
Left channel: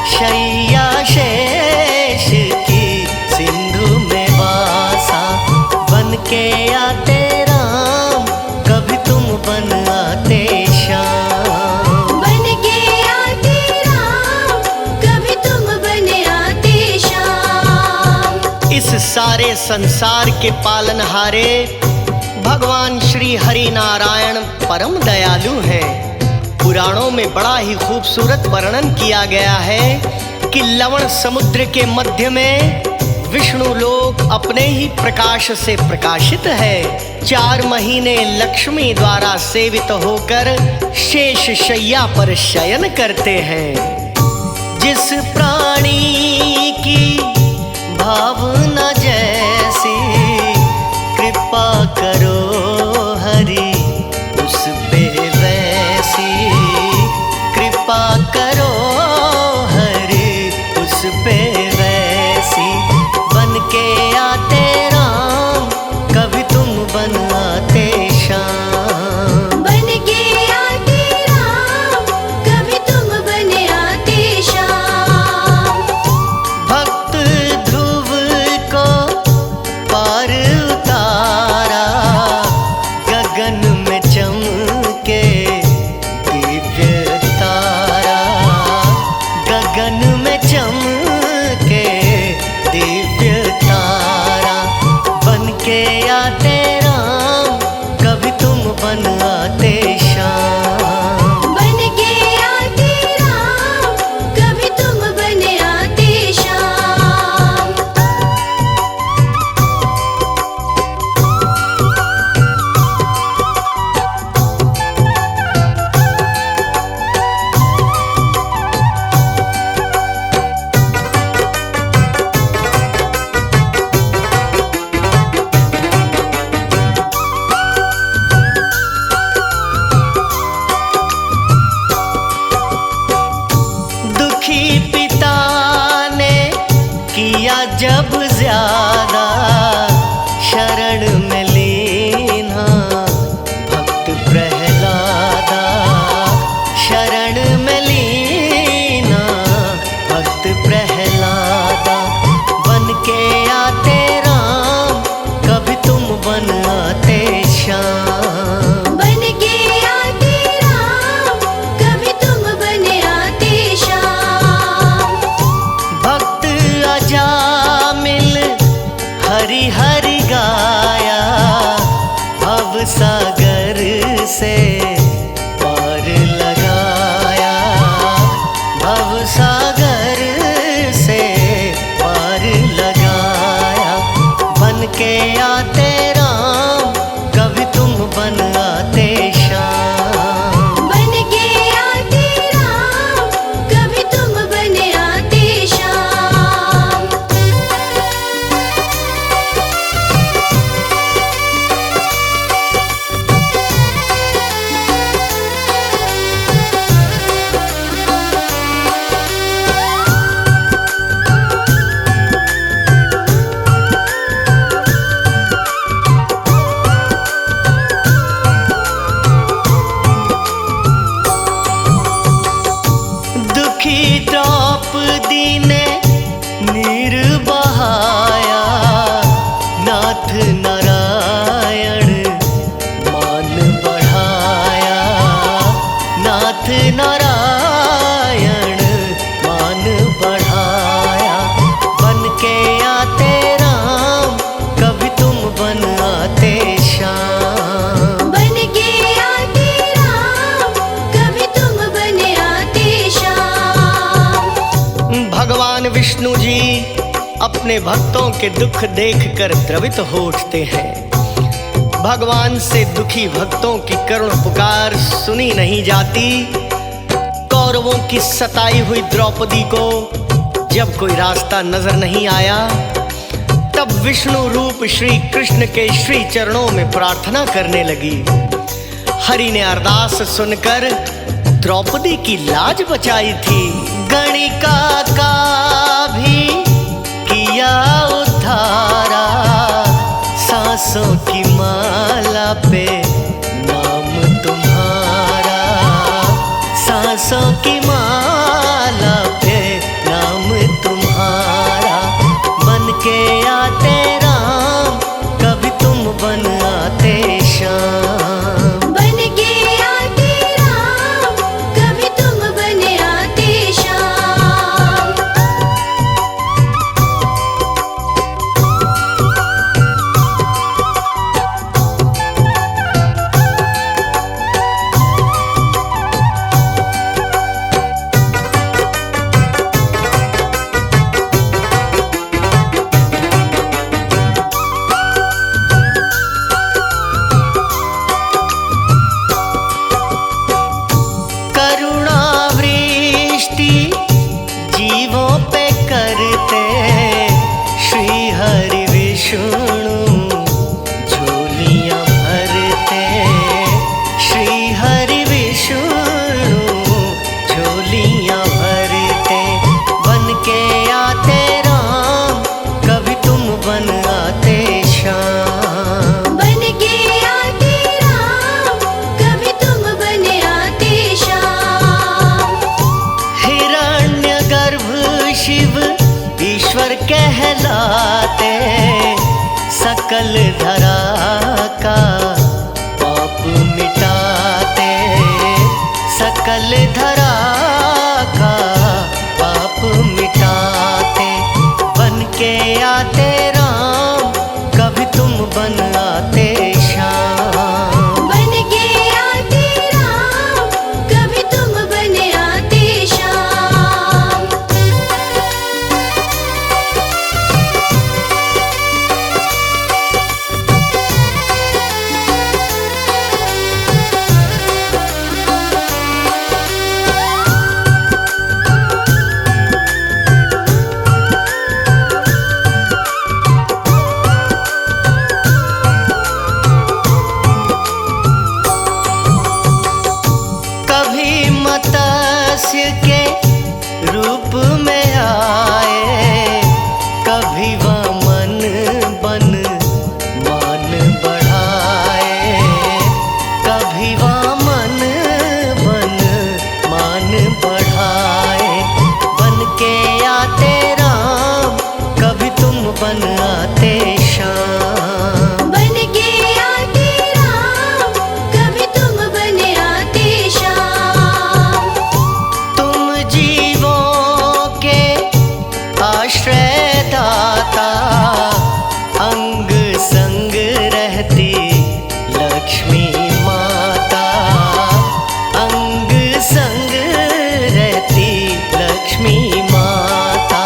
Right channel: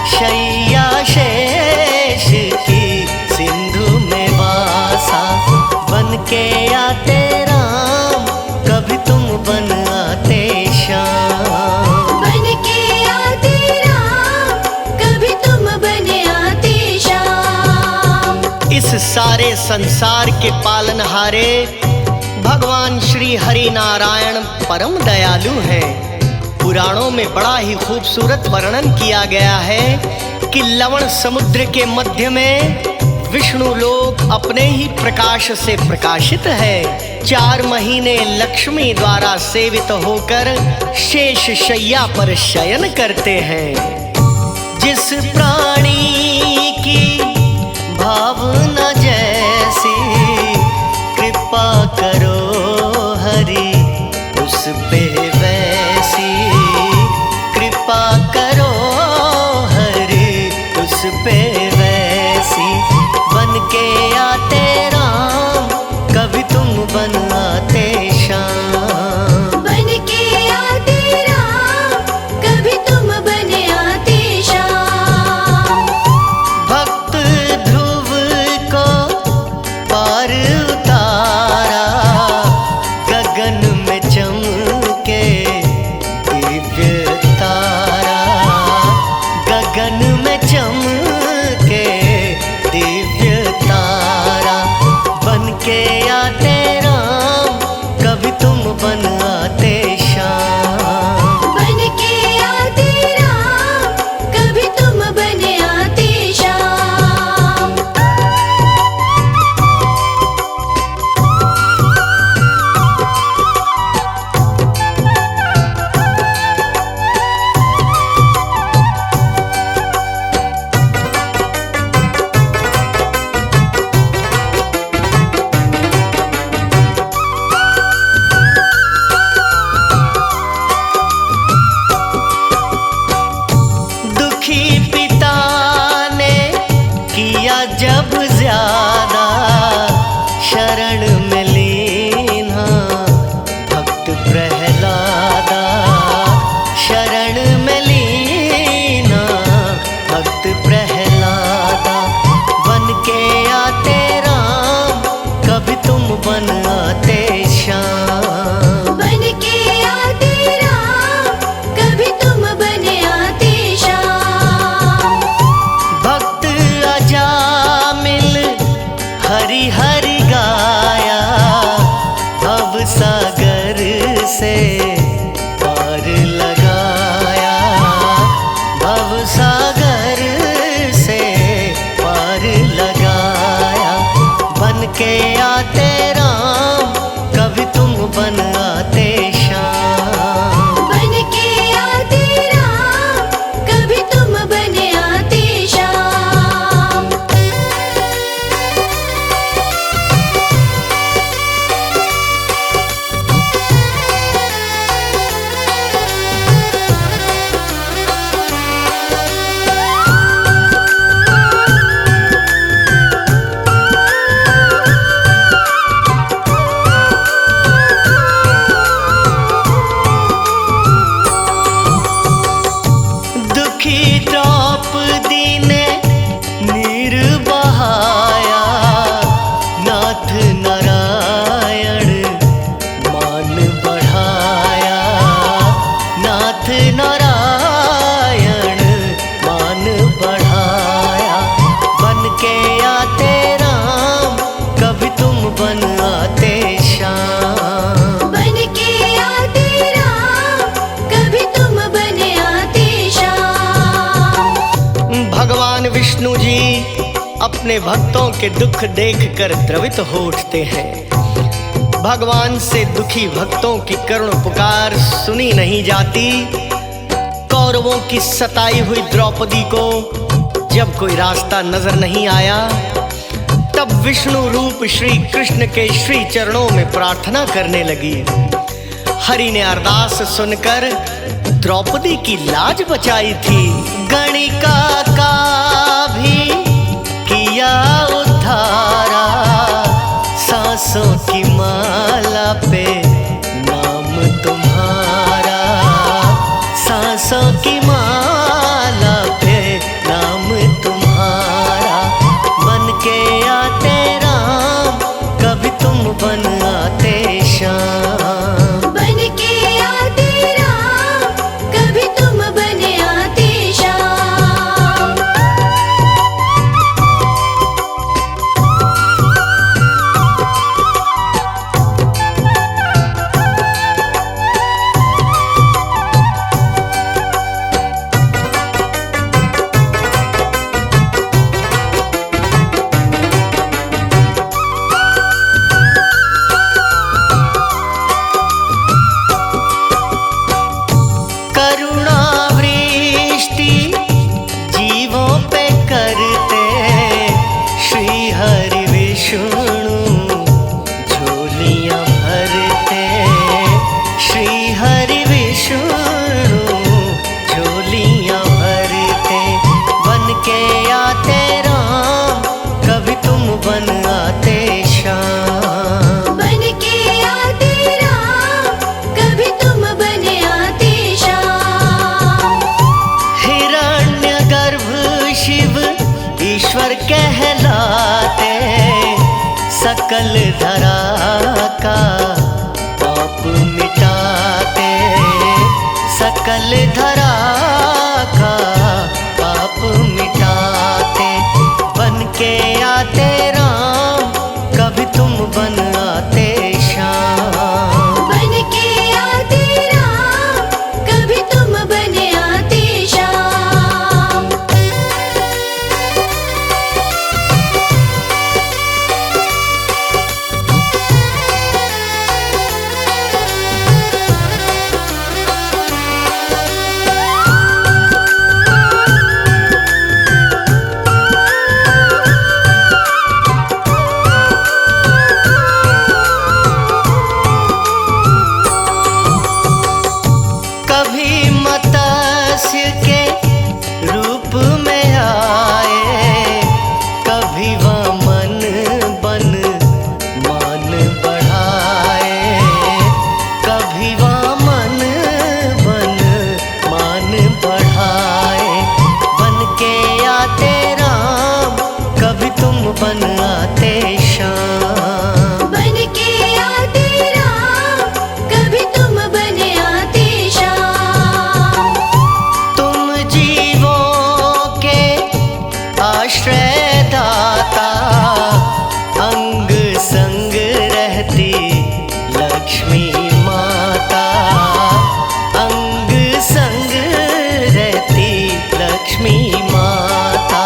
शैया शेष की सिंधु में वासा, बन के आते राम, कभी तुम बन आते श्याम। बन के आते राम, कभी तुम बन आते श्याम। इस सारे संसार के पालनहारे भगवान श्री हरि नारायण परम दयालु हैं। पुराणों में बड़ा ही खूबसूरत वर्णन किया गया है कि लवण समुद्र के मध्य में विष्णु लोक अपने ही प्रकाश से प्रकाशित है। 4 महीने लक्ष्मी द्वारा सेवित होकर शेष शैया पर शयन करते हैं। जिस प्राणी की भावना जैसी कृपा करो हरि उस पे वैसी, कृपा करो हरि उस पे वैसी। बन के आते राम कभी तुम बन आते श्याम। बन के आते राम कभी तुम बन आते श्याम। भक्त ध्रुव को पार उतारा गगन में चमके दिव्य तारा, गगन में चमके दिव्य तारा। बन के आते राम कभी तुम बन आते श्याम। बन के आते राम कभी तुम बन आते श्याम। दुखी पिता ने किया जब ज्यादा शरण में लीना भक्त प्रहलादा, शरण में लीना भक्त प्रहलादा। बन के आते राम कभी तुम बन आते श्याम। बन के आते राम कभी तुम बन आते श्याम। भक्त अजामिल हरि हरि गाया भव सागर से पार लगाया, भव सागर से पार लगाया। बन के आते राम कभी तुम बन आते श्याम। बन के आते राम कभी तुम बन आते श्याम। दुखी द्रौपदी ने नीर बहाया नाथ नारायण मान बढ़ाया, नाथ नारायण मान बढ़ाया। बन के आते राम कभी तुम बन आते श्याम। बन के आते राम कभी तुम बन आते श्याम। भगवान विष्णु जी अपने भक्तों के दुख देखकर द्रवित हो उठते हैं। भगवान से दुखी भक्तों की करुण पुकार सुनी नहीं जाती। कौरवों की सताई हुई द्रौपदी को जब कोई रास्ता नजर नहीं आया, तब विष्णु रूप श्री कृष्ण के श्री चरणों में प्रार्थना करने लगी। हरि ने अरदास सुनकर द्रौपदी की लाज बचाई थी। गणिका का भी किया उद्धारा, सांसों की माला पे नाम तुम्हारा, सांसों की माला पे नाम तुम्हारा। बन के आते राम कभी तुम बन आते श्याम। बन के आते राम कभी तुम बन आते श्याम। करते श्री हरि विष्णु झोलियां भरते, श्री हरि विष्णु झोलियां भरते। बन के आते राम, कभी तुम बन आते श्याम। बन के आते राम, कभी तुम बन आते श्याम। हिरण्यगर्भ शिव ईश्वर कहलाते, सकल धरा का पाप मिटाते, सकल धरा का पाप मिटाते। बन के आते राम, कभी तुम बन आते श्याम। बन के आते राम, कभी तुम बन आते श्याम। कभी मत्स्य के रूप में आए, कभी वामन बन मान बढ़ाए, कभी वामन बन मान बढ़ाए। बन के आते राम, कभी तुम बन आते श्याम। बन के आते राम, कभी तुम बन आते श्याम। तुम जीवों के आश्रय दाता, अंग संग रहती लक्ष्मी माता, अंग संग रहती लक्ष्मी माता।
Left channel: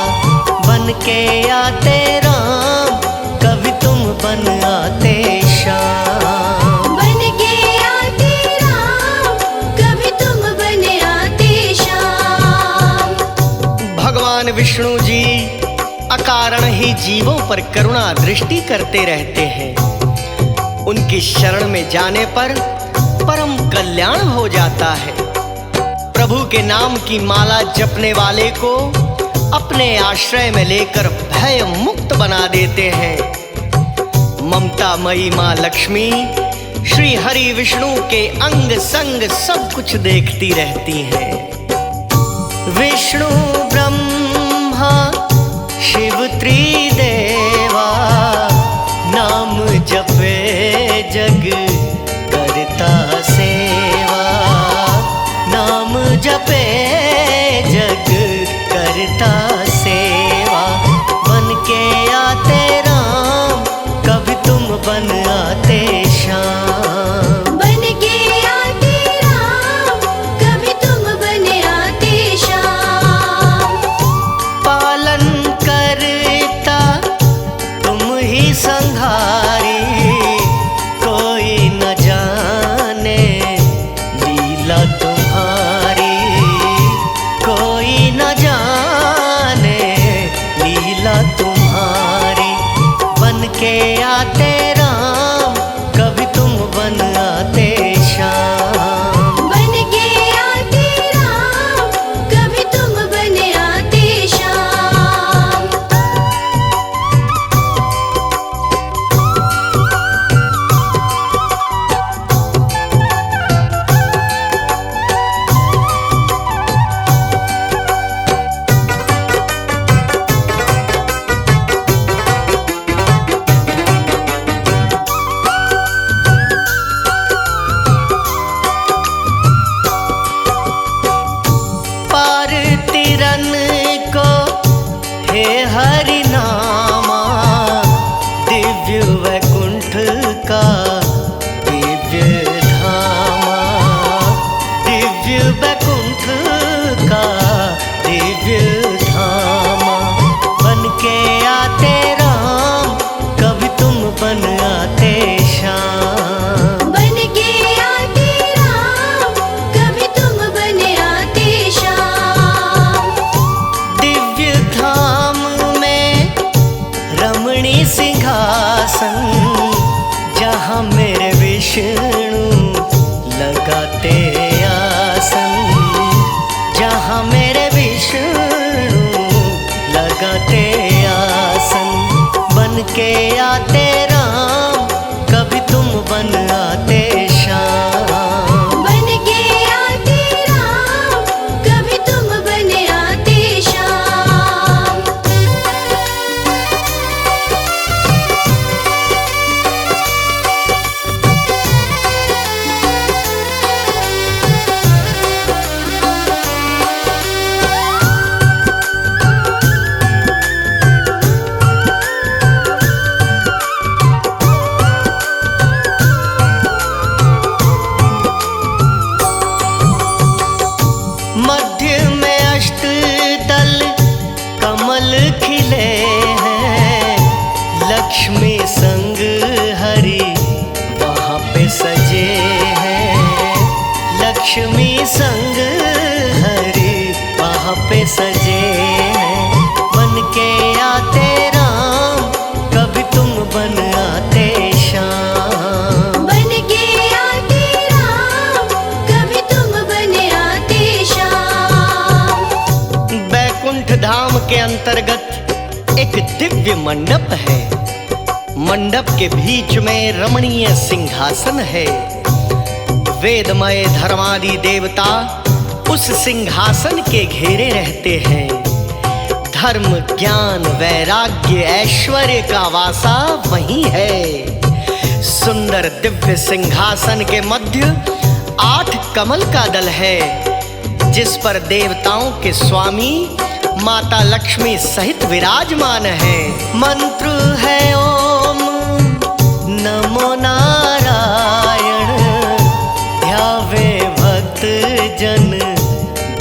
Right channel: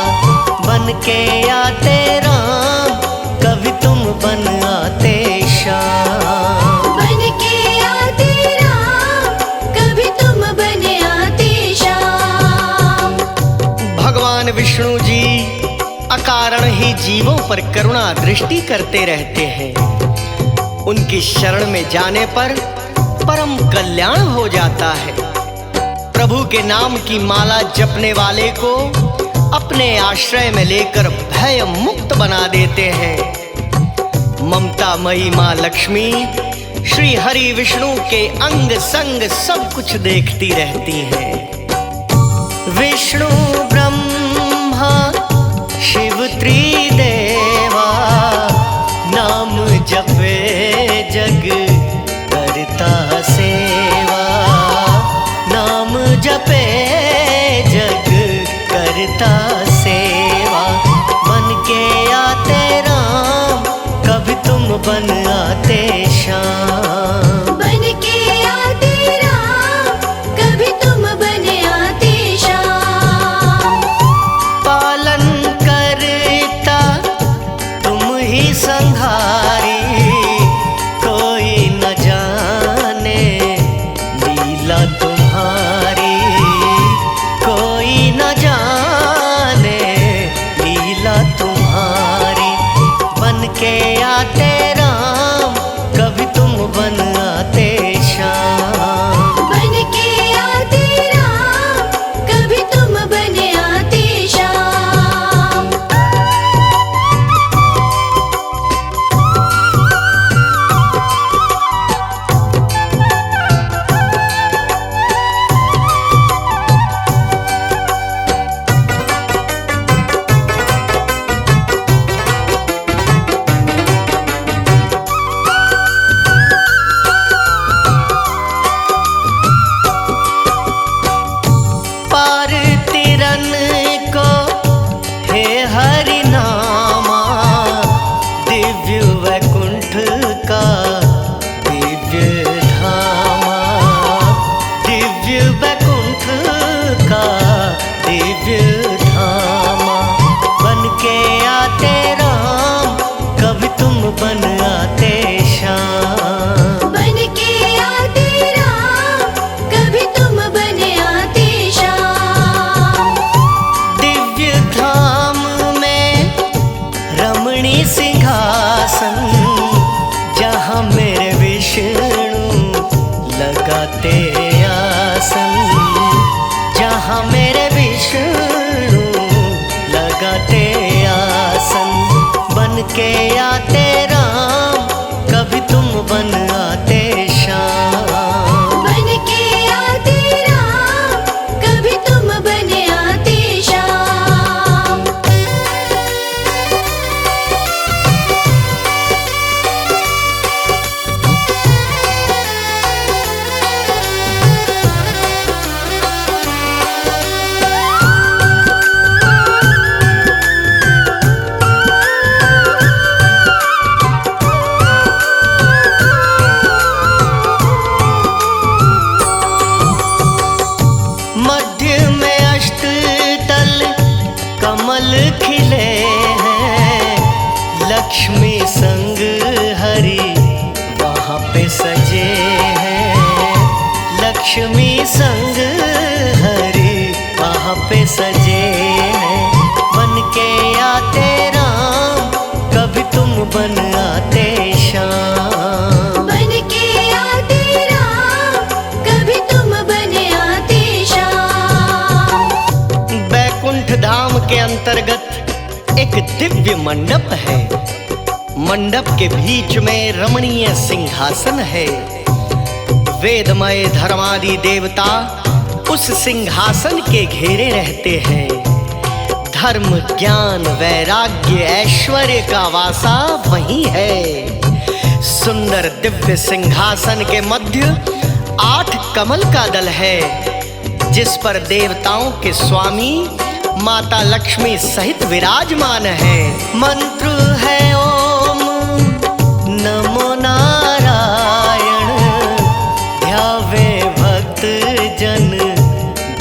बन के आते राम, कभी तुम बन आते श्याम। बन के आते राम, कभी तुम बन आते श्याम। भगवान विष्णु जी अकारण ही जीवों पर करुणा दृष्टि करते रहते हैं। उनकी शरण में जाने पर परम कल्याण हो जाता है। प्रभु के नाम की माला जपने वाले को अपने आश्रय में लेकर भय मुक्त बना देते हैं। ममतामयी माँ लक्ष्मी श्री हरि विष्णु के अंग संग सब कुछ देखती रहती हैं। विष्णु ब्रह्मा शिव त्रिदेवा, नाम जपे जग करता सेवा, नाम जपे जग करता सेवा। बन के आते राम, कभी तुम बन आते श्याम। बन के आते राम, कभी तुम बन आते श्याम। पालन करता तुम ही संहारी, कोई न जाने लीला तुम्हारी, कोई न जाने लीला तुम्हारी। बन के आते राम, कभी तुम बन आते श्याम। बन के आते राम, कभी तुम बन आते श्याम। पार तिरन को हे हरि नामा, दिव्य वैकुंठ का दिव्य धामा, दिव्य वैकुंठ का दिव्य धामा। बन के आते राम, कभी तुम बन आते श्याम। बन के आते राम, कभी तुम बन आते श्याम। दिव्य धाम सिंहासन जहाँ मेरे विष्णु लगाते आसन, जहाँ मेरे विष्णु लगाते आसन। बन के आते राम, कभी तुम बन आते श्याम। बन के आते राम, कभी तुम बन आते श्याम। मध्य में अष्टदल कमल खिले हैं, लक्ष्मी संग हरि वहाँ पे सजे हैं। लक्ष्मी संग हरि वहाँ पे सजे हैं। बन के आते राम, कभी तुम बन आते श्याम। बन के आते राम, कभी तुम बन आते श्याम। बैकुंठ धाम के अंतर्गत एक दिव्य मंडप है। मंडप के बीच में रमणीय सिंहासन है। वेदमय धर्मादि देवता उस सिंहासन के घेरे रहते हैं। धर्म, ज्ञान, वैराग्य, ऐश्वर्य का वासा वही है। सुंदर दिव्य सिंहासन के मध्य 8 कमल का दल है, जिस पर देवताओं के स्वामी माता लक्ष्मी सहित विराजमान है। मंत्र है ओम नमो नारायण, ध्यावे भक्त जन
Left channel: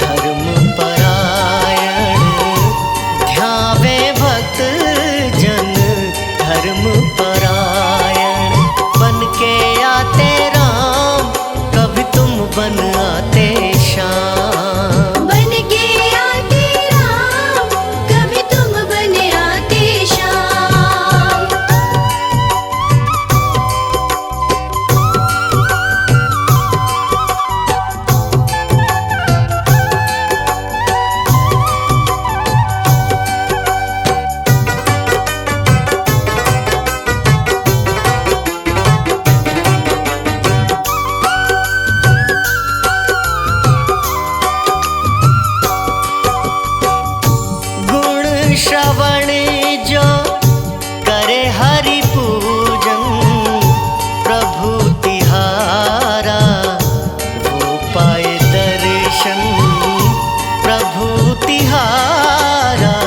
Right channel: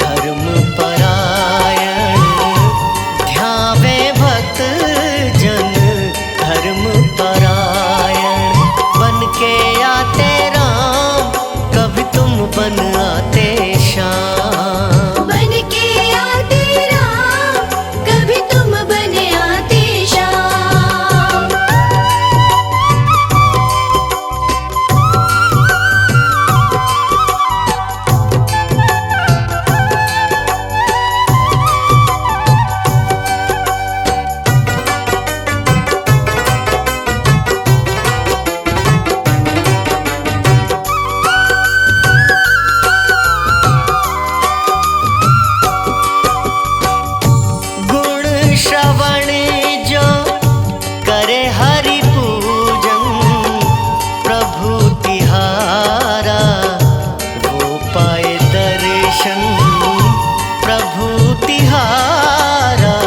धर्म परायण। ध्यावे भक्त जन धर्म परायण। बन के आते राम, कभी तुम बन आते श्याम। बन के आते राम, कभी तुम बन आते श्याम। गुण श्रवण जो करे हरि पूजन, प्रभु तिहारा वो पाए दर्शन। प्रभु तिहारा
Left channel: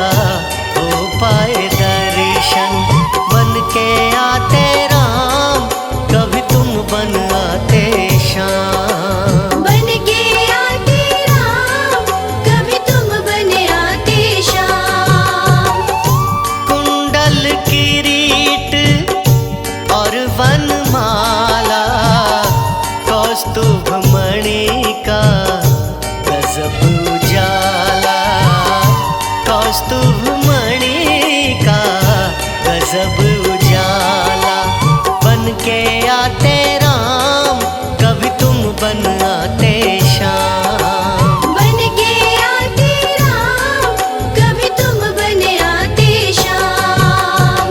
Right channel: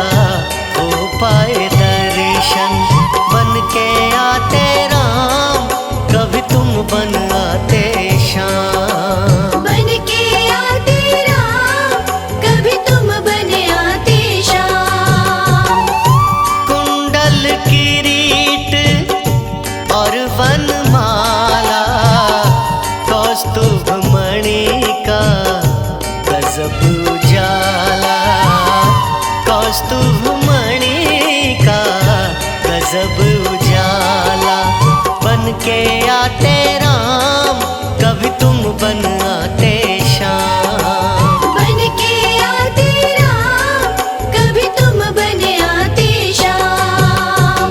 वो पाए दर्शन। बन के आते राम, कभी तुम बन आते श्याम। बन के आते राम, कभी तुम बन आते श्याम। कुंडल किरीट और वनमाला, कौस्तुभ मणि का गजब उजाला। कौस्तुभ मणि का गजब उजाला। बन के आते राम, कभी तुम बन आते श्याम। बन के आते राम, कभी तुम बन आते श्याम।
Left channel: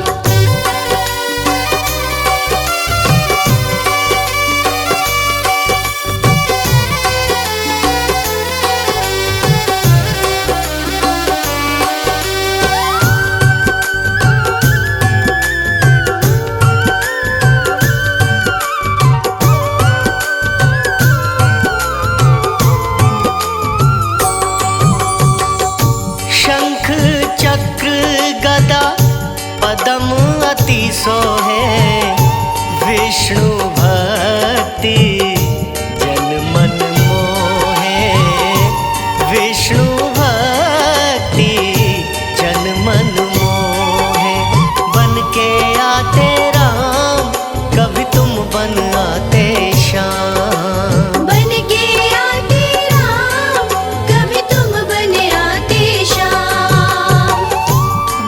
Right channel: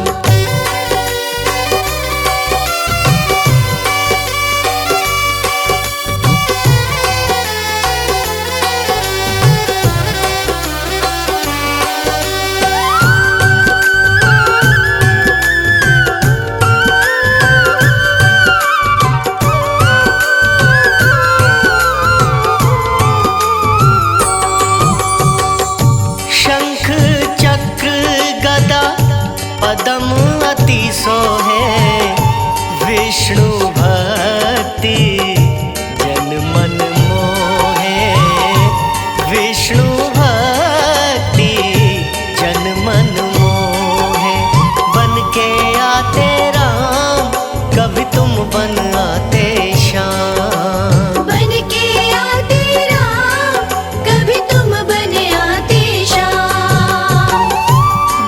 शंख चक्र गदा पदम अति सोहे, विष्णु भक्ति जन मन मोहे। विष्णु भक्ति जन मन मोहे। बन के आते राम, कभी तुम बन आते श्याम। बन के आते राम, कभी तुम बन आते श्याम।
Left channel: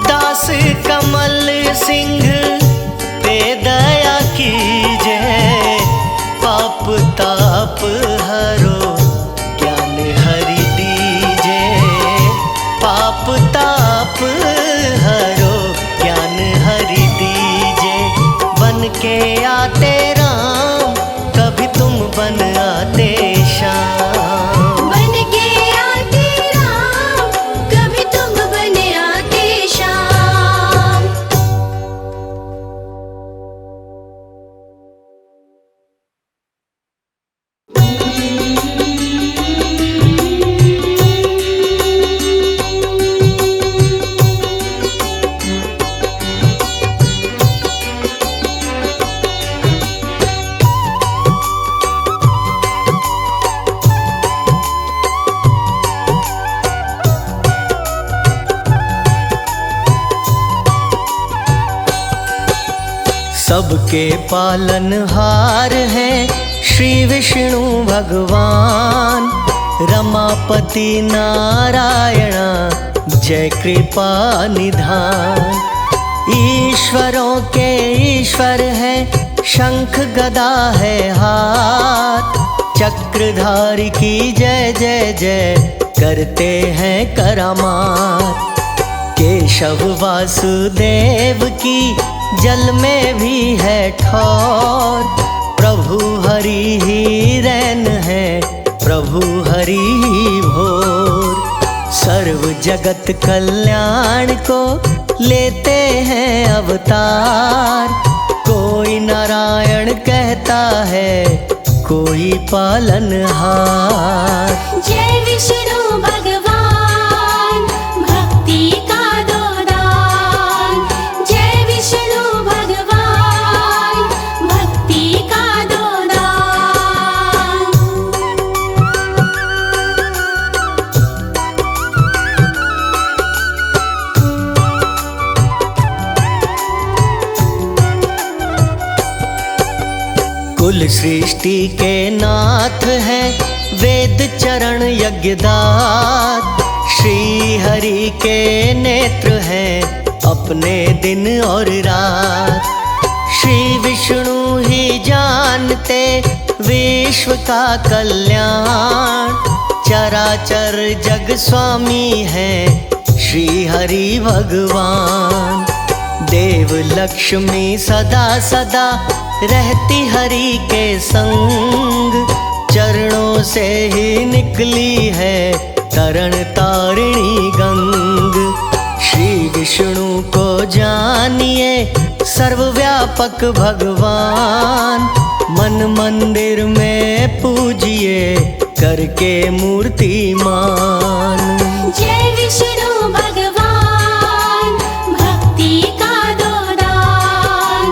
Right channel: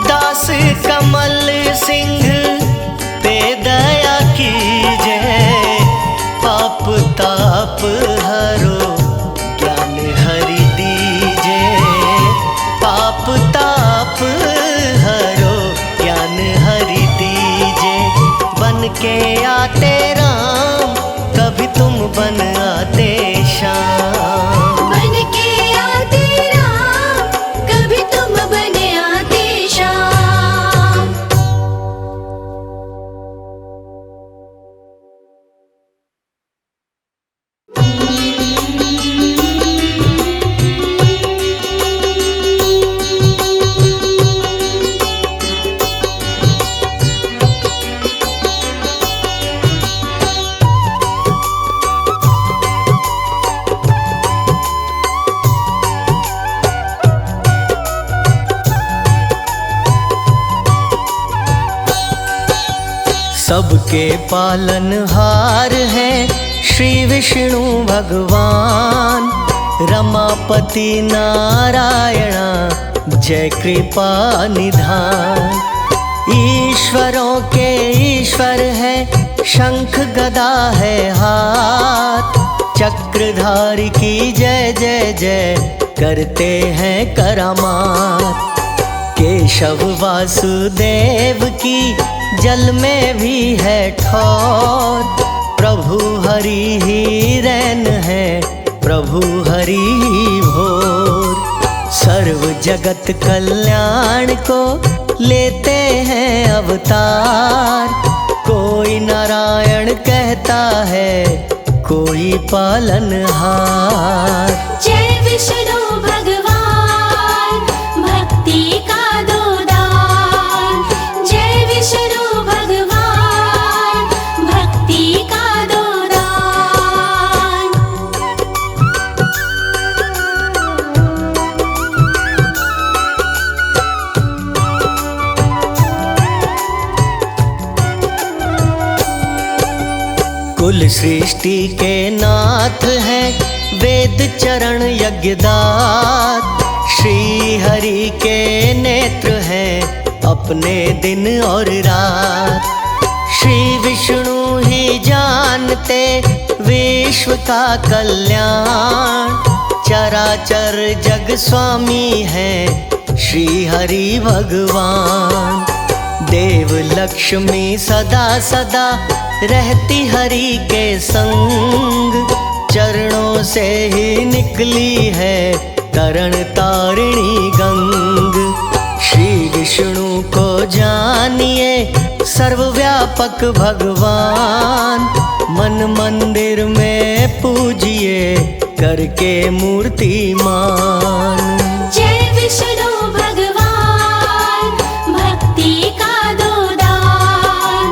दास कमल सिंह पे दया कीजे, पाप ताप हरो ज्ञान हरि दीजे, पाप ताप हरो ज्ञान हरि दीजे। बन के आते राम, कभी तुम बन आते श्याम। बन के आते राम, कभी तुम बन आते श्याम। सबके पालनहार हैं श्री विष्णु भगवान, रमापति नारायणा जय कृपा निधान। ईश्वरों के ईश्वर है, शंख गदा है हाथ, चक्रधारी की जय जय जय करते हैं करामात। केशव वासुदेव की जल में भी है ठौर, प्रभु हरि ही रैन है, प्रभु हरि ही भोर। सर्व जगत कल्याण को लेते हैं अवतार, कोई नारायण कहता है, कोई पालनहार। जय विष्णु भगवान, भक्ति का दो दान। जय विष्णु भगवान, भक्ति का दो दान। कुल सृष्टि के नाथ हैं, वेद चरण यज्ञदात। श्री हरि के नेत्र हैं, अपने दिन और रात। श्री विष्णु ही जानते विश्व का कल्याण, चराचर जग स्वामी हैं श्री हरि भगवान। देव लक्ष्मी सदा सदा रहती हरि के संग, चरणों से ही निकली है तरण तारिणी गंग। श्री विष्णु को जानिए सर्वव्यापक भगवान, मन मंदिर में पूजिए करके मूर्तिमान। जय विष्णु भगवान, भक्ति का दो दान।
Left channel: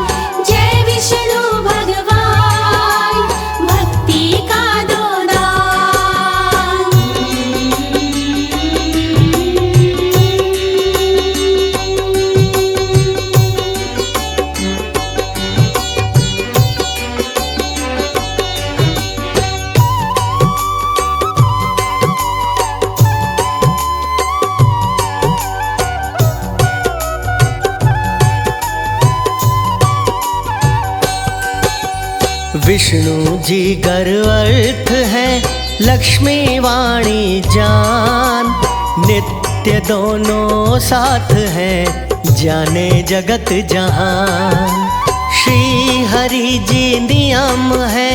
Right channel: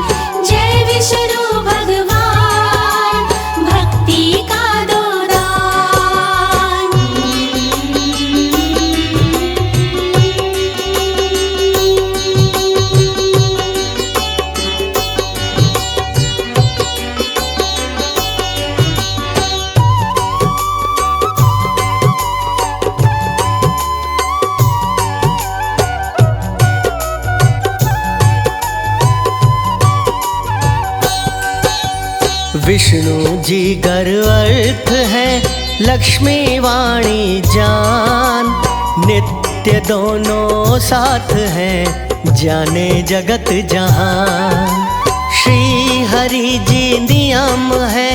जय विष्णु भगवान, भक्ति का दो दान। विष्णु जी गर्वर्थ है, लक्ष्मी वाणी जान। नित्य दोनों साथ हैं, जाने जगत जहान। श्री हरि जी नियम है,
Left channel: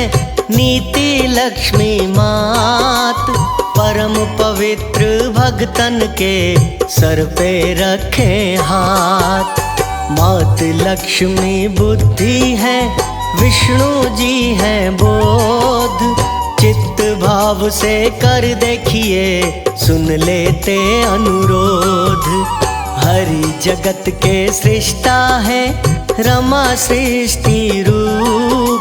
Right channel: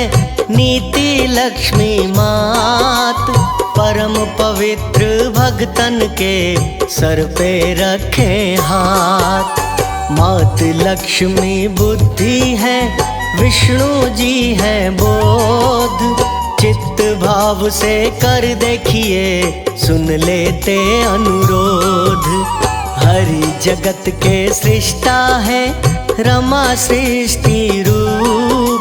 नीति लक्ष्मी मात। परम पवित्र भक्तन के सर पे रखे हाथ। मात लक्ष्मी बुद्धि है, विष्णु जी हैं बोध। चित्त भाव से कर देखिए, सुन लेते अनुरोध। हरि जगत के सृष्टा है, रमा सृष्टि रूप।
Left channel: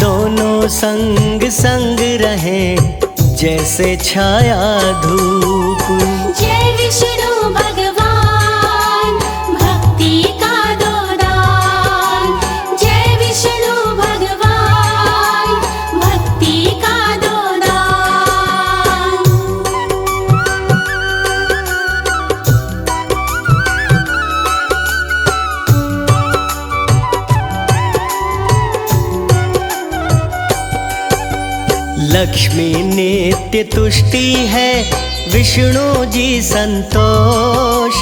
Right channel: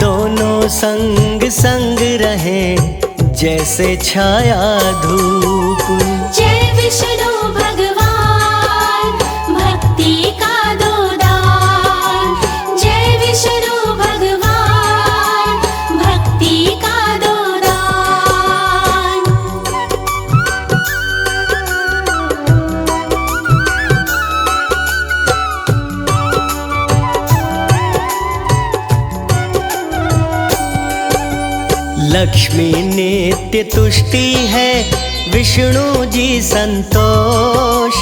दोनों संग संग रहें, जैसे छाया धूप। जय विष्णु भगवान, भक्ति का दो दान। जय विष्णु भगवान, भक्ति का दो दान। लक्ष्मी नित्य तुष्टि है, विष्णु जी संतोष।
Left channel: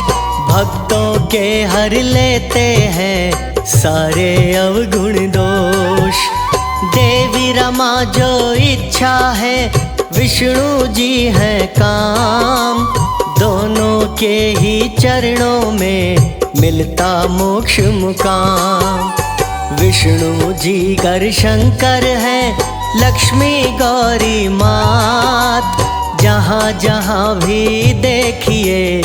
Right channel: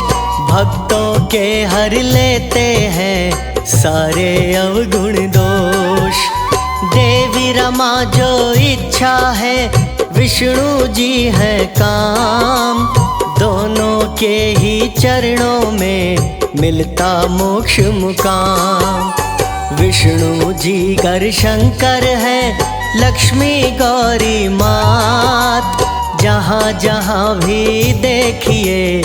भक्तों के हर लेते हैं सारे अवगुण दोष। देवी रमा जो इच्छा है, विष्णु जी है काम। दोनों के ही चरणों में मिलता मोक्ष मुकाम। विष्णु जी कर शंकर है, लक्ष्मी गौरी मात। जहाँ जहाँ भी देखिए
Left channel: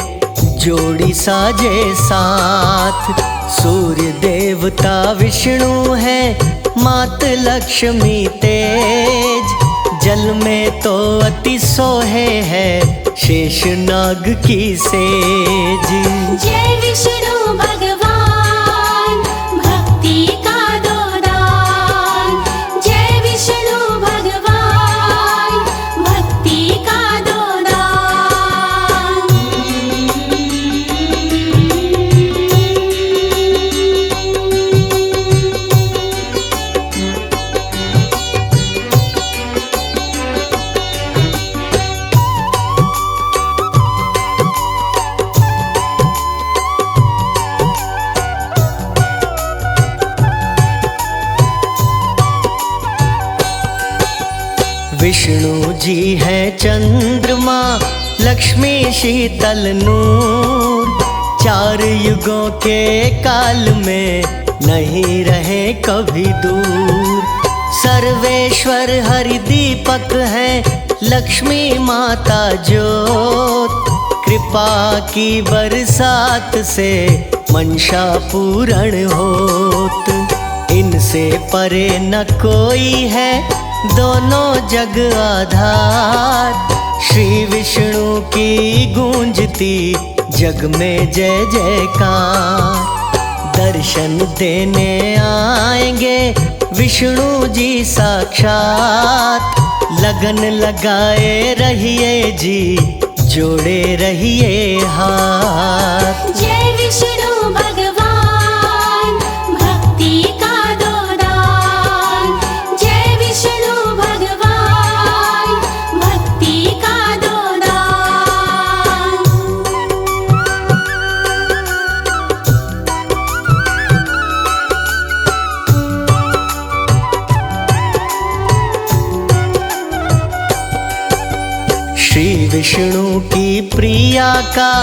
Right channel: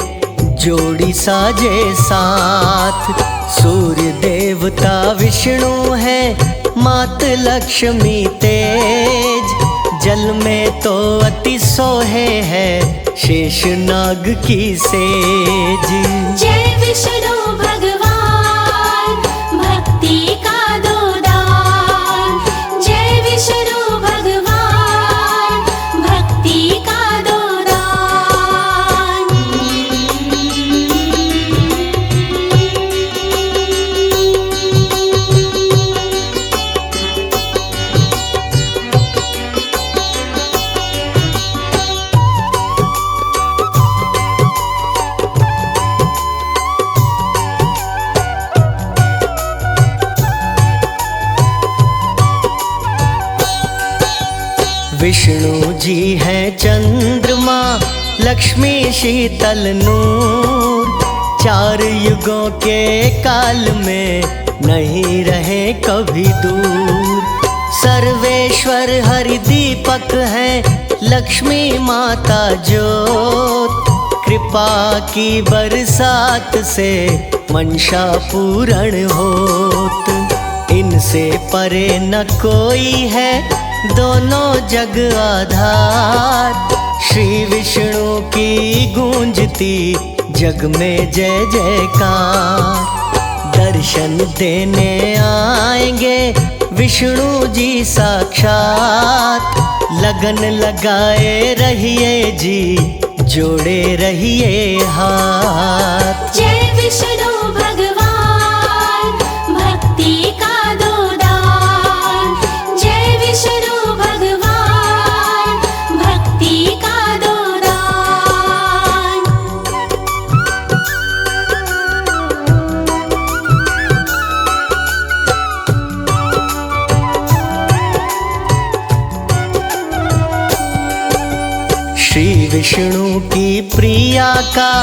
जोड़ी साजे साथ। सूर्य देवता विष्णु है, मात लक्ष्मी तेज। जल में तो अति सोहे है, शेषनाग की सेज। जय विष्णु भगवान, भक्ति का दो दान। जय विष्णु भगवान, भक्ति का दो दान। विष्णु जी हैं चंद्रमा, लक्ष्मी शीतल नूर। चार युगों के काल में नहीं रहे कभी दूर। सर्वेश्वर हरि दीपक है, लक्ष्मी माता ज्योत। कृपा की बरसात से मंशा पूर्ण होत। इनसे परे न कोई है, दोनों जग आधार। श्री विष्णु की गूंजती जग में जय जयकार। दर्शन देने आएंगे विष्णु जी साक्षात। लगन लगाए रहिए जी, जोड़े रहिए हाथ। जय विष्णु भगवान, भक्ति का दो दान। जय विष्णु भगवान, भक्ति का दो दान। श्री विष्णु की प्रिया का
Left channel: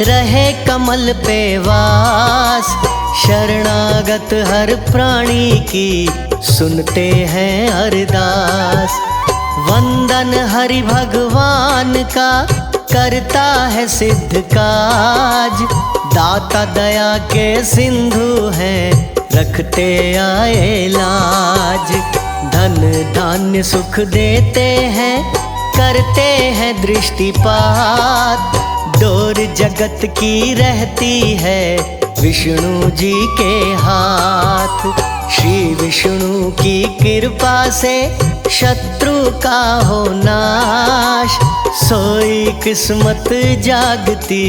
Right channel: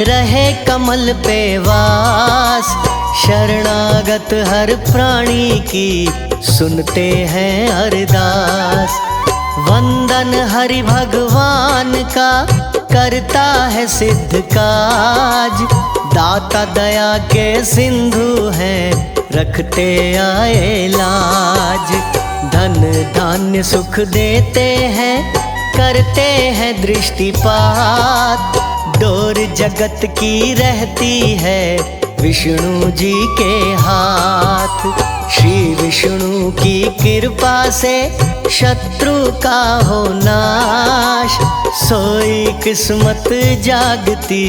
रहे कमल पे वास। शरणागत हर प्राणी की सुनते हैं अरदास। वंदन हरि भगवान का करता है सिद्ध काज। दाता दया के सिंधु हैं, रखते आए लाज। धन धान्य सुख देते हैं, करते हैं दृष्टिपात। डोर जगत की रहती है विष्णु जी के हाथ। श्री विष्णु की कृपा से शत्रु का हो नाश। सोई किस्मत जागती,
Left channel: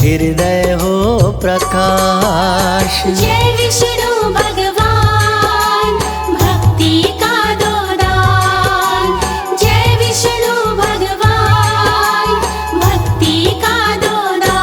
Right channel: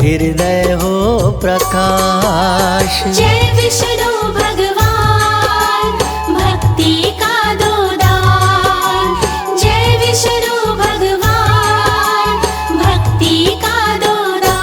हृदय हो प्रकाश। जय विष्णु भगवान, भक्ति का दो दान। जय विष्णु भगवान, भक्ति का दो दान।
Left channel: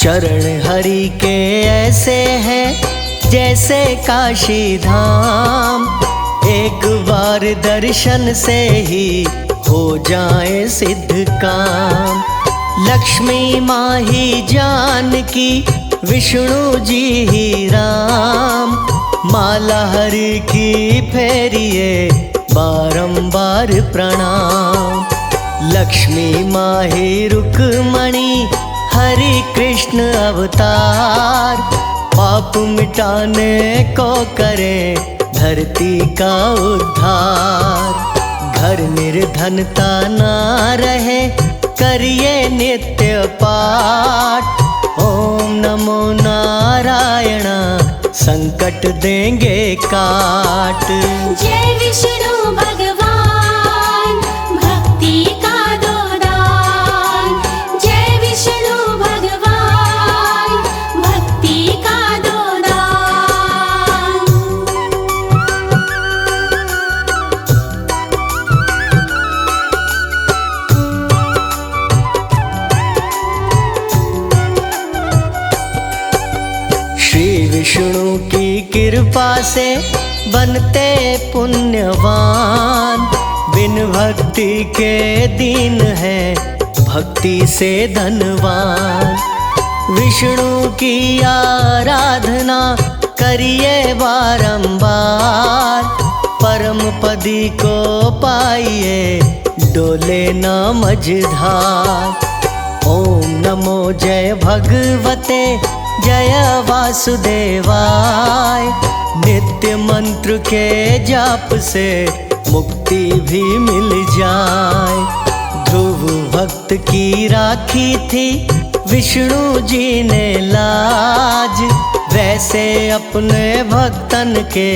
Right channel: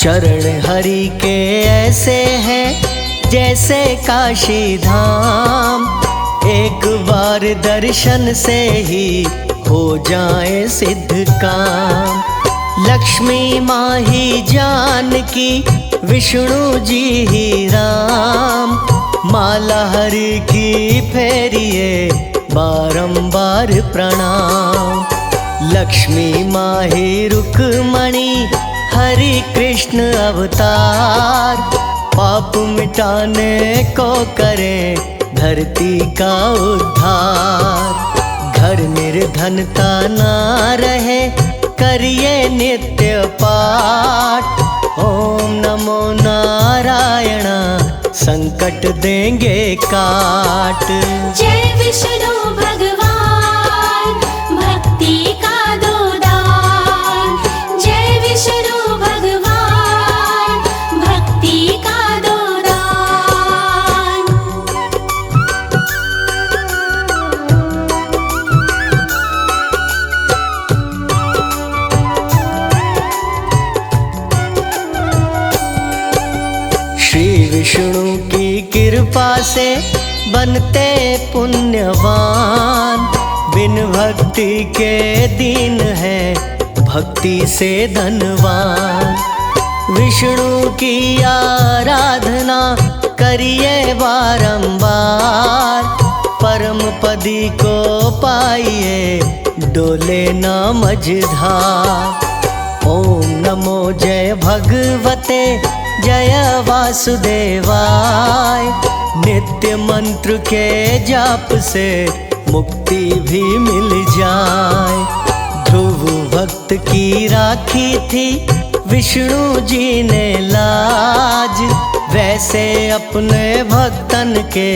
चरण हरि के ऐसे हैं जैसे काशी धाम। एक बार दर्शन से ही हो जाए सिद्ध काम। लक्ष्मी माँ ही जानकी, विष्णु जी ही राम। माला हरि की फेरिए बारंबार प्रणाम। लक्ष्मी माँ ही रुक्मणी, हरि कृष्ण अवतार। पाप मिटाने को करें धरती का उद्धार। घर निर्धनता ना रहे, करिए नित्य पाठ। ओम नमो नारायण संकट देंगे काट। जय विष्णु भगवान भक्ति का दो दान। जय विष्णु भगवान भक्ति का दो दान। श्री विष्णु की कृपा से बनते पुण्यवान। बिन भक्ति के दीन है भक्ति से धनवान। विष्णु की आराधना करिए बारंबार। परम पदी को पाइए डोले ना मझधार। ओम नमो जय भगवते जय वासुदेवाय। नित्य मंत्र के जाप से मुक्ति भी मिल जाए। ध्रुव भक्त की राखी थी विष्णु जी ने लाज। वैसे अपने भक्तन के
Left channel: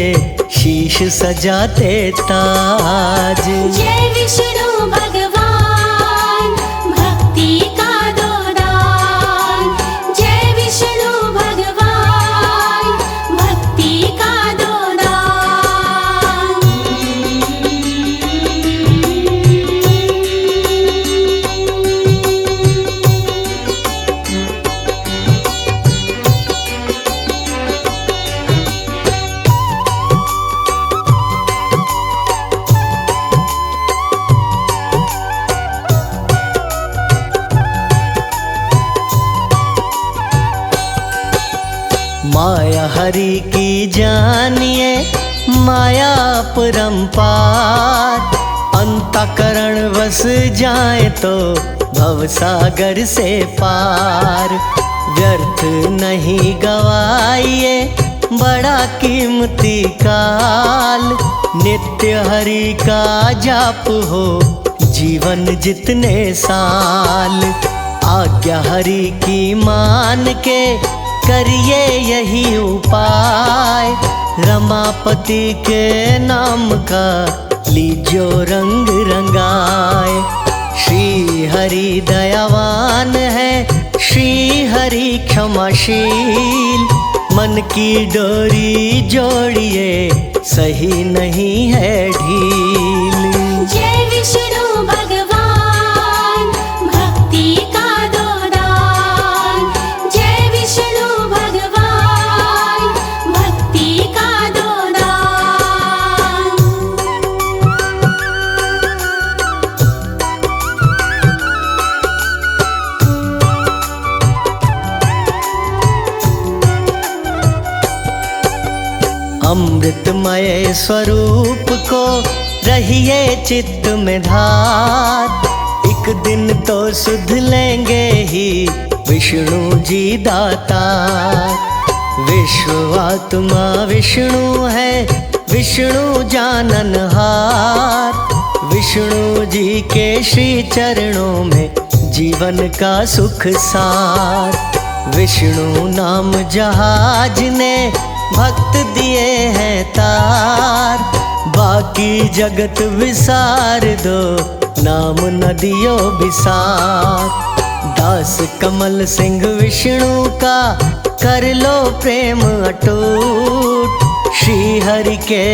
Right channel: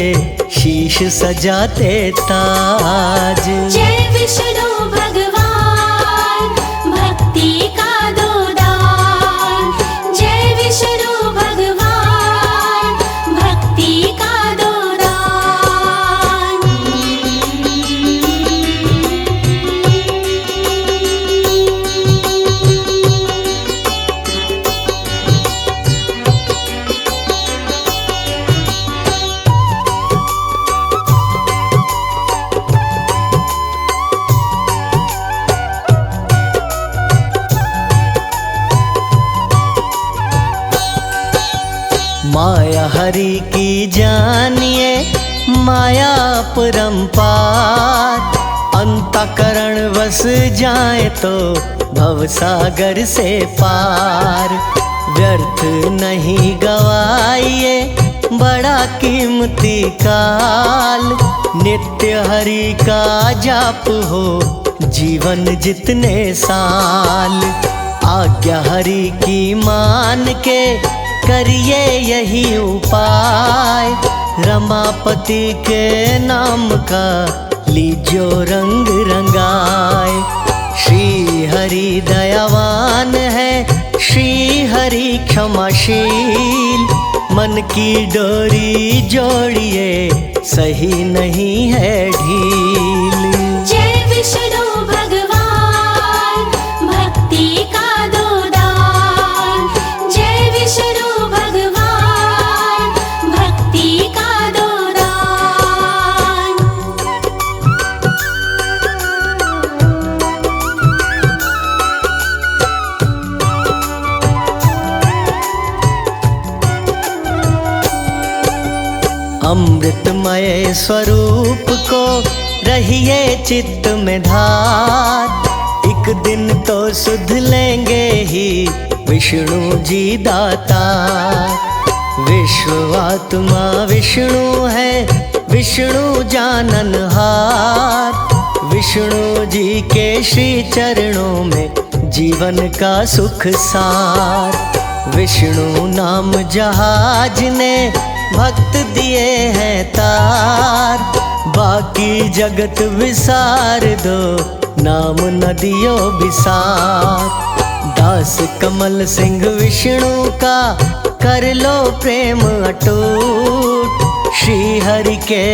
शीश सजाते ताज। जय विष्णु भगवान भक्ति का दो दान। जय विष्णु भगवान भक्ति का दो दान। माया हरि की जानिए माया परंपार। अंतःकरण वस जाए तो भवसागर से पार। व्यर्थ नहीं गवाइए बड़ा कीमती काल। नित्य हरि का जाप हो जीवन जितने साल। आज्ञा हरि की मान के करिए यही उपाय। रमापति के नाम का लीजो रंग रंगाए। श्री हरि दयावान है श्री हरि क्षमाशील। मन की डोरी जोड़िए सही नहीं है ढील। जय विष्णु भगवान भक्ति का दो दान। जय विष्णु भगवान भक्ति का दो दान। अमृतमय स्वरूप को रहिए चित्त में धार। एक दिन तो सुध लेंगे ही विष्णु जी दाता। विश्वात्मा विष्णु है विष्णु जाननहार। विष्णु जी के श्री चरणों में जीवन का सुख सार। विष्णु नाम जहाज ने भक्त दिए हैं तार। बाकी जगत विसार दो नाम नदियों विसार। दास कमल सिंह विष्णु का कर लो प्रेम अटूट। श्री हरि के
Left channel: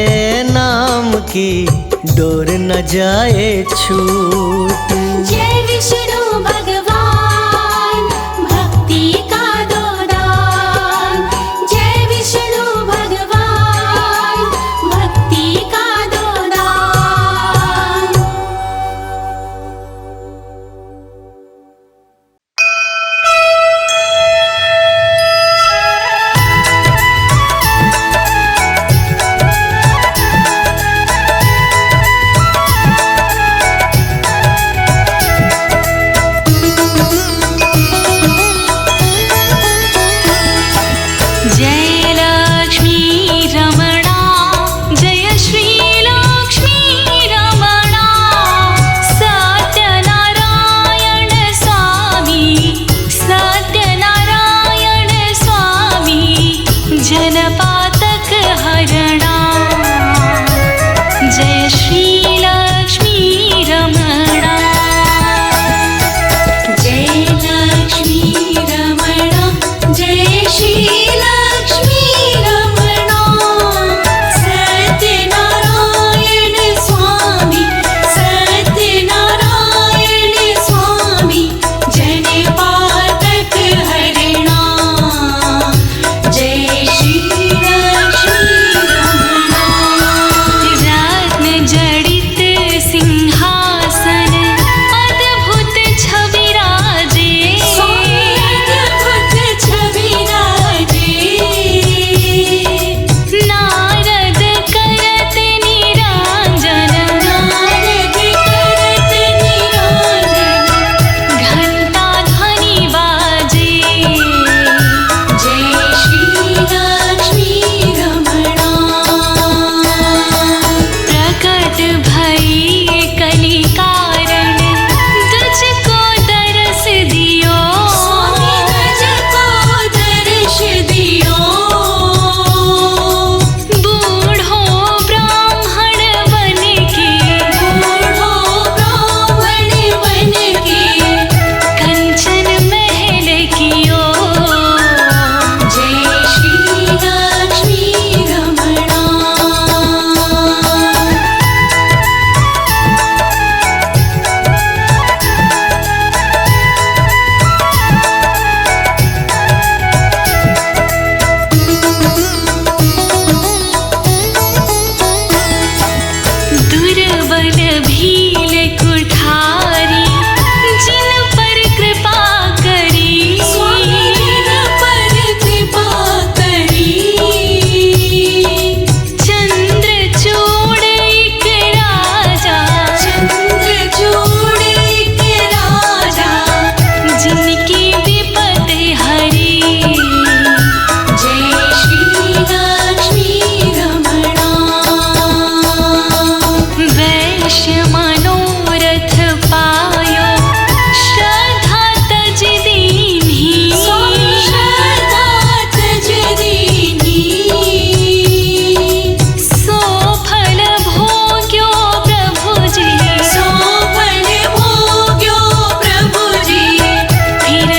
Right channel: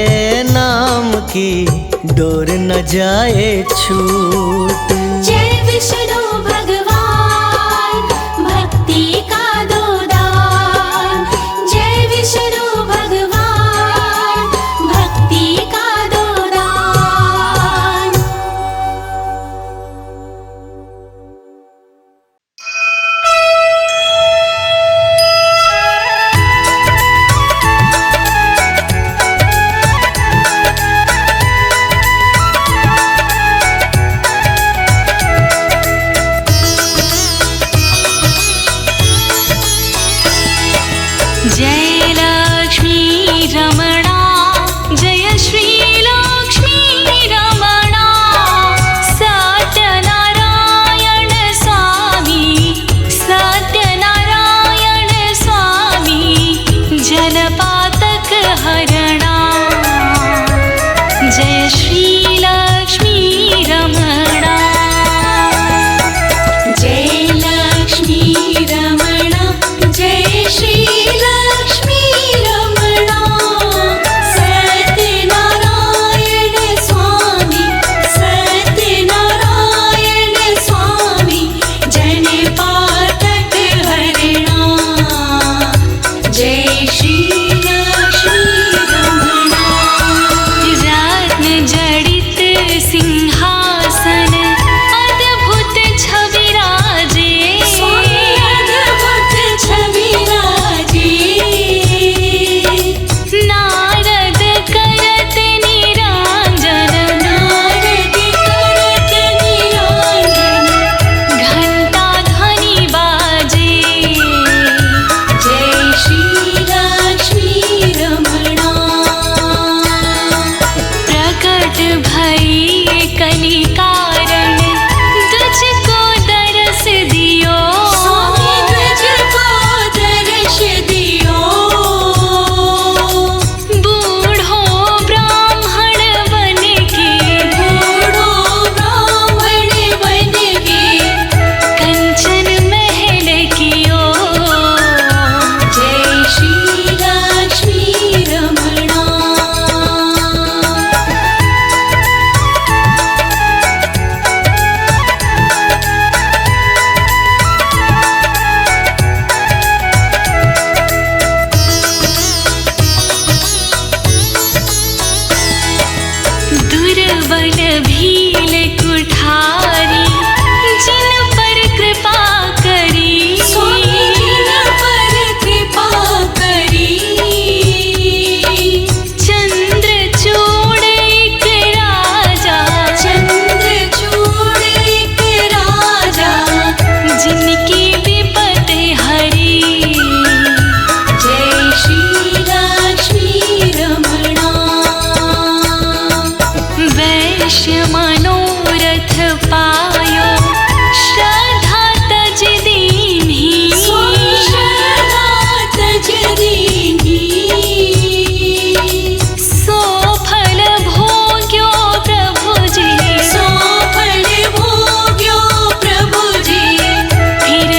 नाम की डोर न जाए छूट। जय विष्णु भगवान भक्ति का दो दान। जय विष्णु भगवान भक्ति का दो दान। पातक हरणा। जय श्री लक्ष्मी रमणा। जय लक्ष्मी रमणा, जय श्री लक्ष्मी रमणा। सत्यनारायण स्वामी, सत्यनारायण स्वामी, जन पातक हरणा। जय श्री लक्ष्मी रमणा। रत्न जड़ित सिंहासन अद्भुत छवि राजे। अद्भुत छवि राजे। नारद करत निरांजन, नारद करत निरांजन। घंटा ध्वनि बाजे। जय श्री लक्ष्मी रमणा। प्रकट भई कली कारण, तुझको दरस दियो। तुझको दर्श दियो। बूढ़ो ब्राह्मण बन के, बूढ़ो ब्राह्मण बन के, कंचन महल कियो। जय श्री लक्ष्मी रमणा। दुर्बल भील कुठारी, जिन पर कृपा करी। पर कृपा करी। चंद्रचूड़ एक राजा, चंद्रचूड़ एक राजा, जिनकी विपद हरी। जय श्री लक्ष्मी रमणा। वैश्य मनोरथ पायो, श्रद्धा तज दीन्ही। श्रद्धा तज दीन्ही। सो फल भोग्यो प्रभु जी, सफल भोग्यो प्रभु जी। फिर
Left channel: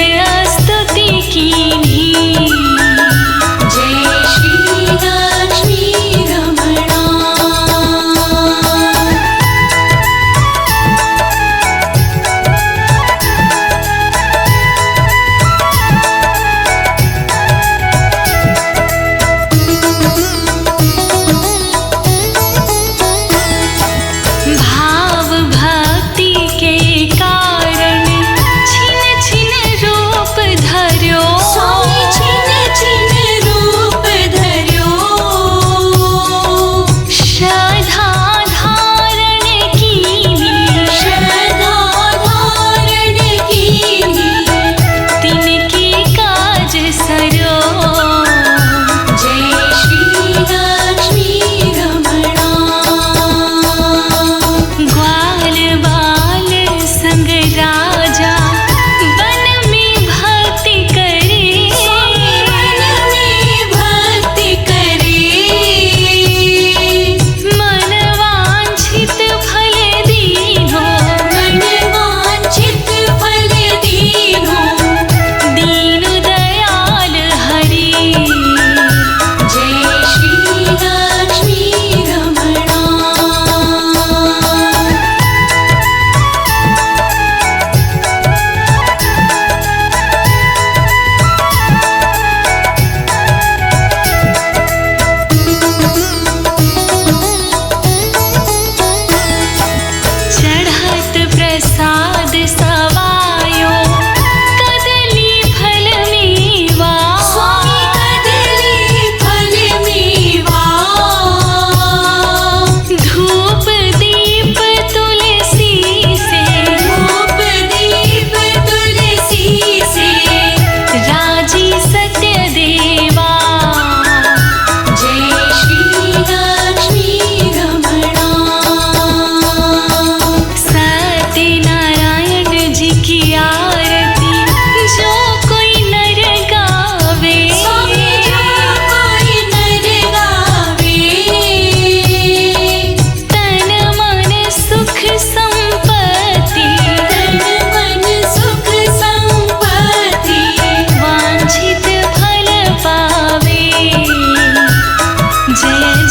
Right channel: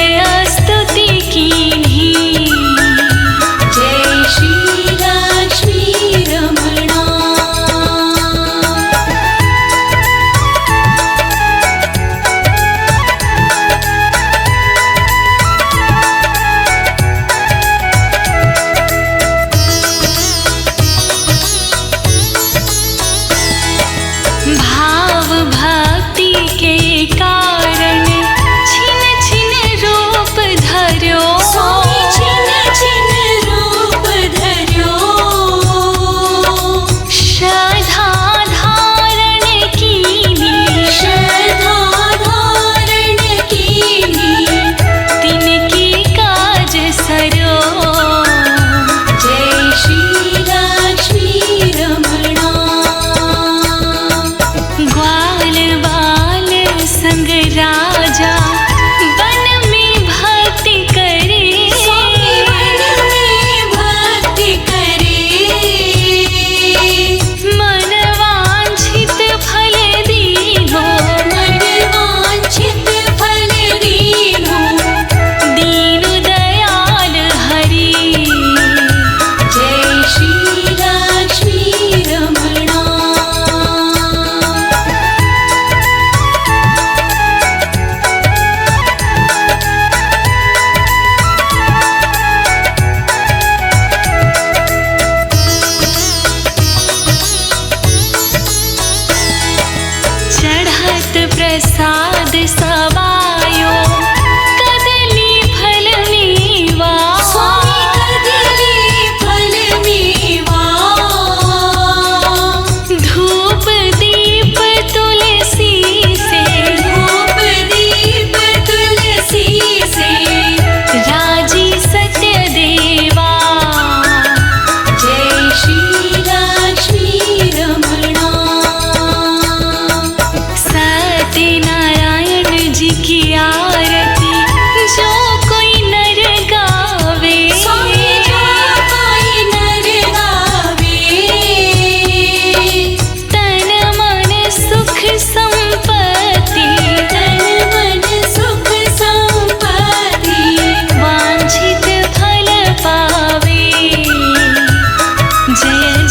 स्तुति कीन्ही। जय श्री लक्ष्मी रमणा। भाव भक्ति के कारण, छिन छिन रूप धर्यो। छिन छिन रूप धर्यो। श्रद्धा धारण कीन्ही। श्रद्धा धारण कीन्ही। तिनकी काज सरो। जय श्री लक्ष्मी रमणा। ग्वाल बाल संग राजा, वन में भक्ति करे। भक्ति करे। मन वांछित फल दीनो। मन वांछित फल दीनो। दीन दयाल हरि। जय श्री लक्ष्मी रमणा। चढ़त प्रसाद सवायो, कदली फल मेवा। कदली फल मेवा। धूप दीप तुलसी से, धूप दीप तुलसी से। राजी सत्य देवा। जय श्री लक्ष्मी रमणा। सत्यनारायण जी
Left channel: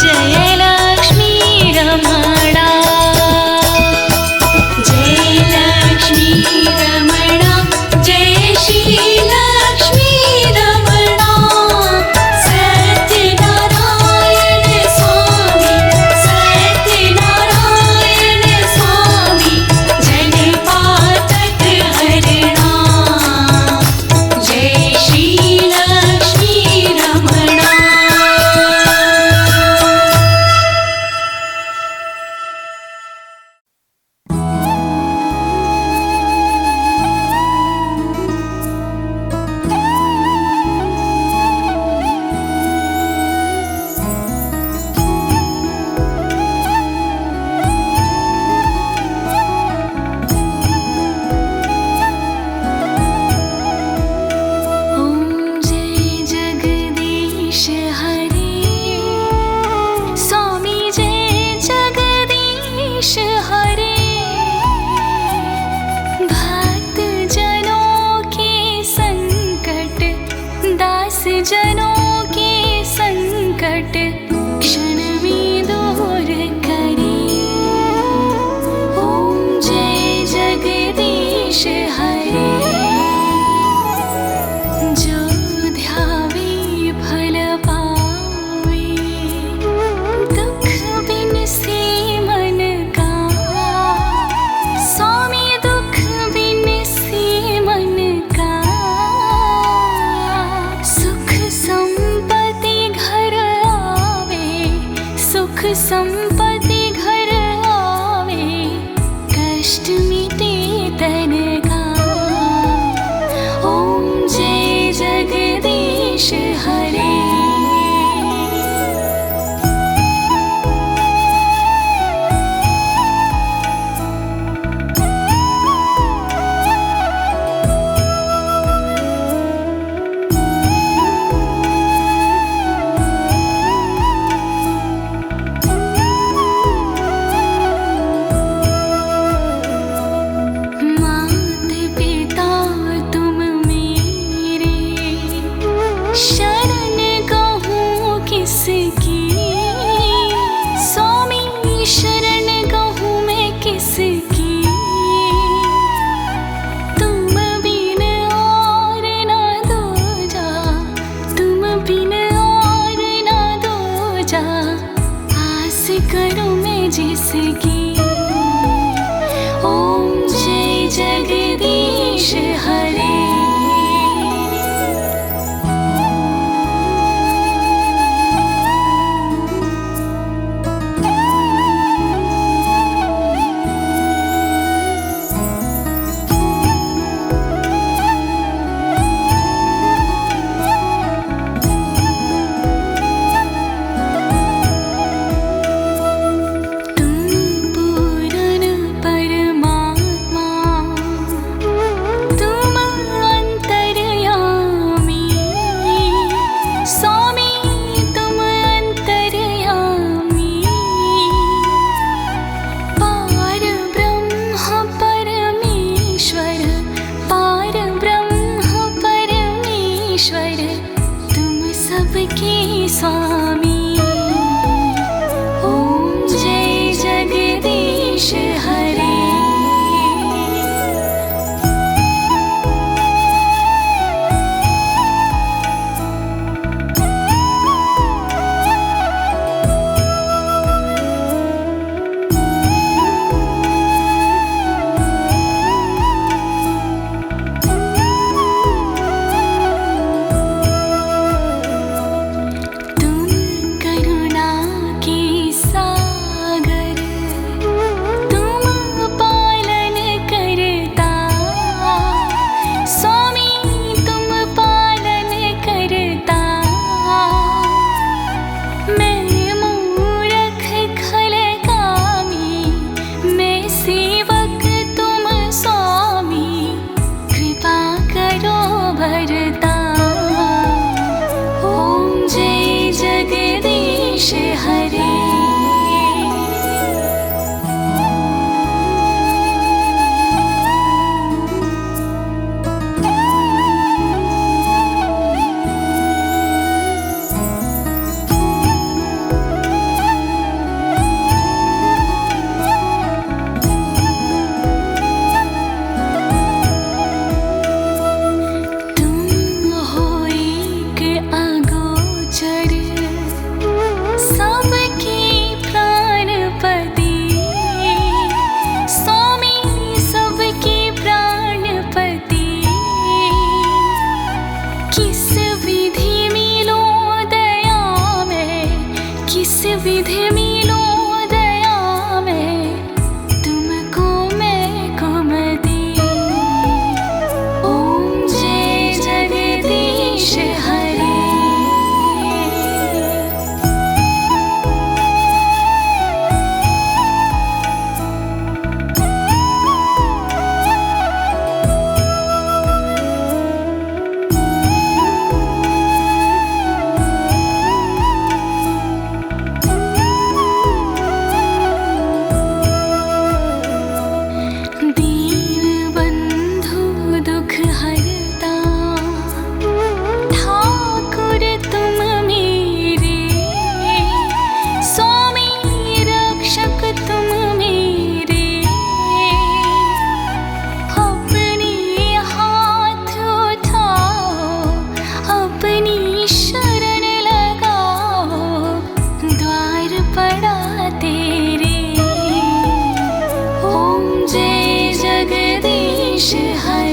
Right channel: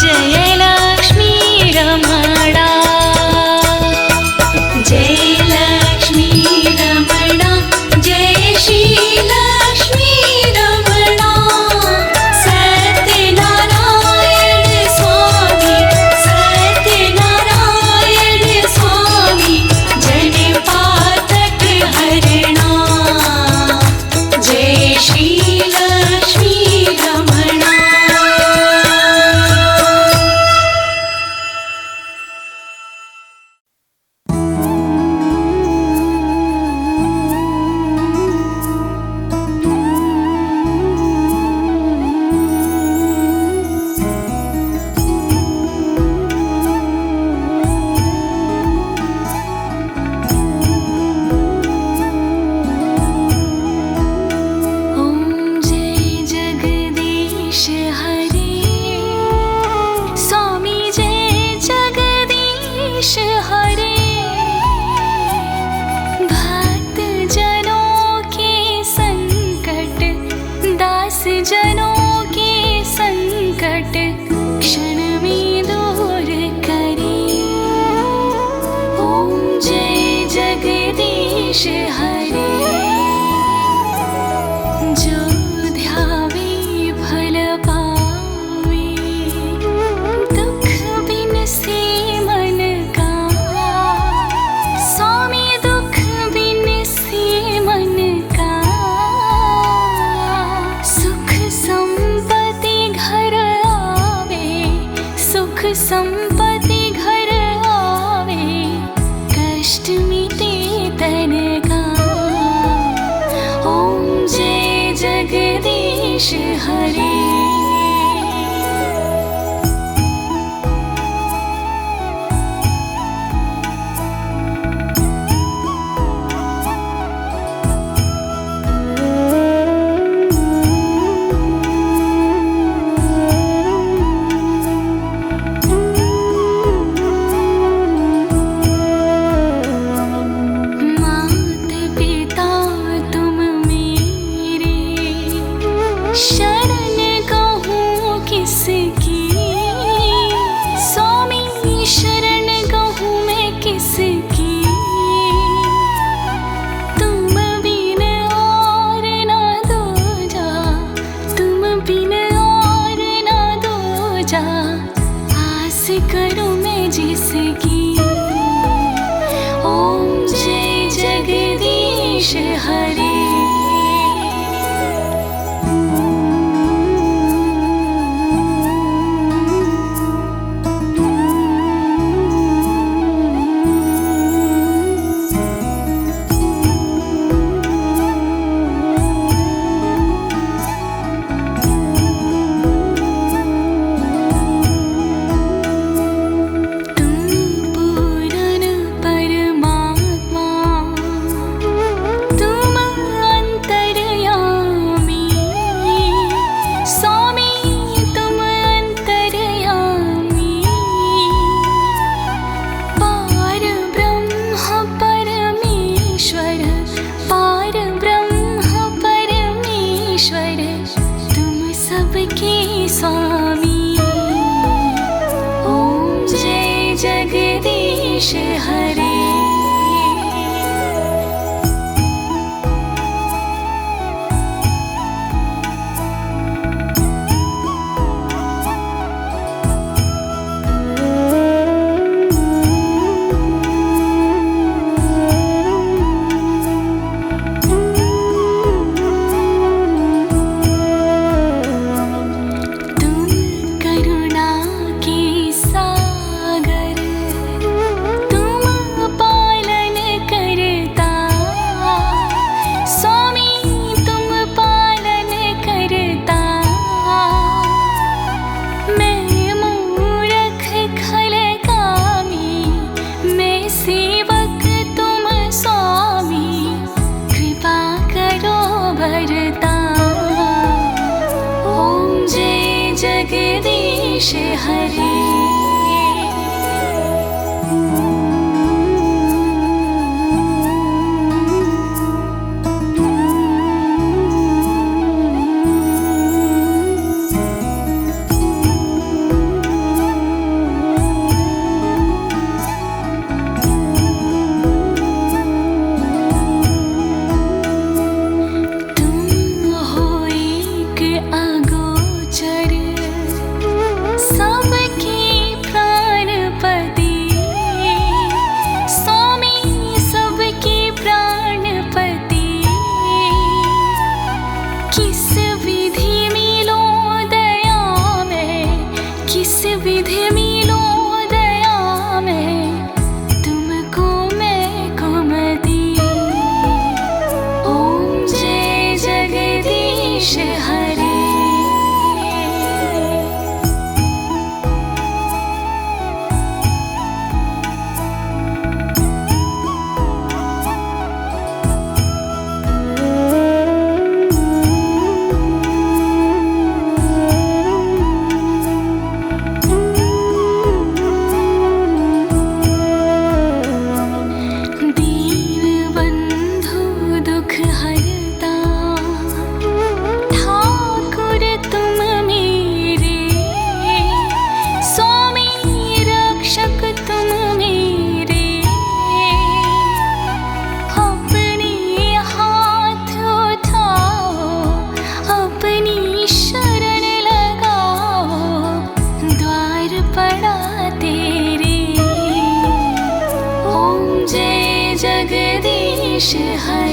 जय लक्ष्मी रमणा जय लक्ष्मी रमणा जय श्री लक्ष्मी रमणा सत्यनारायण स्वामी जन पातक हरणा जय श्री लक्ष्मी रमणा ॐ जय जगदीश हरे स्वामी जय जगदीश हरे भक्त जनों के संकट दास जनों के संकट क्षण में दूर करे ॐ जय जगदीश हरे जो ध्यावे फल पावे दुख बिन से मन का स्वामी दुख बिन से मन का सुख संपत्ति घर आवे सुख संपत्ति घर आवे कष्ट मिटे तन का ॐ जय जगदीश हरे मात पिता तुम मेरे शरण कहूँ किसकी स्वामी शरण कहूँ मैं किसकी तुम बिन और ना दूजा तुम बिन और ना दूजा आस करूँ मैं जिसकी ॐ जय जगदीश हरे तुम पूर्ण परमात्मा तुम अंतर्यामी स्वामी तुम अंतर्यामी पार ब्रह्म परमेश्वर पार ब्रह्म परमेश्वर तुम सबके स्वामी ॐ जय जगदीश हरे तुम करुणा के सागर तुम पालन करता स्वामी तुम पालन करता मैं मूर्ख खलकामी मैं सेवक तुम स्वामी कृपा करो भरता ॐ जय जगदीश हरे सबके प्राणपति स्वामी सबके प्राणपति किस विधि मिलो दया में किस विधि मिलो दया में तुमको मैं कुमति ओम जय जगदीश हरे दीनबंधु दुख हरता ठाकुर तुम मेरे स्वामी रक्षक तुम मेरे अपने हाथ उठाओ अपनी शरण लगाओ द्वार पड़ा तेरे ओम जय जगदीश हरे